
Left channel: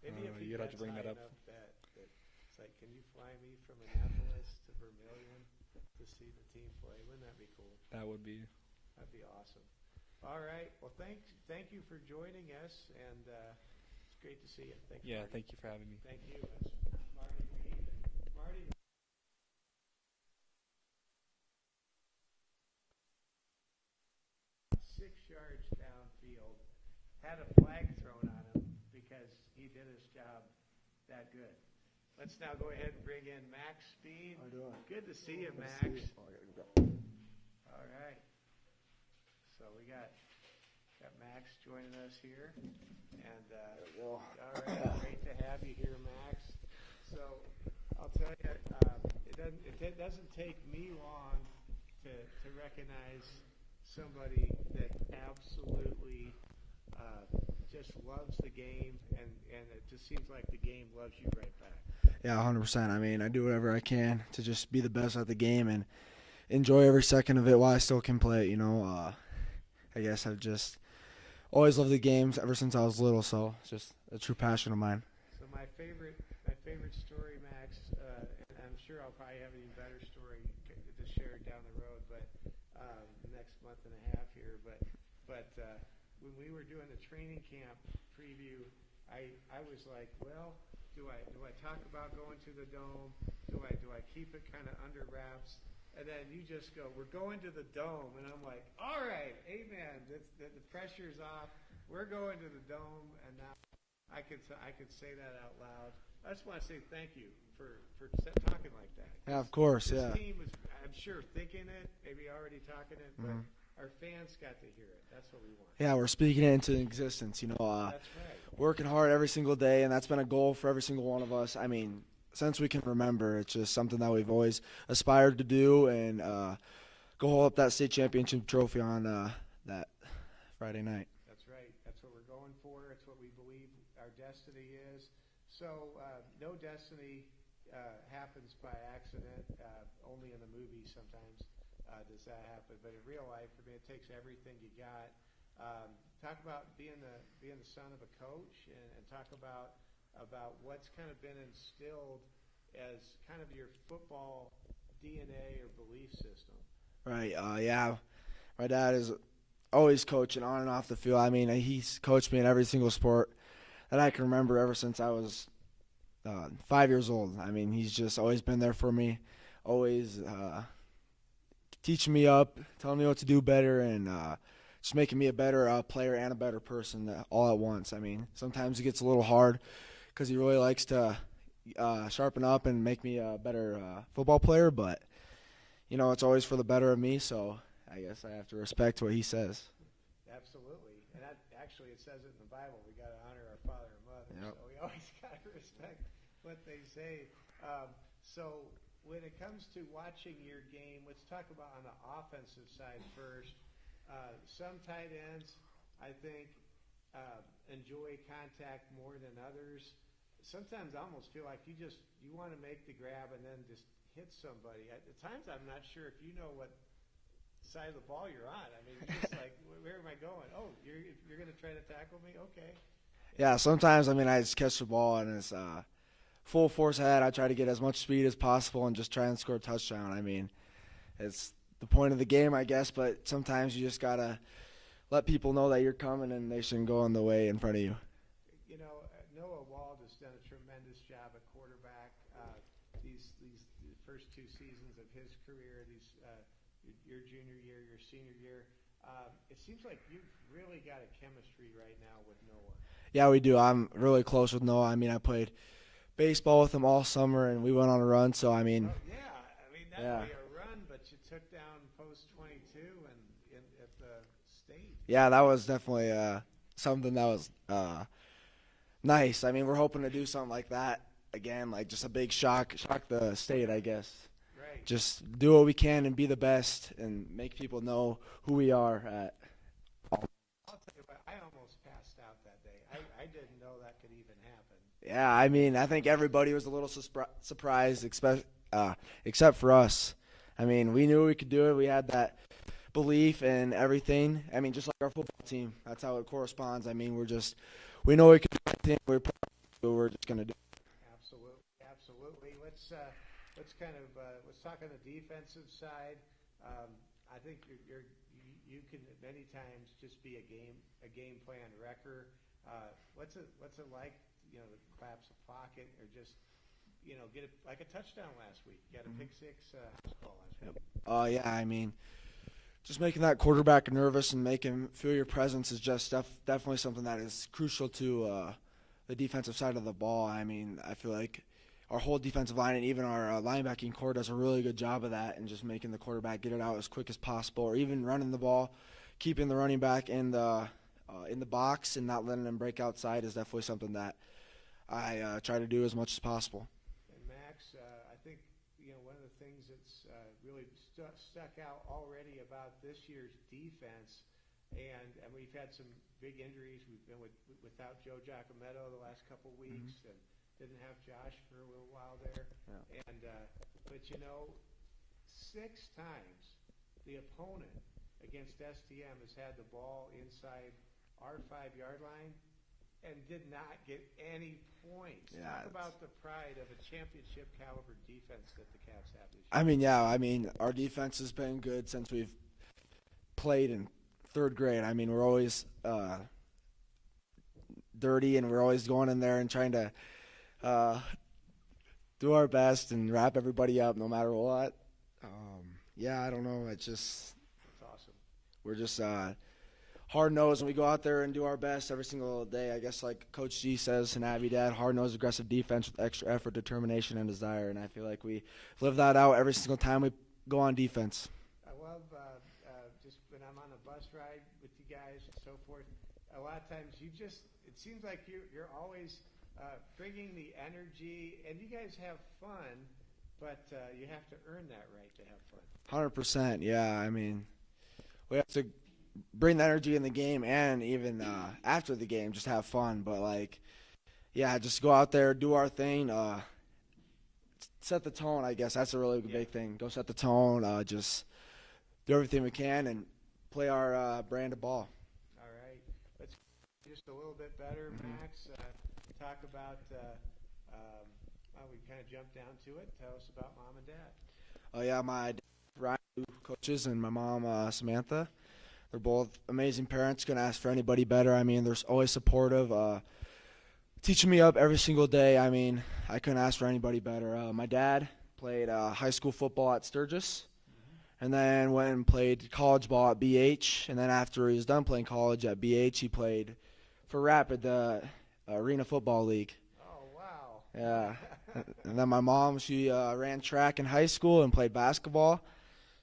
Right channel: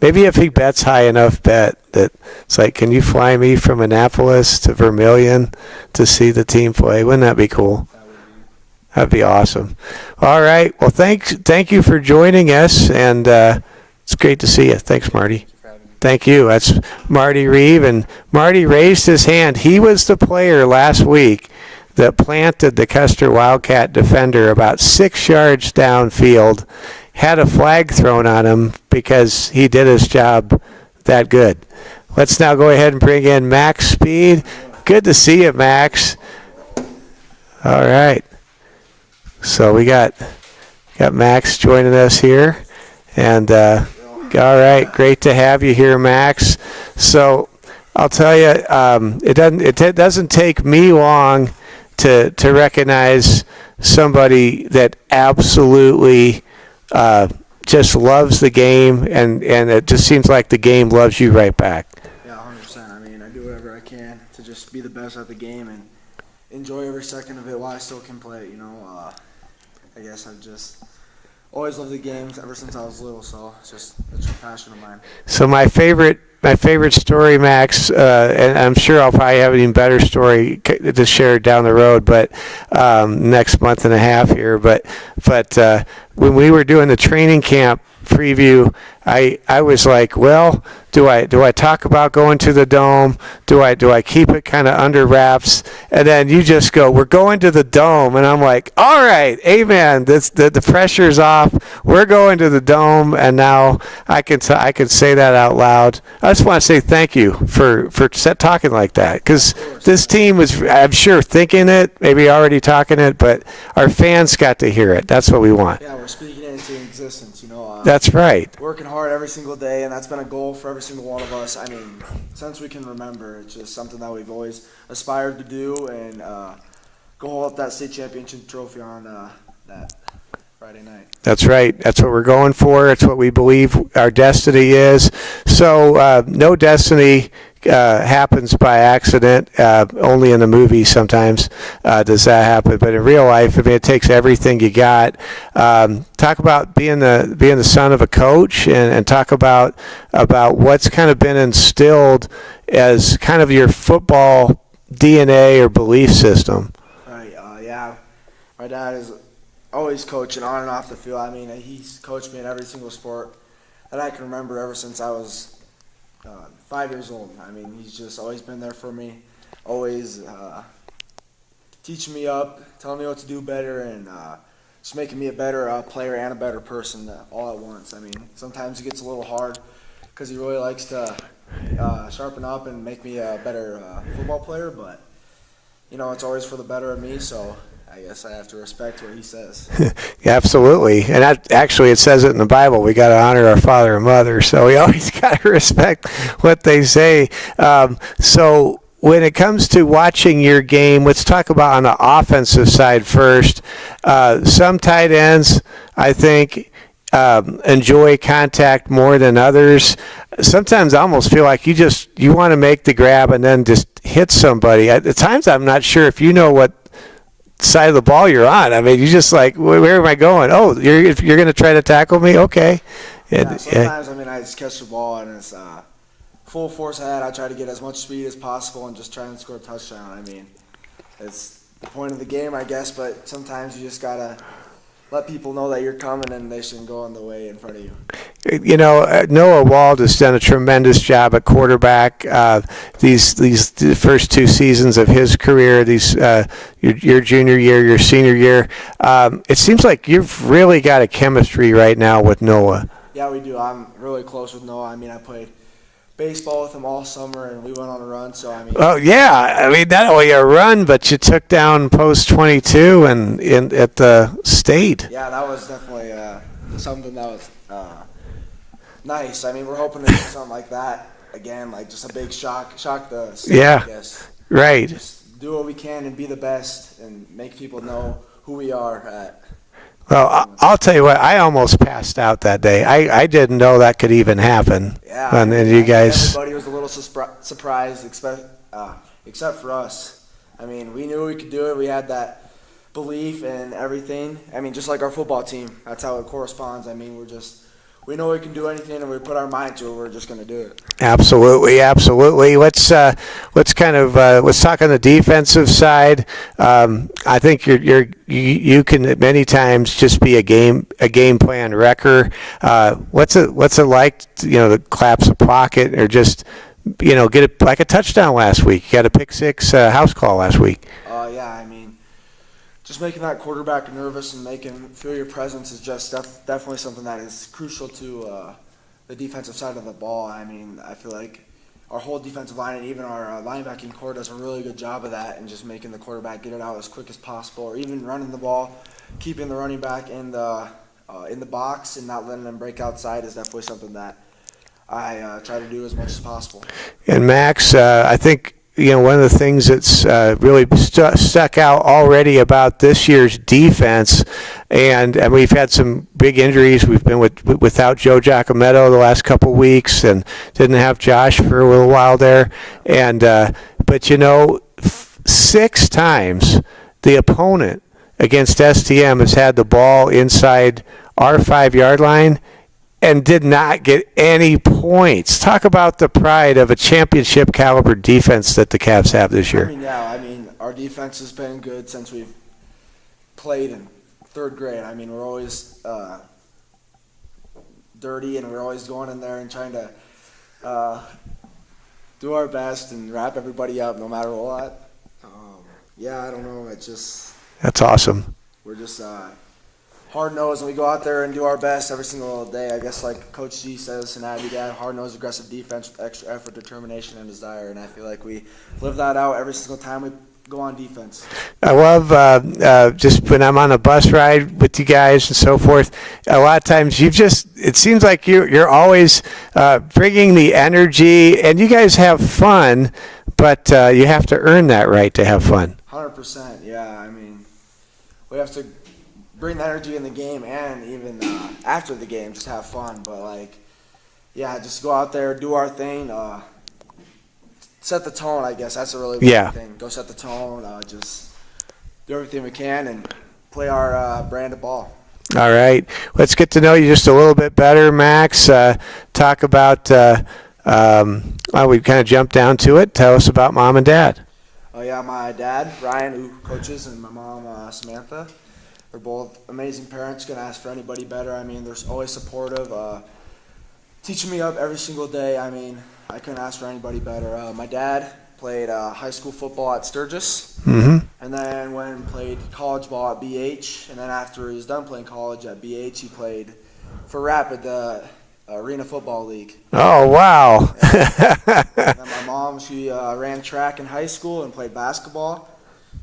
Maybe if he bets high enough that it's like, can you fly me from Annapolis to Vermilion to see the team play? Wouldn't that be cool? That'd be awesome. All right. Well, thank you for joining us, and it's great to see you. Thanks, Marty. Thank you. That's Marty Reeve, and Marty raised his hand. He was the player last week that planted the Custer Wildcat defender about 6 yards downfield, had a flag thrown on him because he did his job that good. Let's now go ahead and bring in Max Speed. Good to see you, Max. All right. So we got Max joining us here. And all right, great to have you here, Max. So I'll tell you, it doesn't take me long to recognize somebody that absolutely just loves the game, and it just seems like the game loves you right back. Yeah, 100%. I mean, I do whatever I can to just be the best at the game and enjoy every second of it while I still can play it, I guess I've just always loved the games ever since I was little, so it's a passion of mine. So my favorite story, Max, and I'm sure I'll probably have an even better story to share down the road, but next month and a half here. But when we were doing the training camp preview, I was like, well, do I talk about going to the Dome? Do I keep it kind of under wraps? And then you just go, we're going to the Dome, and I'm like, all right, amen. The pressure's off. We're going to the Dome, and now I can say that out loud. I just want to say thank you for talking like that, because this team was, I'm sure, thinking it, maybe already talking it, but our fans got to hear it. That's what we want. Yeah, we're speaking it into existence, That's right. Working hard every single day, and that's been a goal for every single one of us. I mean, since we can remember, it's just something that we've always aspired to do, and go hold up that state championship trophy on that Friday night. That's right. That's what we're going for. It's what we believe our destiny is. So no destiny happens by accident. Only in the movies sometimes does that happen, but in real life, I mean, it takes everything you got. Talk about being the son of a coach, and talk about what's kind of been instilled as kind of your football DNA or belief system. Right. Yeah. My dad is always coaching on and off the field. I mean, he's coached me in every single sport that I can remember ever since I was 5 years old. I mean, he's just always been there for me, always teaching me up, telling me what to do better, and just making me a better player and a better person all at once. I mean, sometimes it gets a little hard because he really likes to sharpen up and make me a better football player, but, it's always for the better of me, so I guess I have to respect what he says. Yeah, absolutely. And actually, it says it in the Bible. We got to honor our father and mother. So we always got to respect what they say. So when it comes to watching your game, let's talk about on the offensive side first. Some tight ends, I think, enjoy contact more than others. Sometimes I almost feel like you want to make the grab and then just hit somebody. At times, I'm not sure if you know what side of the ball you're on. I mean, you just like, where am I going? Oh, you're going to try to tackle me? Okay. Yeah, sometimes, I just catch the ball and it's full force ahead. I try to get as much speed as possible and just try and score a touchdown. I mean, it's the point of the game, I guess, but sometimes you just got to let people know that you're coming and they shouldn't go in the way in front of you. Noah Wald has done a tremendous job at quarterback. These the first 2 seasons of his career, your junior year, your senior year, it seems like you've really got a chemistry right now with Noah. Yeah, we do. I'm really close with Noah. I mean, I played baseball with him all summer, and we went on a run. So I mean. Oh yeah, I mean not only a run, but you took down post 22 and at the state. Yeah, that was definitely something that was nice. I mean, we're hoping to do something like that again, like just a big shock the state, Yeah, I guess. right. Just do what we can and be the best and make people know who we are at. Well, I'll tell you what, I almost passed out that day. I didn't know that could even happen. Yeah, And you guys. Everybody was a little surprised, except for us. I mean, we knew we could do it. We had that belief and everything. I mean, just like our football team, that's how it corresponds. I mean, we know we can do anything, and we put our mind to it. We're just going to do it. Absolutely. Let's talk on the defensive side. I think you can many times just be a game plan wrecker. What's it like? To collapse a pocket or just get it like a touchdown last week. You got a pick 6 house call last week. Yeah, I mean, just making that quarterback nervous and feel your presence is just definitely something that is crucial to the defensive side of the ball. I mean, I feel like our whole defensive line and even our linebacking core does a really good job of that and just making the quarterback get it out as quick as possible, or even running the ball, keeping the running back in the box and not letting them break outside is definitely something that I try to do as much as possible. And Max, I think one of the things that's really stuck out already about this year's defense, and we've had some big injuries. We've been without Joe Giacometto the last couple weeks, and didn't have Josh for a little while there. And but 6 times the opponent against STM has had the ball inside our 5-yard line and did not get any points. Talk about the pride of a championship caliber defense that the Cavs have this year. I mean, our defense has been good since we've played in 3rd grade. I mean, we're always dirty, and we're always going in there and trying to do our best and wrap everybody up no matter what. I don't know. That's awesome. We're just hard-nosed, and we go out there and do our best every single day. I guess like Coach G says, and I do that, hard-nosed, aggressive defense with extra effort, determination, and desire. And I feel like we live that out every single time we go on defense. I love just when I'm on a bus ride with you guys and so forth, a lot of times it seems like you're always bringing the energy, and you guys have fun, but you have to earn that right to have fun. 100%, yeah. I mean, we have to bring the energy in the game and even after the game, just have fun. But just go out there, do our thing, set the tone. I guess that's a really Yeah. big thing. Go set the tone. Just do everything we can and play our brand of ball. All right. Let's get to know you just a little bit better, Max. Talk about, well, we kind of jumped down to it. Tell us about mom and dad. Oh yeah, my dad, Ryan, who coaches, and my mom, Samantha. They're both amazing parents. Couldn't ask for anybody better. I mean, they're always supportive, teaching me up every single day. I mean, I couldn't ask for anybody better. My dad played high school football at Sturgis, Mm-hmm. and then went and played college ball at BH. And then after he was done playing college at BH, he played for Rapid, the Arena Football League. Oh, wow. And then my mom, she ran track in high school and played basketball,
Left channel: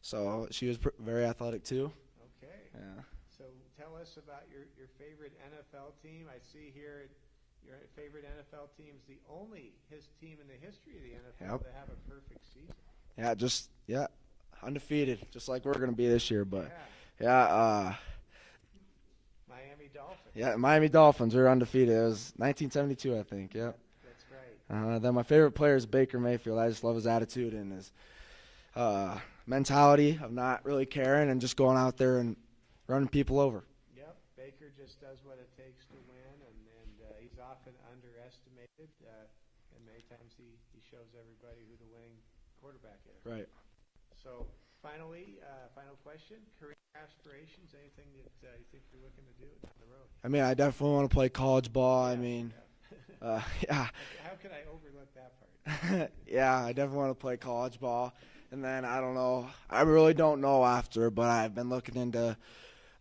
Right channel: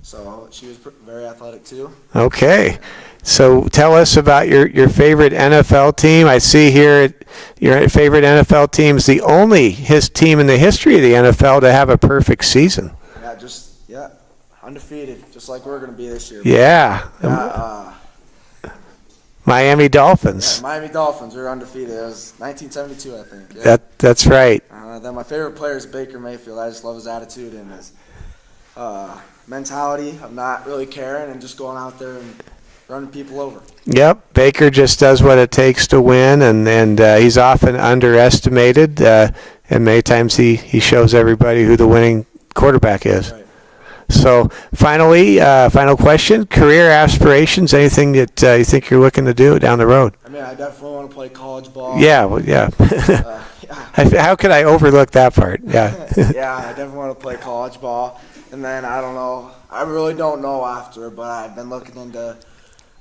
so she was very athletic too. Okay. So tell us about your favorite NFL team. I see here your favorite NFL team is the only his team in the history of the NFL to have a perfect season. Yeah, undefeated, just like we're gonna be this year. Yeah. Yeah, Miami Dolphins. Miami Dolphins are undefeated. It was 1972, I think. Yeah. That's right. Then my favorite player is Baker Mayfield. I just love his attitude and his mentality of not really caring and just going out there and running people over. Yep. Baker just does what it takes to win, and he's often underestimated. And many times he shows everybody who the winning quarterback is. Right. So finally, final question: career aspirations? Anything that you think you're looking to do down the road? I mean, I definitely want to play college ball. Yeah. Well, yeah. Yeah. How could I overlook that part? Yeah. Yeah, I definitely want to play college ball. And then I don't know. I really don't know after, but I've been looking into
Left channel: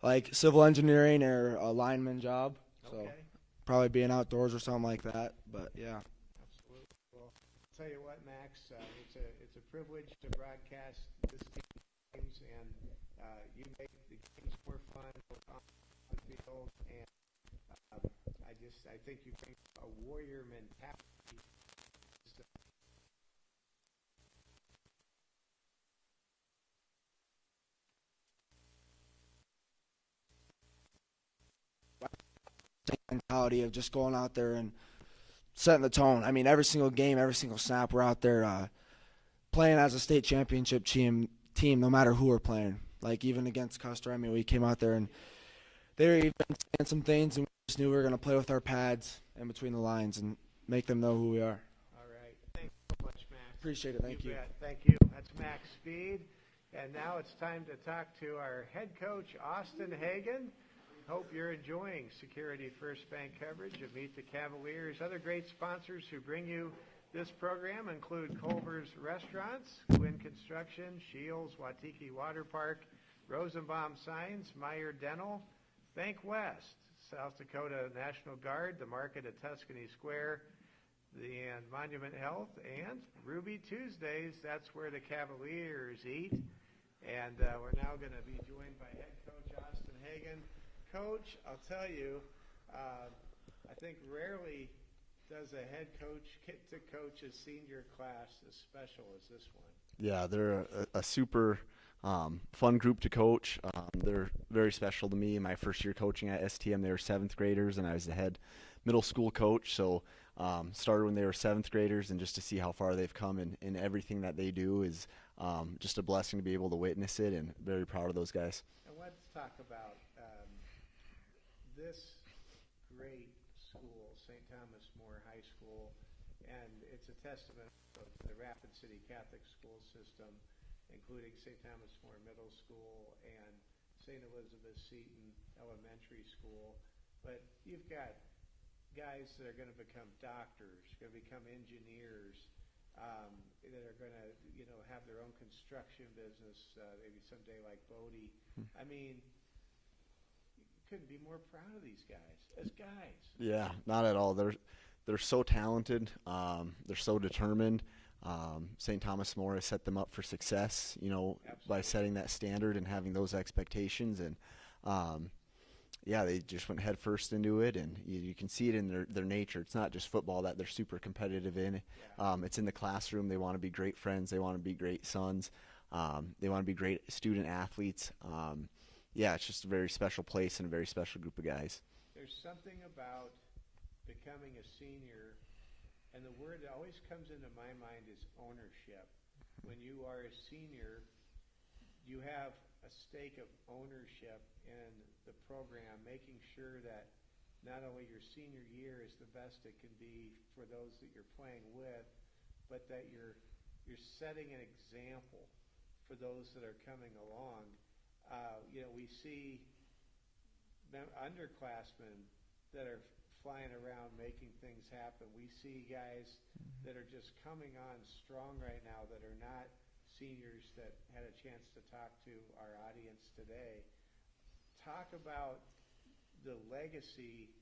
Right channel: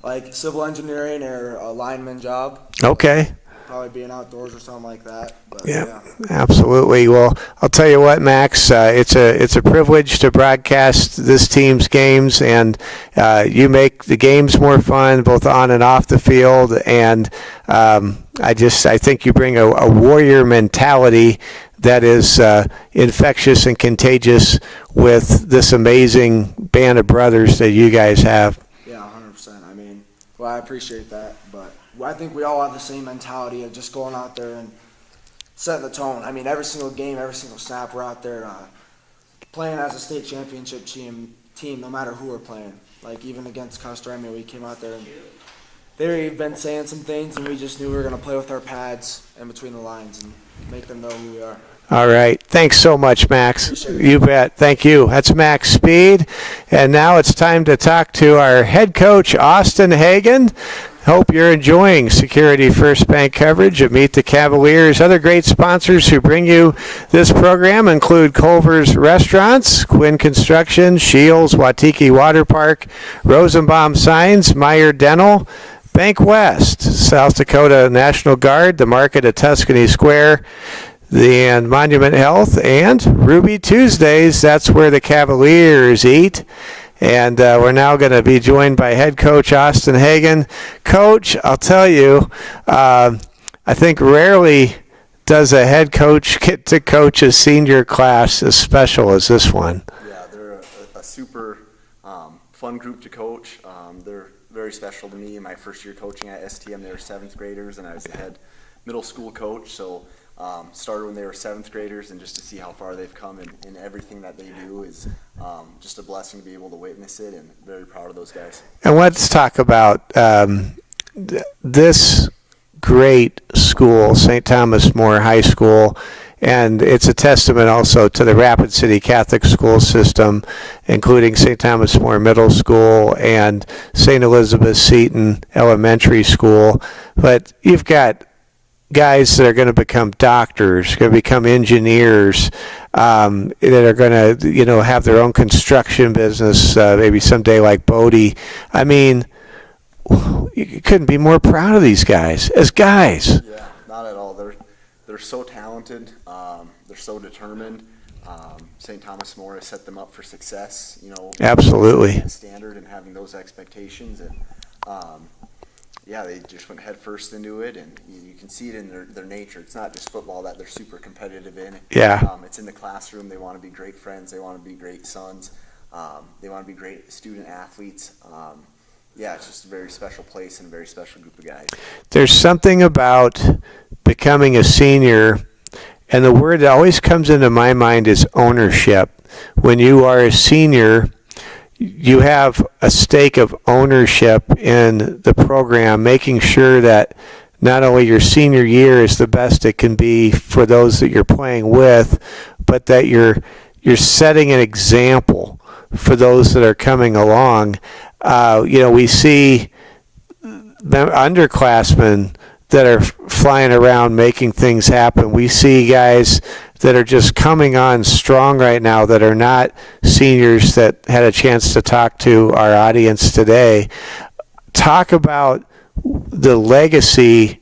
like civil engineering or a lineman job. Okay. Probably being outdoors or something like that. But, Yeah, absolutely. Well, I'll tell you what, Max, it's a privilege to broadcast this team's games, and you make the games more fun, both on and off the field. And I think you bring a warrior mentality that is infectious and contagious with this amazing band of brothers that you guys have. Yeah, 100%. I mean, well, I appreciate that, but I think we all have the same mentality of just going out there and setting the tone. I mean, every single game, every single snap, we're out there playing as a state championship team, no matter who we're playing. Like, even against Custer, I mean, we came out there and they've been saying some things, and we just knew we were going to play with our pads in between the lines and make them know who we are. All right. Thanks so much, Max. You bet. Thank you. That's Max Speed. And now it's time to talk to our head coach, Austin Hagen. Hope you're enjoying Security First Bank coverage of Meet the Cavaliers. Other great sponsors who bring you this program include Culver's Restaurants, Quinn Construction, Shields, Watiki Water Park, Rosenbaum Signs, Meyer Dental, Bank West, South Dakota National Guard, the Market at Tuscany Square, and Monument Health, and Ruby Tuesdays. That's where the Cavaliers eat. And we're now going to be joined by head coach Austin Hagen. Coach, I'll tell you, I think rarely does a head coach get to coach a senior class as special as this one. Yeah, they're a super fun group to coach. They're very special to me. In my first year coaching at STM, they were 7th graders, and I was the head middle school coach. So started when they were 7th graders, and just to see how far they've come in everything that they do is just a blessing to be able to witness it, and very proud of those guys. And let's talk about this great school, St. Thomas More High School, and it's a testament also to the Rapid City Catholic school system, including St. Thomas More Middle School and St. Elizabeth Seton Elementary School. But you've got guys that are going to become doctors, going to become engineers, that are going to, have their own construction business, maybe someday like Bodie. I mean, you couldn't be more proud of these guys as guys. Yeah, not at all. They're so talented. They're so determined. St. Thomas More has set them up for success. Absolutely. Setting that standard and having those expectations, and yeah, they just went head first into it, and you can see it in their nature. It's not just football that they're super competitive in. Yeah. It's in the classroom. They want to be great friends. They want to be great sons. They want to be great student athletes. Yeah, it's just a very special place and a very special group of guys. There's something about becoming a senior and the word that always comes into my mind is ownership. When you are a senior, you have a stake of ownership in the program, making sure that not only your senior year is the best it can be for those that you're playing with, but that you're setting an example for those that are coming along. We see underclassmen that are flying around making things happen. We see guys that are just coming on strong right now that are not seniors that had a chance to talk to our audience today. Talk about the legacy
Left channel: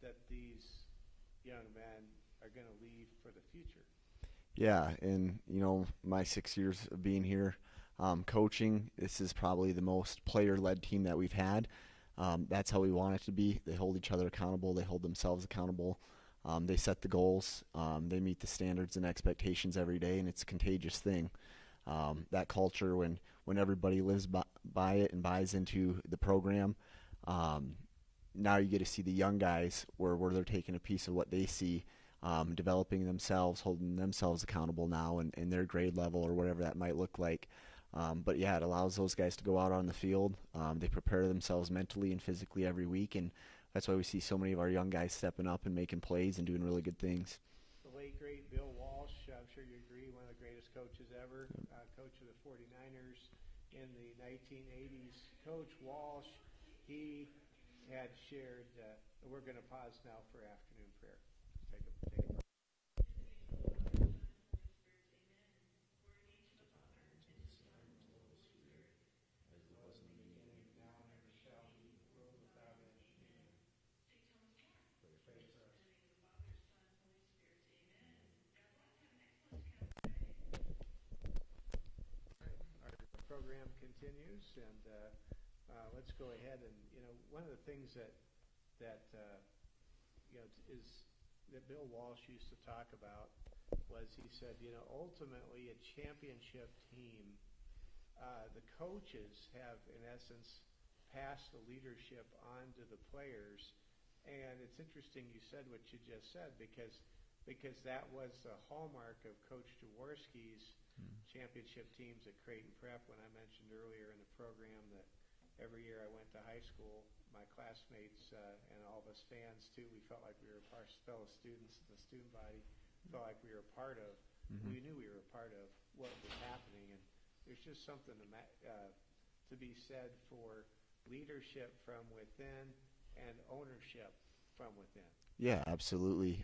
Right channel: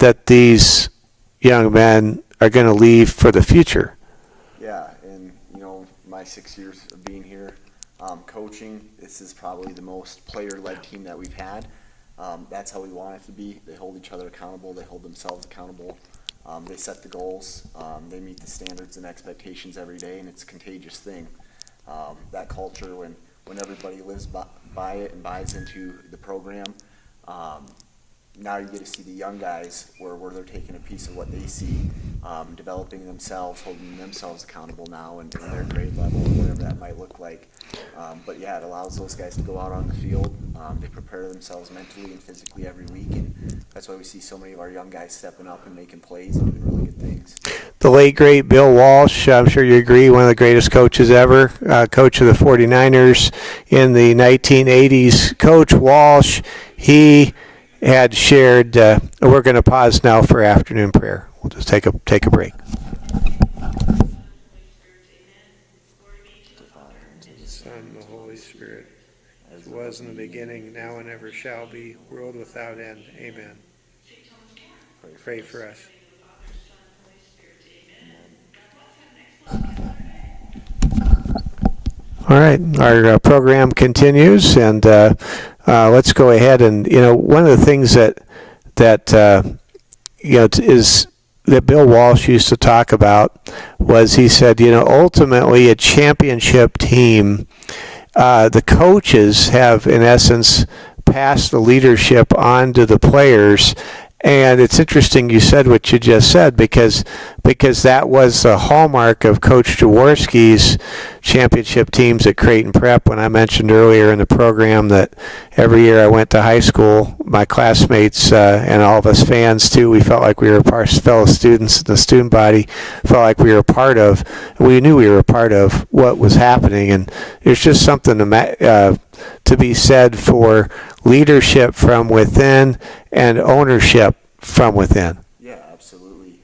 that these young men are going to leave for the future. Yeah, and my 6 years of being here, coaching, this is probably the most player-led team that we've had. That's how we want it to be. They hold each other accountable. They hold themselves accountable. They set the goals. They meet the standards and expectations every day, and it's a contagious thing. That culture, when everybody lives by it and buys into the program, now you get to see the young guys where they're taking a piece of what they see, developing themselves, holding themselves accountable now in their grade level, whatever that might look like. But yeah, it allows those guys to go out on the field. They prepare themselves mentally and physically every week, and that's why we see so many of our young guys stepping up and making plays and doing really good things. The late, great Bill Walsh, I'm sure you agree, one of the greatest coaches ever, coach of the 49ers in the 1980s. Coach Walsh, he had shared, we're going to pause now for afternoon prayer. We'll just take a break. The Son, the Holy Spirit, as was in the beginning, now and ever shall be, world without end. Amen. Pray for us. All right, our program continues, and let's go ahead and one of the things that is that Bill Walsh used to talk about was he said ultimately a championship team, the coaches have in essence passed the leadership on to the players. And it's interesting you said what you just said because that was the hallmark of Coach Jaworski's championship teams at Creighton Prep. When I mentioned earlier in the program that every year I went to high school, my classmates and all of us fans too, we felt like we were fellow students in the student body, felt like we were we knew we were a part of what was happening. And there's just something to be said for leadership from within and ownership from within. Yeah, absolutely.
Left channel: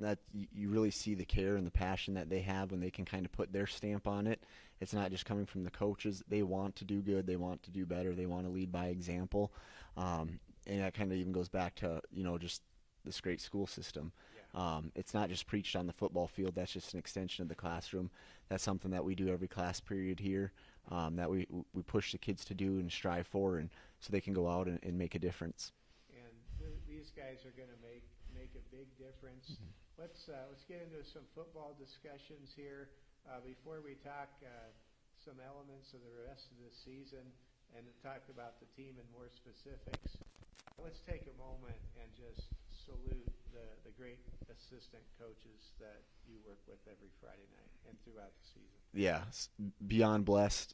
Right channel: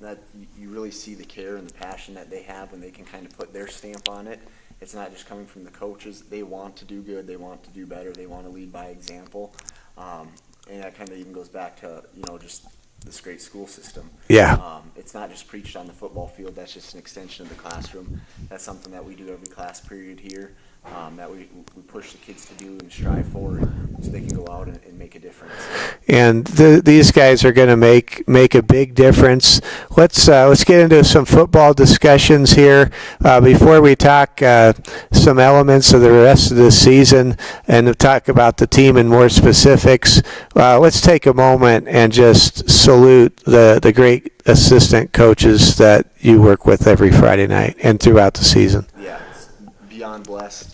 That you really see the care and the passion that they have when they can kind of put their stamp on it. It's not just coming from the coaches. They want to do good. They want to do better. They want to lead by example. And that kind of even goes back to, just this great school system. Yeah. It's not just preached on the football field. That's just an extension of the classroom. That's something that we do every class period here. That we push the kids to do and strive for, so they can go out and make a difference. And these guys are going to make a big difference. Let's get into some football discussions here before we talk some elements of the rest of the season and talk about the team in more specifics. Let's take a moment and just salute the great assistant coaches that you work with every Friday night and throughout the season. Yeah. Beyond blessed.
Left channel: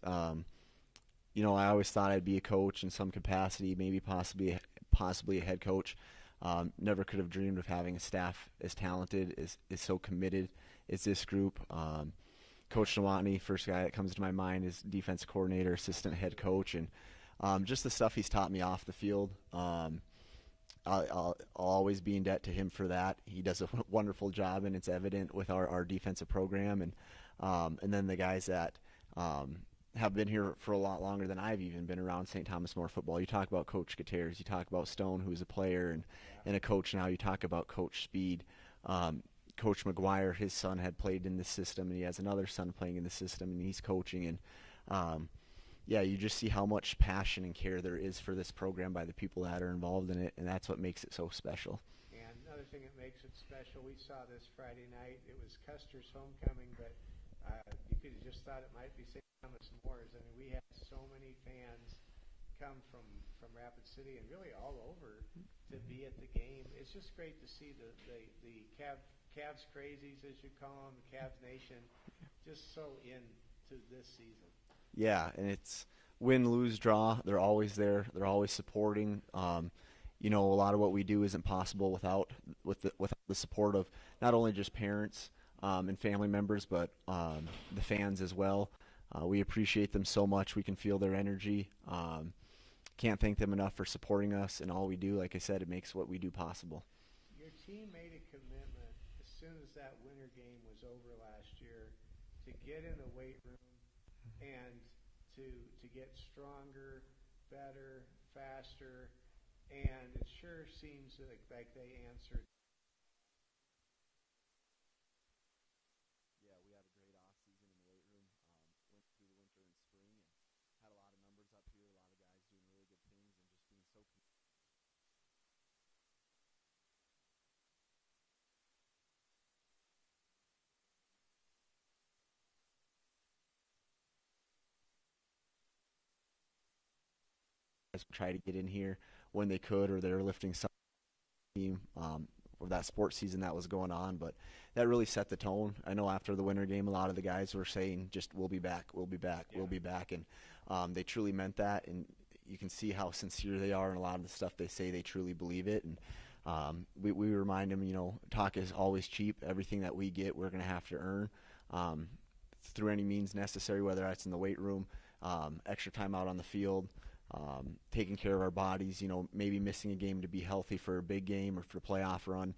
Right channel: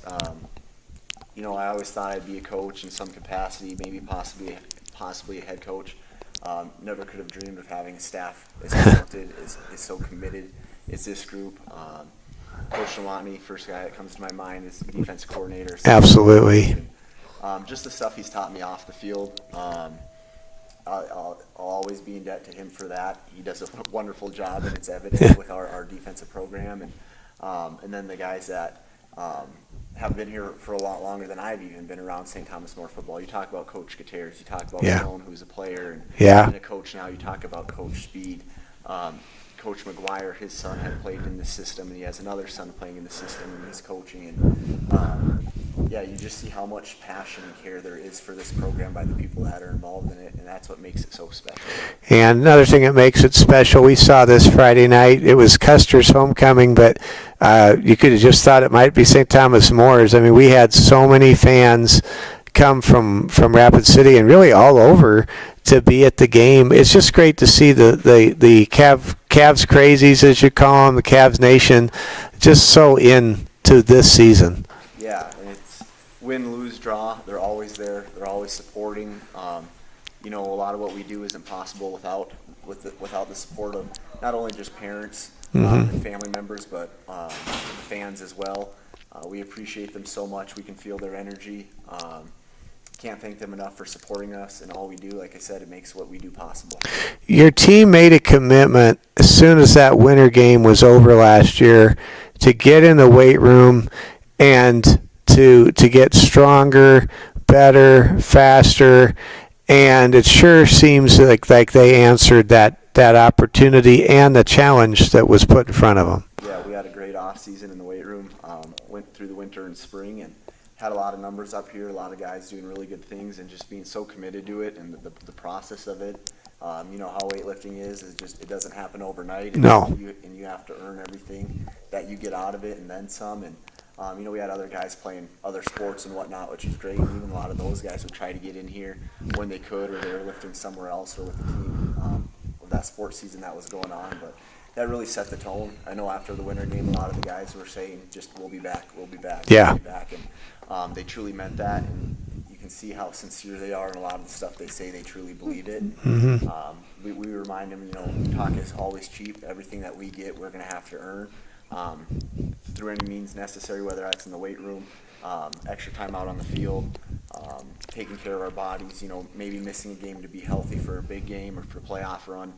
I always thought I'd be a coach in some capacity, maybe possibly a head coach. Never could have dreamed of having a staff as talented, is so committed as this group. Coach Shawatney, first guy that comes to my mind, is defense coordinator. Absolutely. Just the stuff he's taught me off the field. I'll always be in debt to him for that. He does a wonderful job, and it's evident with our defensive program. And then the guys that have been here for a lot longer than I've even been around St. Thomas More football. You talk about Coach Gutierrez, you talk about Stone, who's a player and a coach now. You talk about Coach Speed. Coach McGuire, his son had played in the system, and he has another son playing in the system, and he's coaching. And you just see how much passion and care there is for this program by the people that are involved in it, and that's what makes it so special. And another thing that makes it special, we saw this Friday night, it was Custer's homecoming, but you could have just thought it might be St. Thomas More's. I mean, we had so many fans come from Rapid City and really all over to be at the game. It's just great to see the Cavs crazies, as you call them, the Cavs Nation, just so into this season. Yeah, and it's win, lose, draw. They're always there. They're always supporting. You know, a lot of what we do isn't possible without the support of not only just parents and family members, but the fans as well. We appreciate them so much. We can feel their energy. Can't thank them enough for supporting us, and all we do, like I said, it makes what we do possible. Your team made a commitment as soon as that winter game was over last year to get in the weight room and to get stronger, better, faster, and it sure seems like they answered that opportunity and the challenge that was put in front of them. Yeah, we had a great off season in the weight room. Went through the winter and spring and had a lot of numbers up here, a lot of guys doing really good things and just being so committed to it and the process of it. You know how weightlifting is just it doesn't happen overnight. And No. You have to earn everything that you get out of it and then some. And you know, we had other guys playing other sports and whatnot, which was great. And even a lot of those guys would try to get in here when they could, or they were lifting somewhere else or with the team of that sports season that was going on. But that really set the tone. I know after the winter game, a lot of the guys were saying, just we'll be back, we'll be back, Yeah. we'll be back. And they truly meant that. And you can see how sincere they are, and a lot of the stuff they say, they truly believe it. We remind them, you know, talk is always cheap. Everything that we get, we're going to have to earn through any means necessary, whether that's in the weight room, extra time out on the field, taking care of our bodies, you know, maybe missing a game to be healthy for a big game or for a playoff run,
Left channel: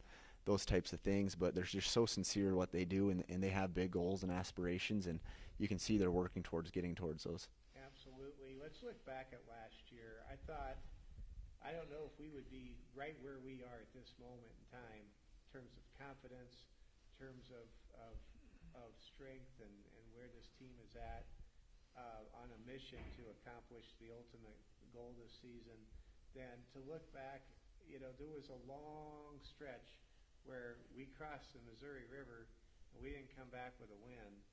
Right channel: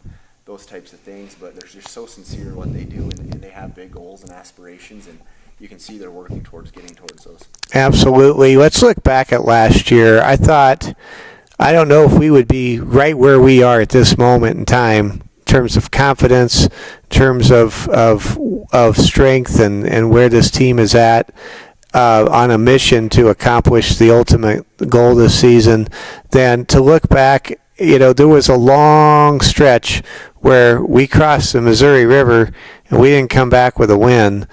those types of things. But they're just so sincere in what they do, and they have big goals and aspirations, and you can see they're working towards getting towards those. Absolutely. Let's look back at last year. I don't know if we would be right where we are at this moment in time in terms of confidence, in terms of strength and where this team is at on a mission to accomplish the ultimate goal this season, than to look back. You know, there was a long stretch where we crossed the Missouri River and we didn't come back with a win.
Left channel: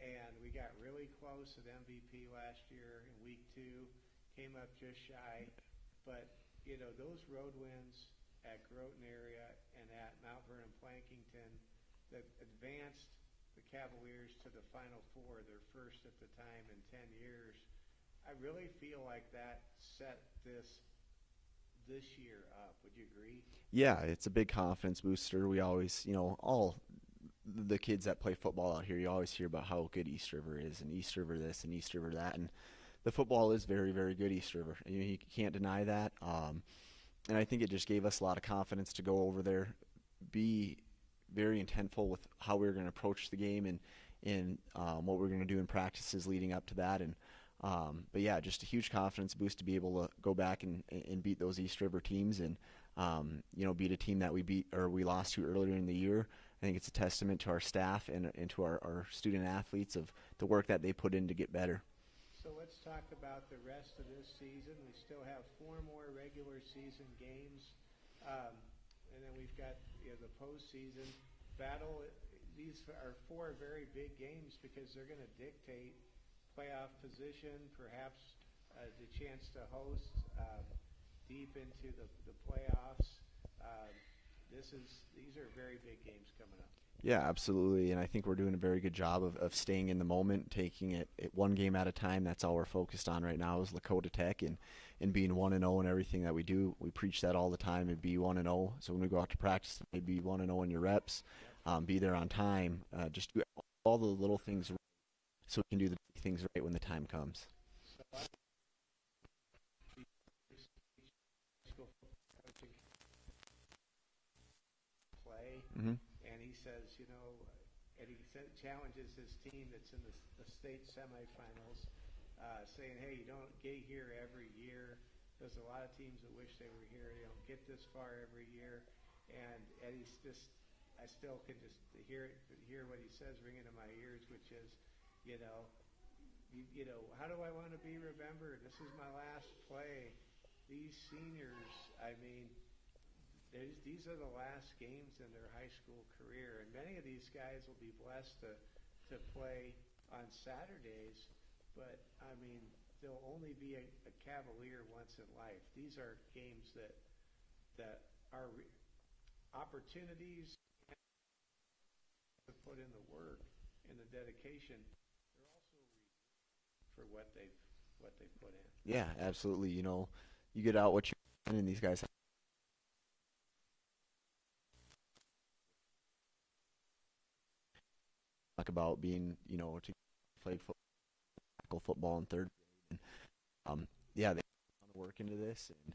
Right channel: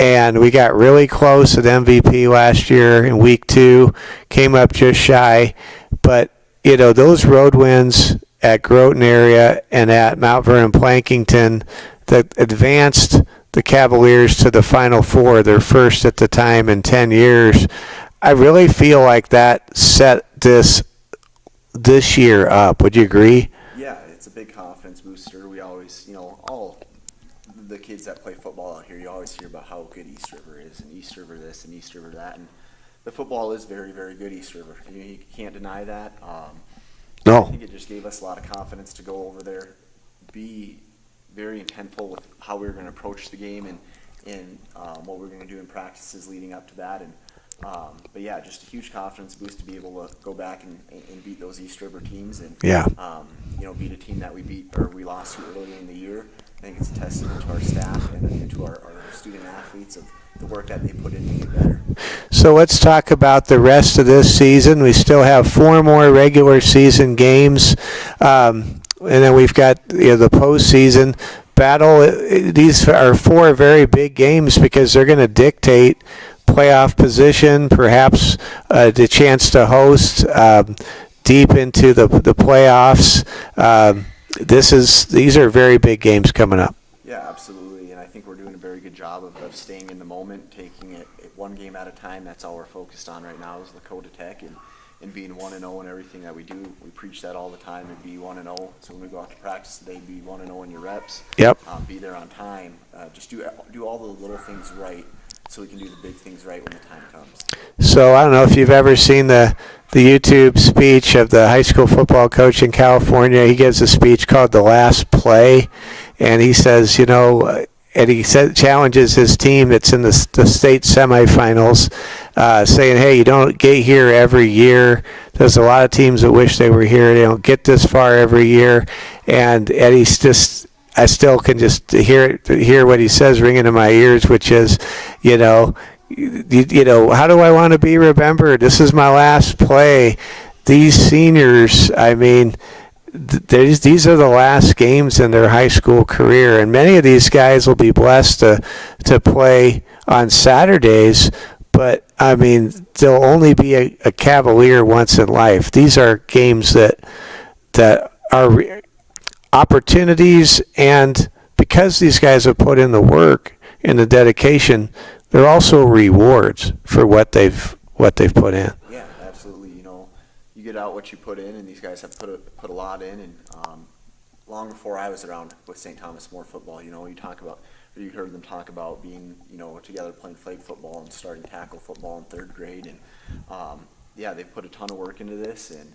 And we got really close at MVP last year in week 2, came up just shy. But, you know, those road wins at Groton area and at Mount Vernon Plankington that advanced the Cavaliers to the Final Four, their first at the time in 10 years, I really feel like that set this year up. Would you agree? Yeah, it's a big confidence booster. We always, you know, all the kids that play football out here, you always hear about how good East River is, and East River this and East River that, and the football is very, very good East River. You can't deny that. No. I think it just gave us a lot of confidence to go over there, be very intentful with how we were going to approach the game and what we were going to do in practices leading up to that. And but yeah, just a huge confidence boost to be able to go back and beat those East River teams and Yeah. You know, beat a team that we lost to earlier in the year. I think it's a testament to our staff and to our student athletes of the work that they put in to get better. So let's talk about the rest of this season. We still have 4 more regular season games, and then we've got, you know, the postseason battle. These are 4 very big games because they're going to dictate playoff position, perhaps the chance to host deep into the playoffs. These are very big games coming up. Yeah, absolutely, and I think we're doing a very good job of staying in the moment, taking it one game at a time. That's all we're focused on right now is Lakota Tech and being 1-0 in everything that we do. We preach that all the time, and be 1-0. So when we go out to practice today, be 1-0 in your reps. Yep. Be there on time. Just do all the little things right, so we can do the big things right when the time comes. So I don't know if you've ever seen the YouTube speech of the high school football coach in California. He gives a speech called The Last Play, and he says, you know, and he challenges his team that's in the state semifinals, saying, hey, you don't get here every year. There's a lot of teams that wish they were here. They don't get this far every year. And Eddie's just, I still can just hear what he says ringing in my ears, which is, you know, how do I want to be remembered? This is my last play. These seniors, I mean, these are the last games in their high school career, and many of these guys will be blessed to play on Saturdays, but I mean, there'll only be a Cavalier once in life. These are games that are opportunities, and because these guys have put in the work and the dedication, they're also rewards for what they've put in. Yeah, absolutely. You know, you get out what you put in, and these guys have put a lot in. And long before I was around with St. Thomas More football, you know, you heard them talk about being, you know, together playing flag football and starting tackle football in 3rd grade. And yeah, they put a ton of work into this, and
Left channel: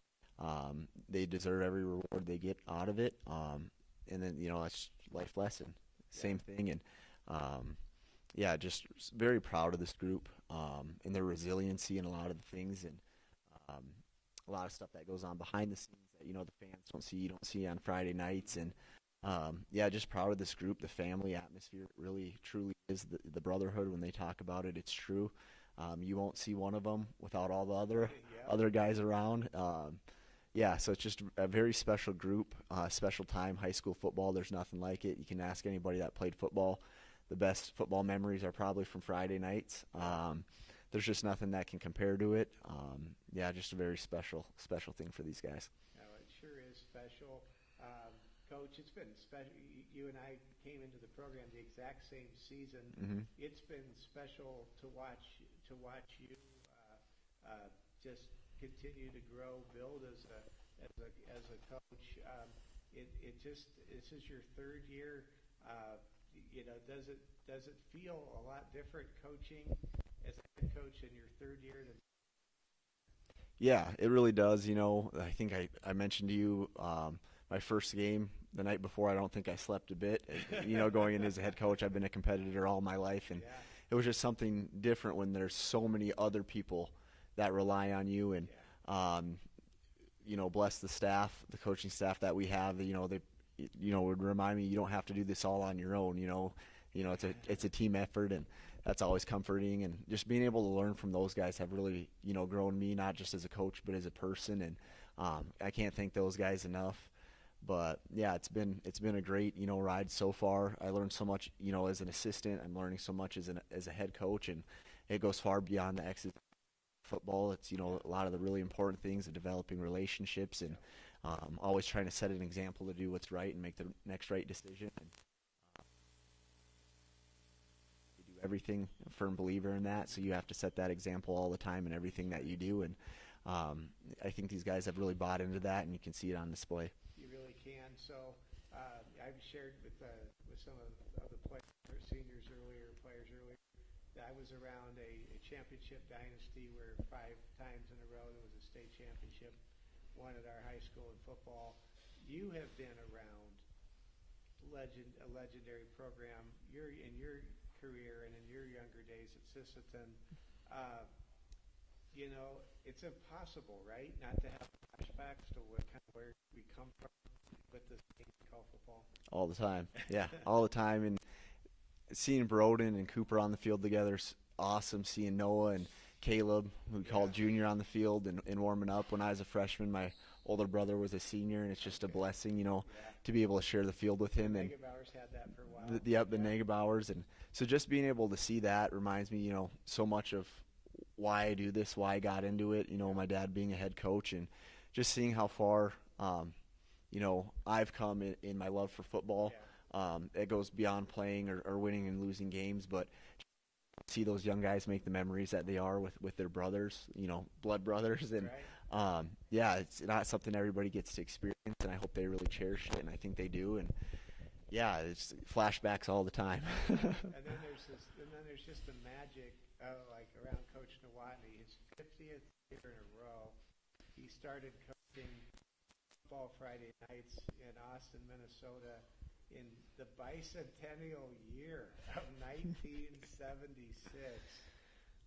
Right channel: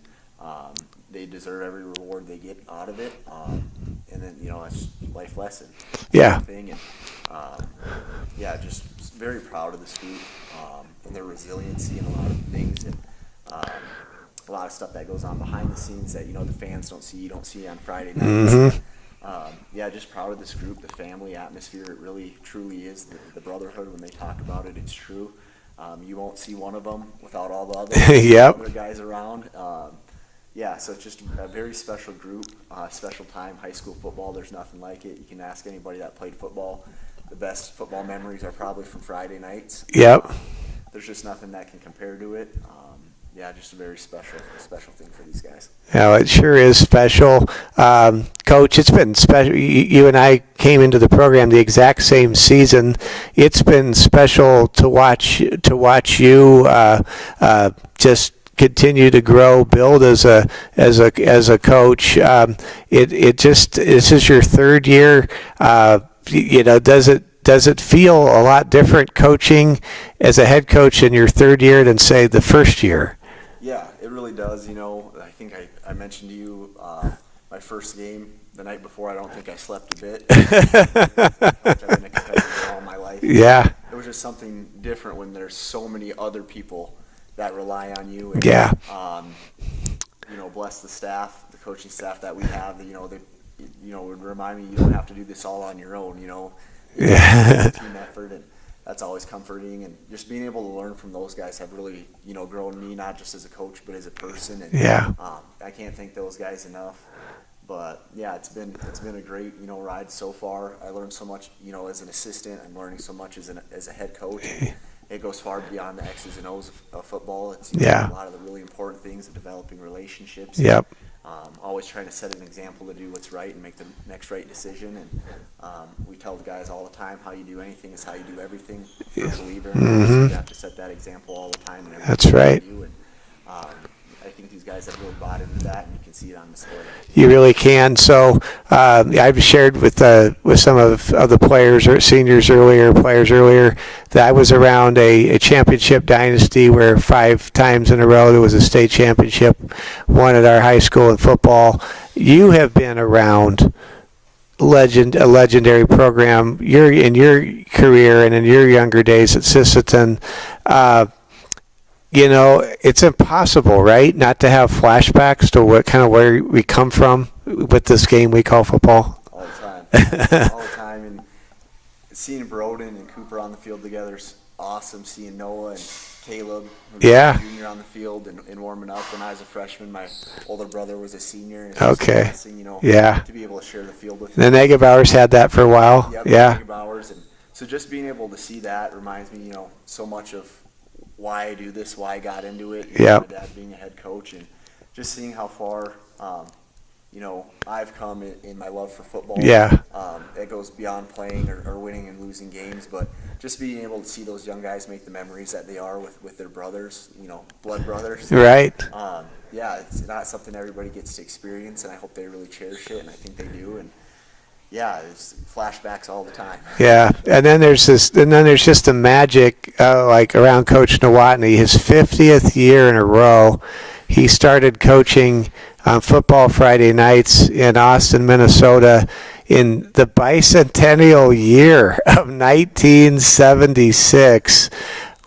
they deserve every reward they get out of it. And then, you know, it's life lesson. Yeah. Thing. And yeah, just very proud of this group and their resiliency in a lot of things, and a lot of stuff that goes on behind the scenes that, you know, the fans don't see, you don't see on Friday nights. Mm-hmm. Yeah, just proud of this group, the family atmosphere. It really, truly is the brotherhood. When they talk about it, it's true. You won't see one of them without all the Yep. other guys around. Yeah, so it's just a very special group, special time. High school football, there's nothing like it. You can ask anybody that played football. The best football memories are probably from Friday nights. Yep. There's just nothing that can compare to it. Yeah, just a very special thing for these guys. Yeah, it sure is special. Coach, it's been special. You and I came into the program the exact same season. It's been special to watch you just continue to grow, build as a coach. This is your 3rd year. You know, does it feel a lot different coaching as a head coach in your 3rd year than, say, the 1st year? Yeah, it really does. You know, I think I mentioned to you my first game the night before. I don't think I slept a bit. As a coach, I've been a competitor all my life. Yeah. It was just something different when there's so many other people that rely on you. And, Yeah. You know, bless the staff, the coaching staff that we have. You know, would remind me you don't have to do this all on your own. You know, Yeah. it's a team effort, and that's always comforting. And just being able to learn from those guys have really, you know, grown me, not just as a coach but as a person. And Yeah. I can't thank those guys enough. But yeah, it's been a great, you know, ride so far. I learned so much, you know, as an assistant. I'm learning so much as a head coach. And it goes far beyond the X's and O's of football. It's Yeah. a lot of the really important things of developing relationships. Yep. Always trying to set an example to do what's right and make the next right decision. And we tell the guys all the time, how you do anything is how you do everything. For a believer, so you have to set that example all the time. In everything That's you right. do. And I think these guys have really bought into that, and you can see it on display. You really can. So I've shared with some of the players or players earlier, that I was around a championship dynasty where 5 times in a row there was a state championship won at our high school in football. You have been around a legendary program. In your career and in your younger days at Sisseton. You know, it's impossible, right, not to have flashbacks to where we come from with this game we call football. All the time. All the time. And seeing Broden and Cooper on the field together is awesome. Seeing Noah and Caleb, who was Yeah. a junior, on the field and warming up. When I was a freshman, my older brother was a senior. And it's Okay. just a blessing, you know, Yeah. to be able to share the field with The him. Negebauers had that for a while. Yep, Yeah. Hours. And so just being able to see that reminds me, you know, so much of why I do this, why I got into it. You know, Yep. my dad being a head coach, and just seeing how far, you know, I've come in my love for football. Yeah. It goes beyond playing or winning and losing games, but just being able to see those young guys make the memories that they are with their brothers, you know, blood brothers. Right. Yeah, it's not something everybody gets to experience, and I hope they really cherish it, and I think they do. And yeah, it's flashbacks all the time. Yeah, and then there's just the magic, like around Coach Nowotny. His 50th year in a row, he started coaching on football Friday nights in Austin, Minnesota, in the bicentennial year of 1976.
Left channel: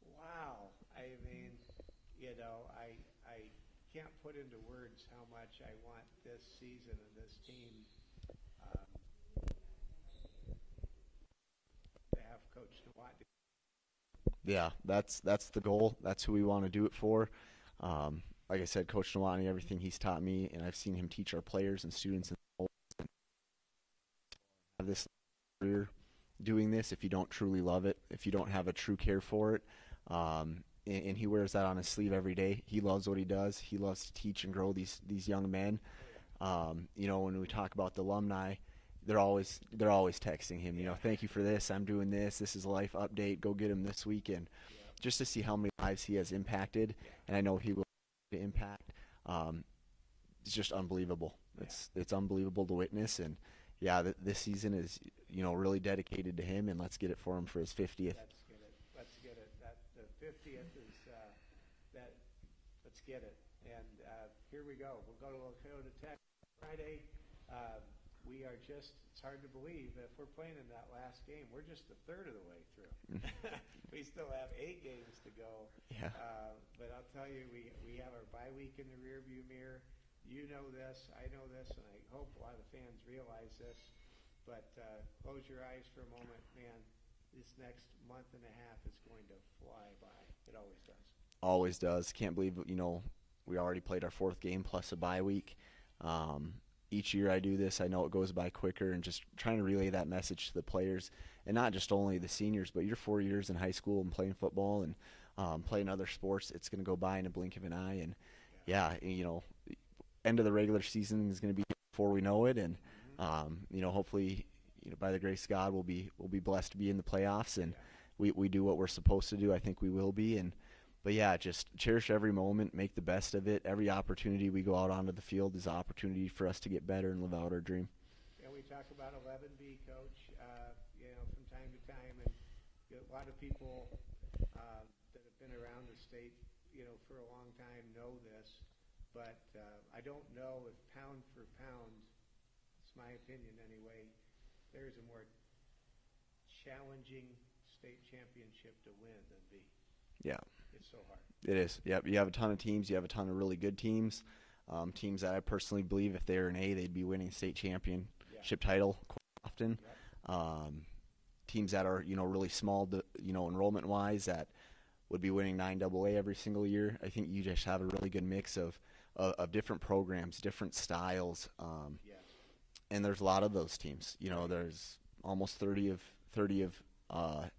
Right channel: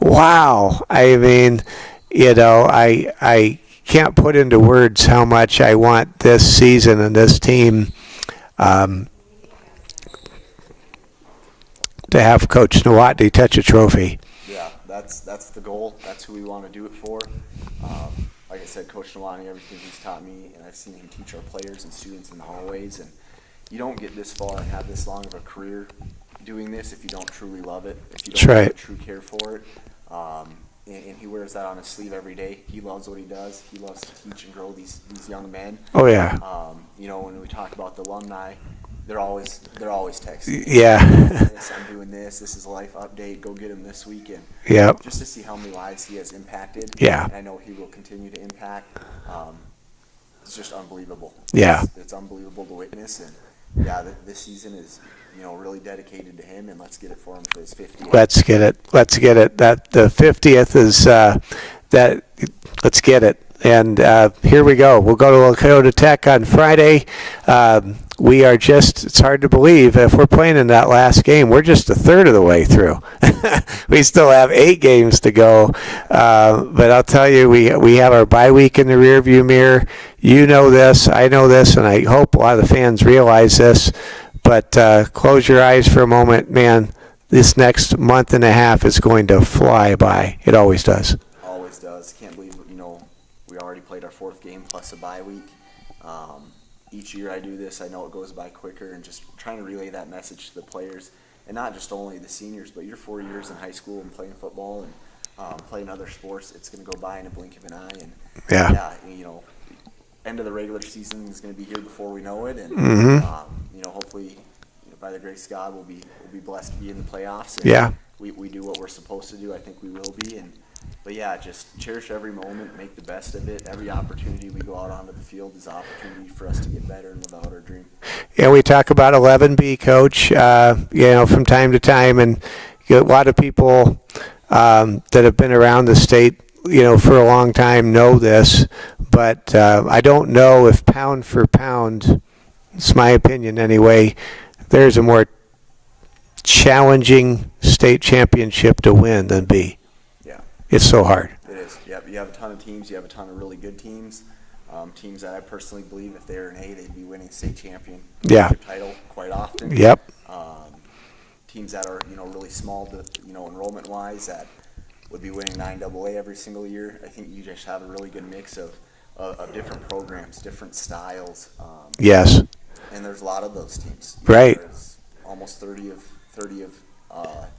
Wow, I mean, you know, I can't put into words how much I want this season and this team. To have Coach Nowotny touch a trophy. Yeah, that's the goal. That's who we want to do it for. Like I said, Coach Nowotny, everything he's taught me, and I've seen him teach our players and students in the hallways. And you don't get this far and have this long of a career doing this if you don't truly love it, if you That's don't have right. a true care for it. And he wears that on his sleeve every day. He loves what he does. He loves to teach and grow these young men. Oh yeah. You know, when we talk about the alumni, they're always texting. Yeah. I'm doing this. This is a life update. Go get him this weekend. Yep. Just to see how many lives he has impacted. Yeah. And I know he will continue to impact. It's just unbelievable. Yeah. It's unbelievable to witness, and yeah, this season is, you know, really dedicated to him, and let's get it for him for his 50th. Let's get it. Let's get it. That the 50th is that. Let's get it. And here we go. We'll go to Lakota Tech on Friday. We are just, it's hard to believe if we're playing in that last game, we're just a third of the way through. We still have 8 games to go. But I'll tell you, we have our bye week in the rearview mirror. You know this, I know this, and I hope a lot of the fans realize this. But close your eyes for a moment, man. This next month and a half is going to fly by. It always does. Always does. Can't believe, you know, we already played our 4th game plus a bye week. Each year I do this, I know it goes by quicker, and just trying to relay that message to the players, and not just only the seniors, but your 4 years in high school and playing football and playing other sports, it's going to go by in a blink of an eye. And yeah, you know, end of the regular season is going to be here before we know it, and you know, hopefully, you know, by the grace of God, we'll be blessed to be in the playoffs. And we do what we're supposed to do. I think we will be. But yeah, just cherish every moment, make the best of it. Every opportunity we go out onto the field is an opportunity for us to get better and live out our dream. Yeah, we talk about 11B, Coach, you know, from time to time, and you know, a lot of people that have been around the state, you know, for a long time know this, but I don't know if pound for pound, it's my opinion anyway, there's a more challenging state championship to win than B. It's so hard. It is. Yep. You have a ton of teams. You have a ton of really good teams. Teams that I personally believe if they were an A, they'd be winning state championship title quite often. Yep. Teams that are, you know, really small, you know, enrollment wise, that would be winning 9AA every single year. I think you just have a really good mix of different programs, different styles. Yes. And there's a lot of those teams. Right. There's almost 30 of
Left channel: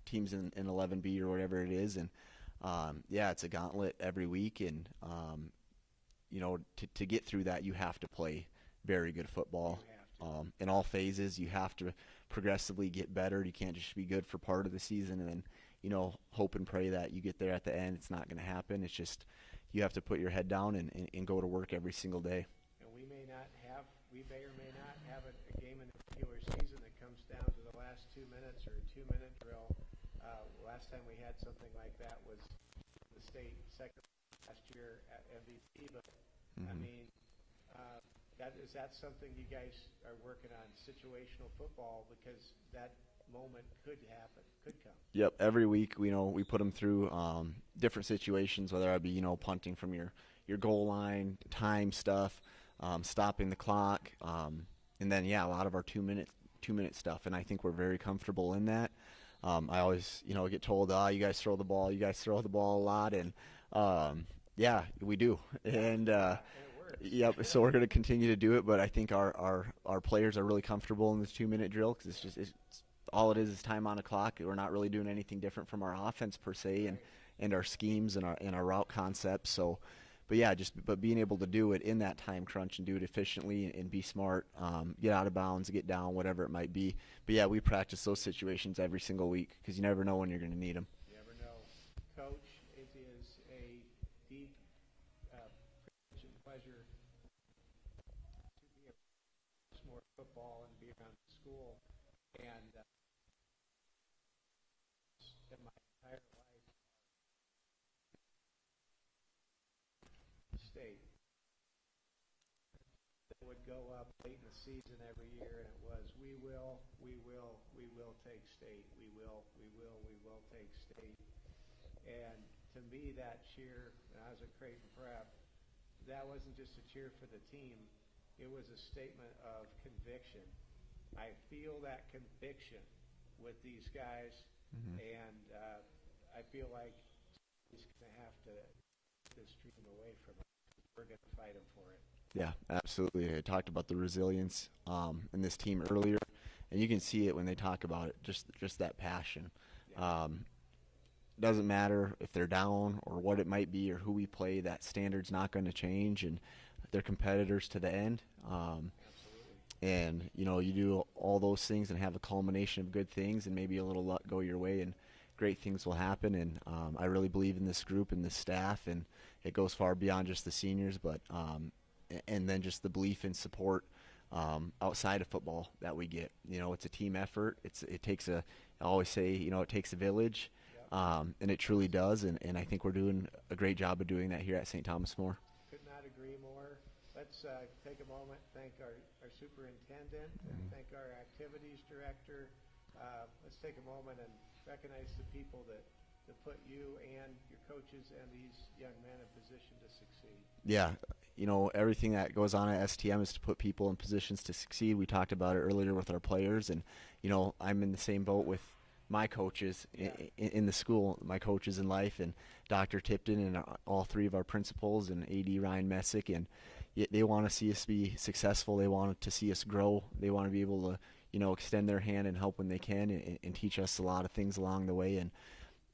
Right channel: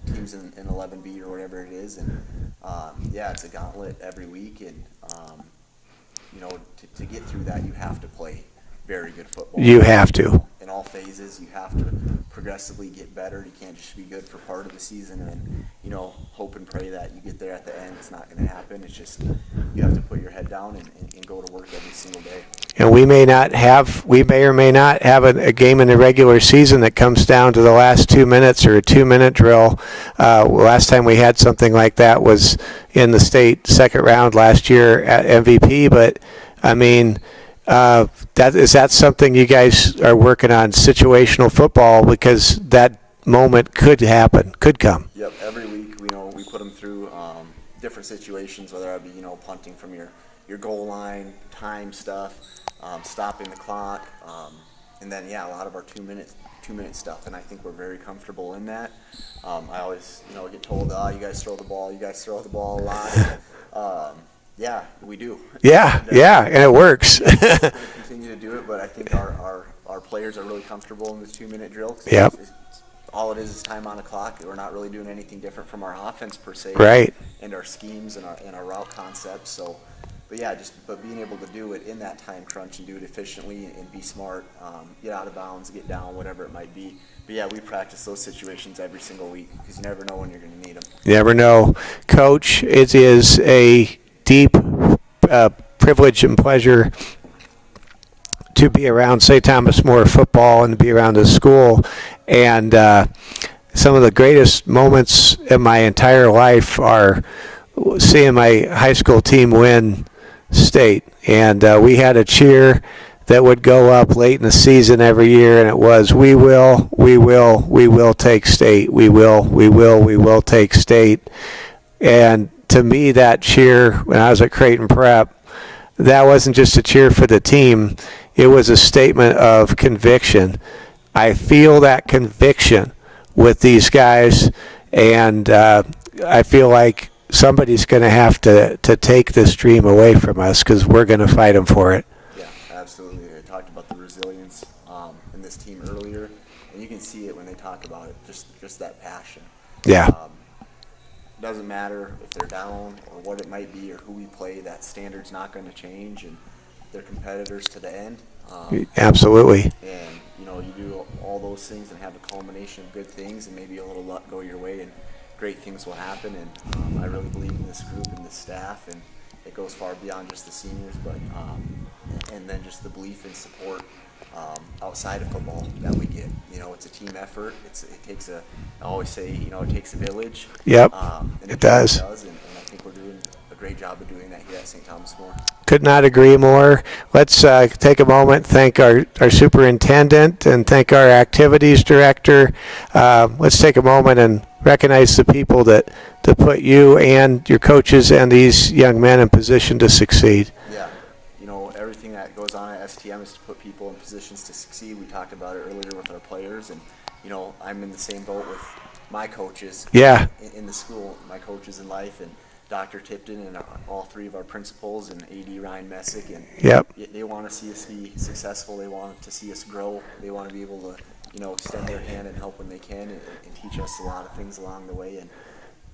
teams in 11B or whatever it is, and yeah, it's a gauntlet every week, and you know, to get through that, you have to play very good football. You have to. In all phases, you have to progressively get better. You can't just be good for part of the season and then, you know, hope and pray that you get there at the end. It's not going to happen. It's just you have to put your head down and go to work every single day. And we may or may not have a game in the regular season that comes down to the last 2 minutes or a 2-minute drill. Last time we had something like that was in the state second round last year at MVP. But, I mean, is that something you guys are working on, situational football, because that moment could happen, could come? Yep, every week, you know, we put them through different situations, whether it be, you know, punting from your goal line, time stuff, stopping the clock, and then, yeah, a lot of our 2-minute stuff, and I think we're very comfortable in that. I always, you know, get told, you guys throw the ball a lot. Yeah, we do. Yeah, and it works. We're going to continue to do it, but I think our players are really comfortable in this 2-minute drill. Yep. All it is time on a clock. We're not really doing anything different from our offense per se. Right. And our schemes and our route concepts. So, but yeah, but being able to do it in that time crunch and do it efficiently and be smart, get out of bounds, get down, whatever it might be. But yeah, we practice those situations every single week because you never know when you're going to need them. You never know. Coach, it is a deep privilege and pleasure to be around St. Thomas More football and to be around the school. And some of the greatest moments in my entire life are seeing my high school team win state. And we had a cheer that would go up late in the season every year, and it was, we will take state. We will take state. And to me, that cheer when I was at Creighton Prep, that wasn't just a cheer for the team. It was a statement of conviction. I feel that conviction with these guys, and I feel like somebody's going to have to take this dream away from us because we're going to fight them for it. Yeah, absolutely. I talked about the resilience in this team earlier, and you can see it when they talk about it, just that passion. Yeah. doesn't matter if they're down or what it might be or who we play, that standard's not going to change, and they're competitors to the end. Absolutely. And, you know, you do all those things and have a culmination of good things and maybe a little luck go your way and great things will happen. And I really believe in this group and this staff, and it goes far beyond just the seniors, but and then just the belief and support outside of football that we get. You know, it's a team effort. It takes I always say, you know, it takes a village. Yep, And it does. And I think we're doing a great job of doing that here at St. Thomas More. Could not agree more. Let's take a moment, thank our superintendent, and thank our activities director. Let's take a moment and recognize the people that put you and your coaches and these young men in position to succeed. Yeah, you know, everything that goes on at STM is to put people in positions to succeed. We talked about it earlier with our players, and, you know, I'm in the same boat with my coaches Yeah. in the school, my coaches in life, and Dr. Tipton and all three of our principals and AD Ryan Messick, and Yep. they want to see us be successful. They want to see us grow. They want to be able to, you know, extend their hand and help when they can, and teach us a lot of things along the way. And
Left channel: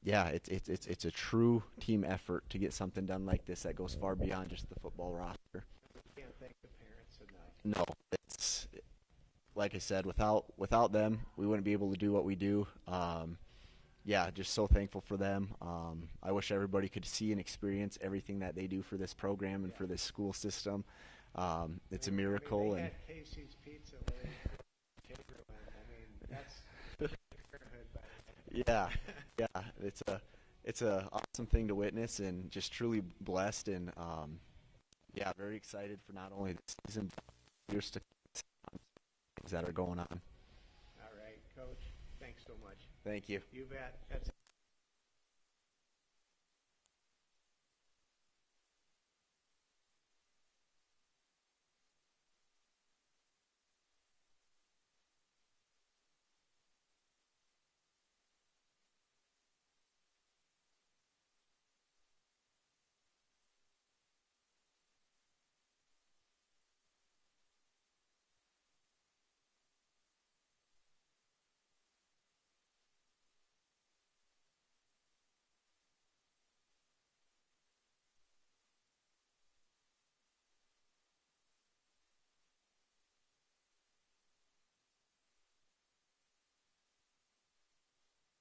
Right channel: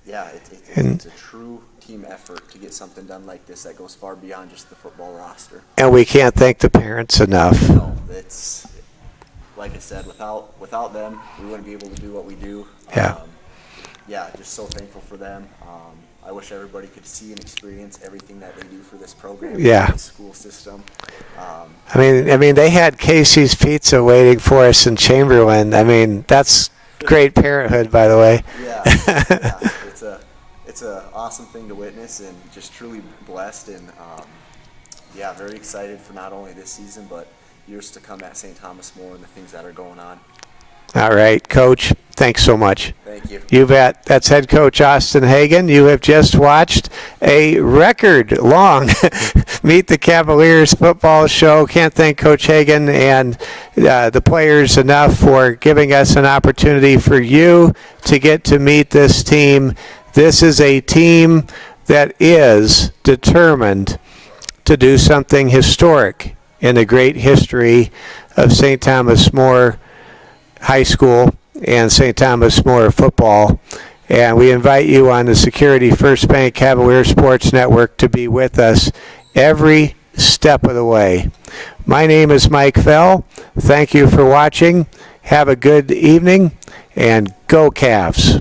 yeah, it's a true team effort to get something done like this that goes far beyond just the football roster. And we can't thank the parents enough. No, it's like I said, without them, we wouldn't be able to do what we do. Yeah. Yeah, just so thankful for them. I wish everybody could see and experience everything that they do for this program. Yeah. This school system. I mean, they had Casey's Pizza waiting for us in Chamberlain. I mean, that's great parenthood, by the way. Yeah, it's a awesome thing to witness, and just truly blessed, and yeah, very excited for not only this season but years to come at St. Thomas More and the things that are going on. All right, Coach, thanks so much. Thank you. You bet. That's head coach Austin Hagan. You have just watched a record-long Meet the Cavaliers football show. Can't thank Coach Hagan and the players enough for giving us an opportunity for you to get to meet this team. This is a team that is determined to do something historic in the great history of St. Thomas More High School and St. Thomas More football. And we invite you on the Security First Bank Cavalier Sports Network to be with us every step of the way. My name is Mike Fell. Thank you for watching. Have a good evening, and go Cavs.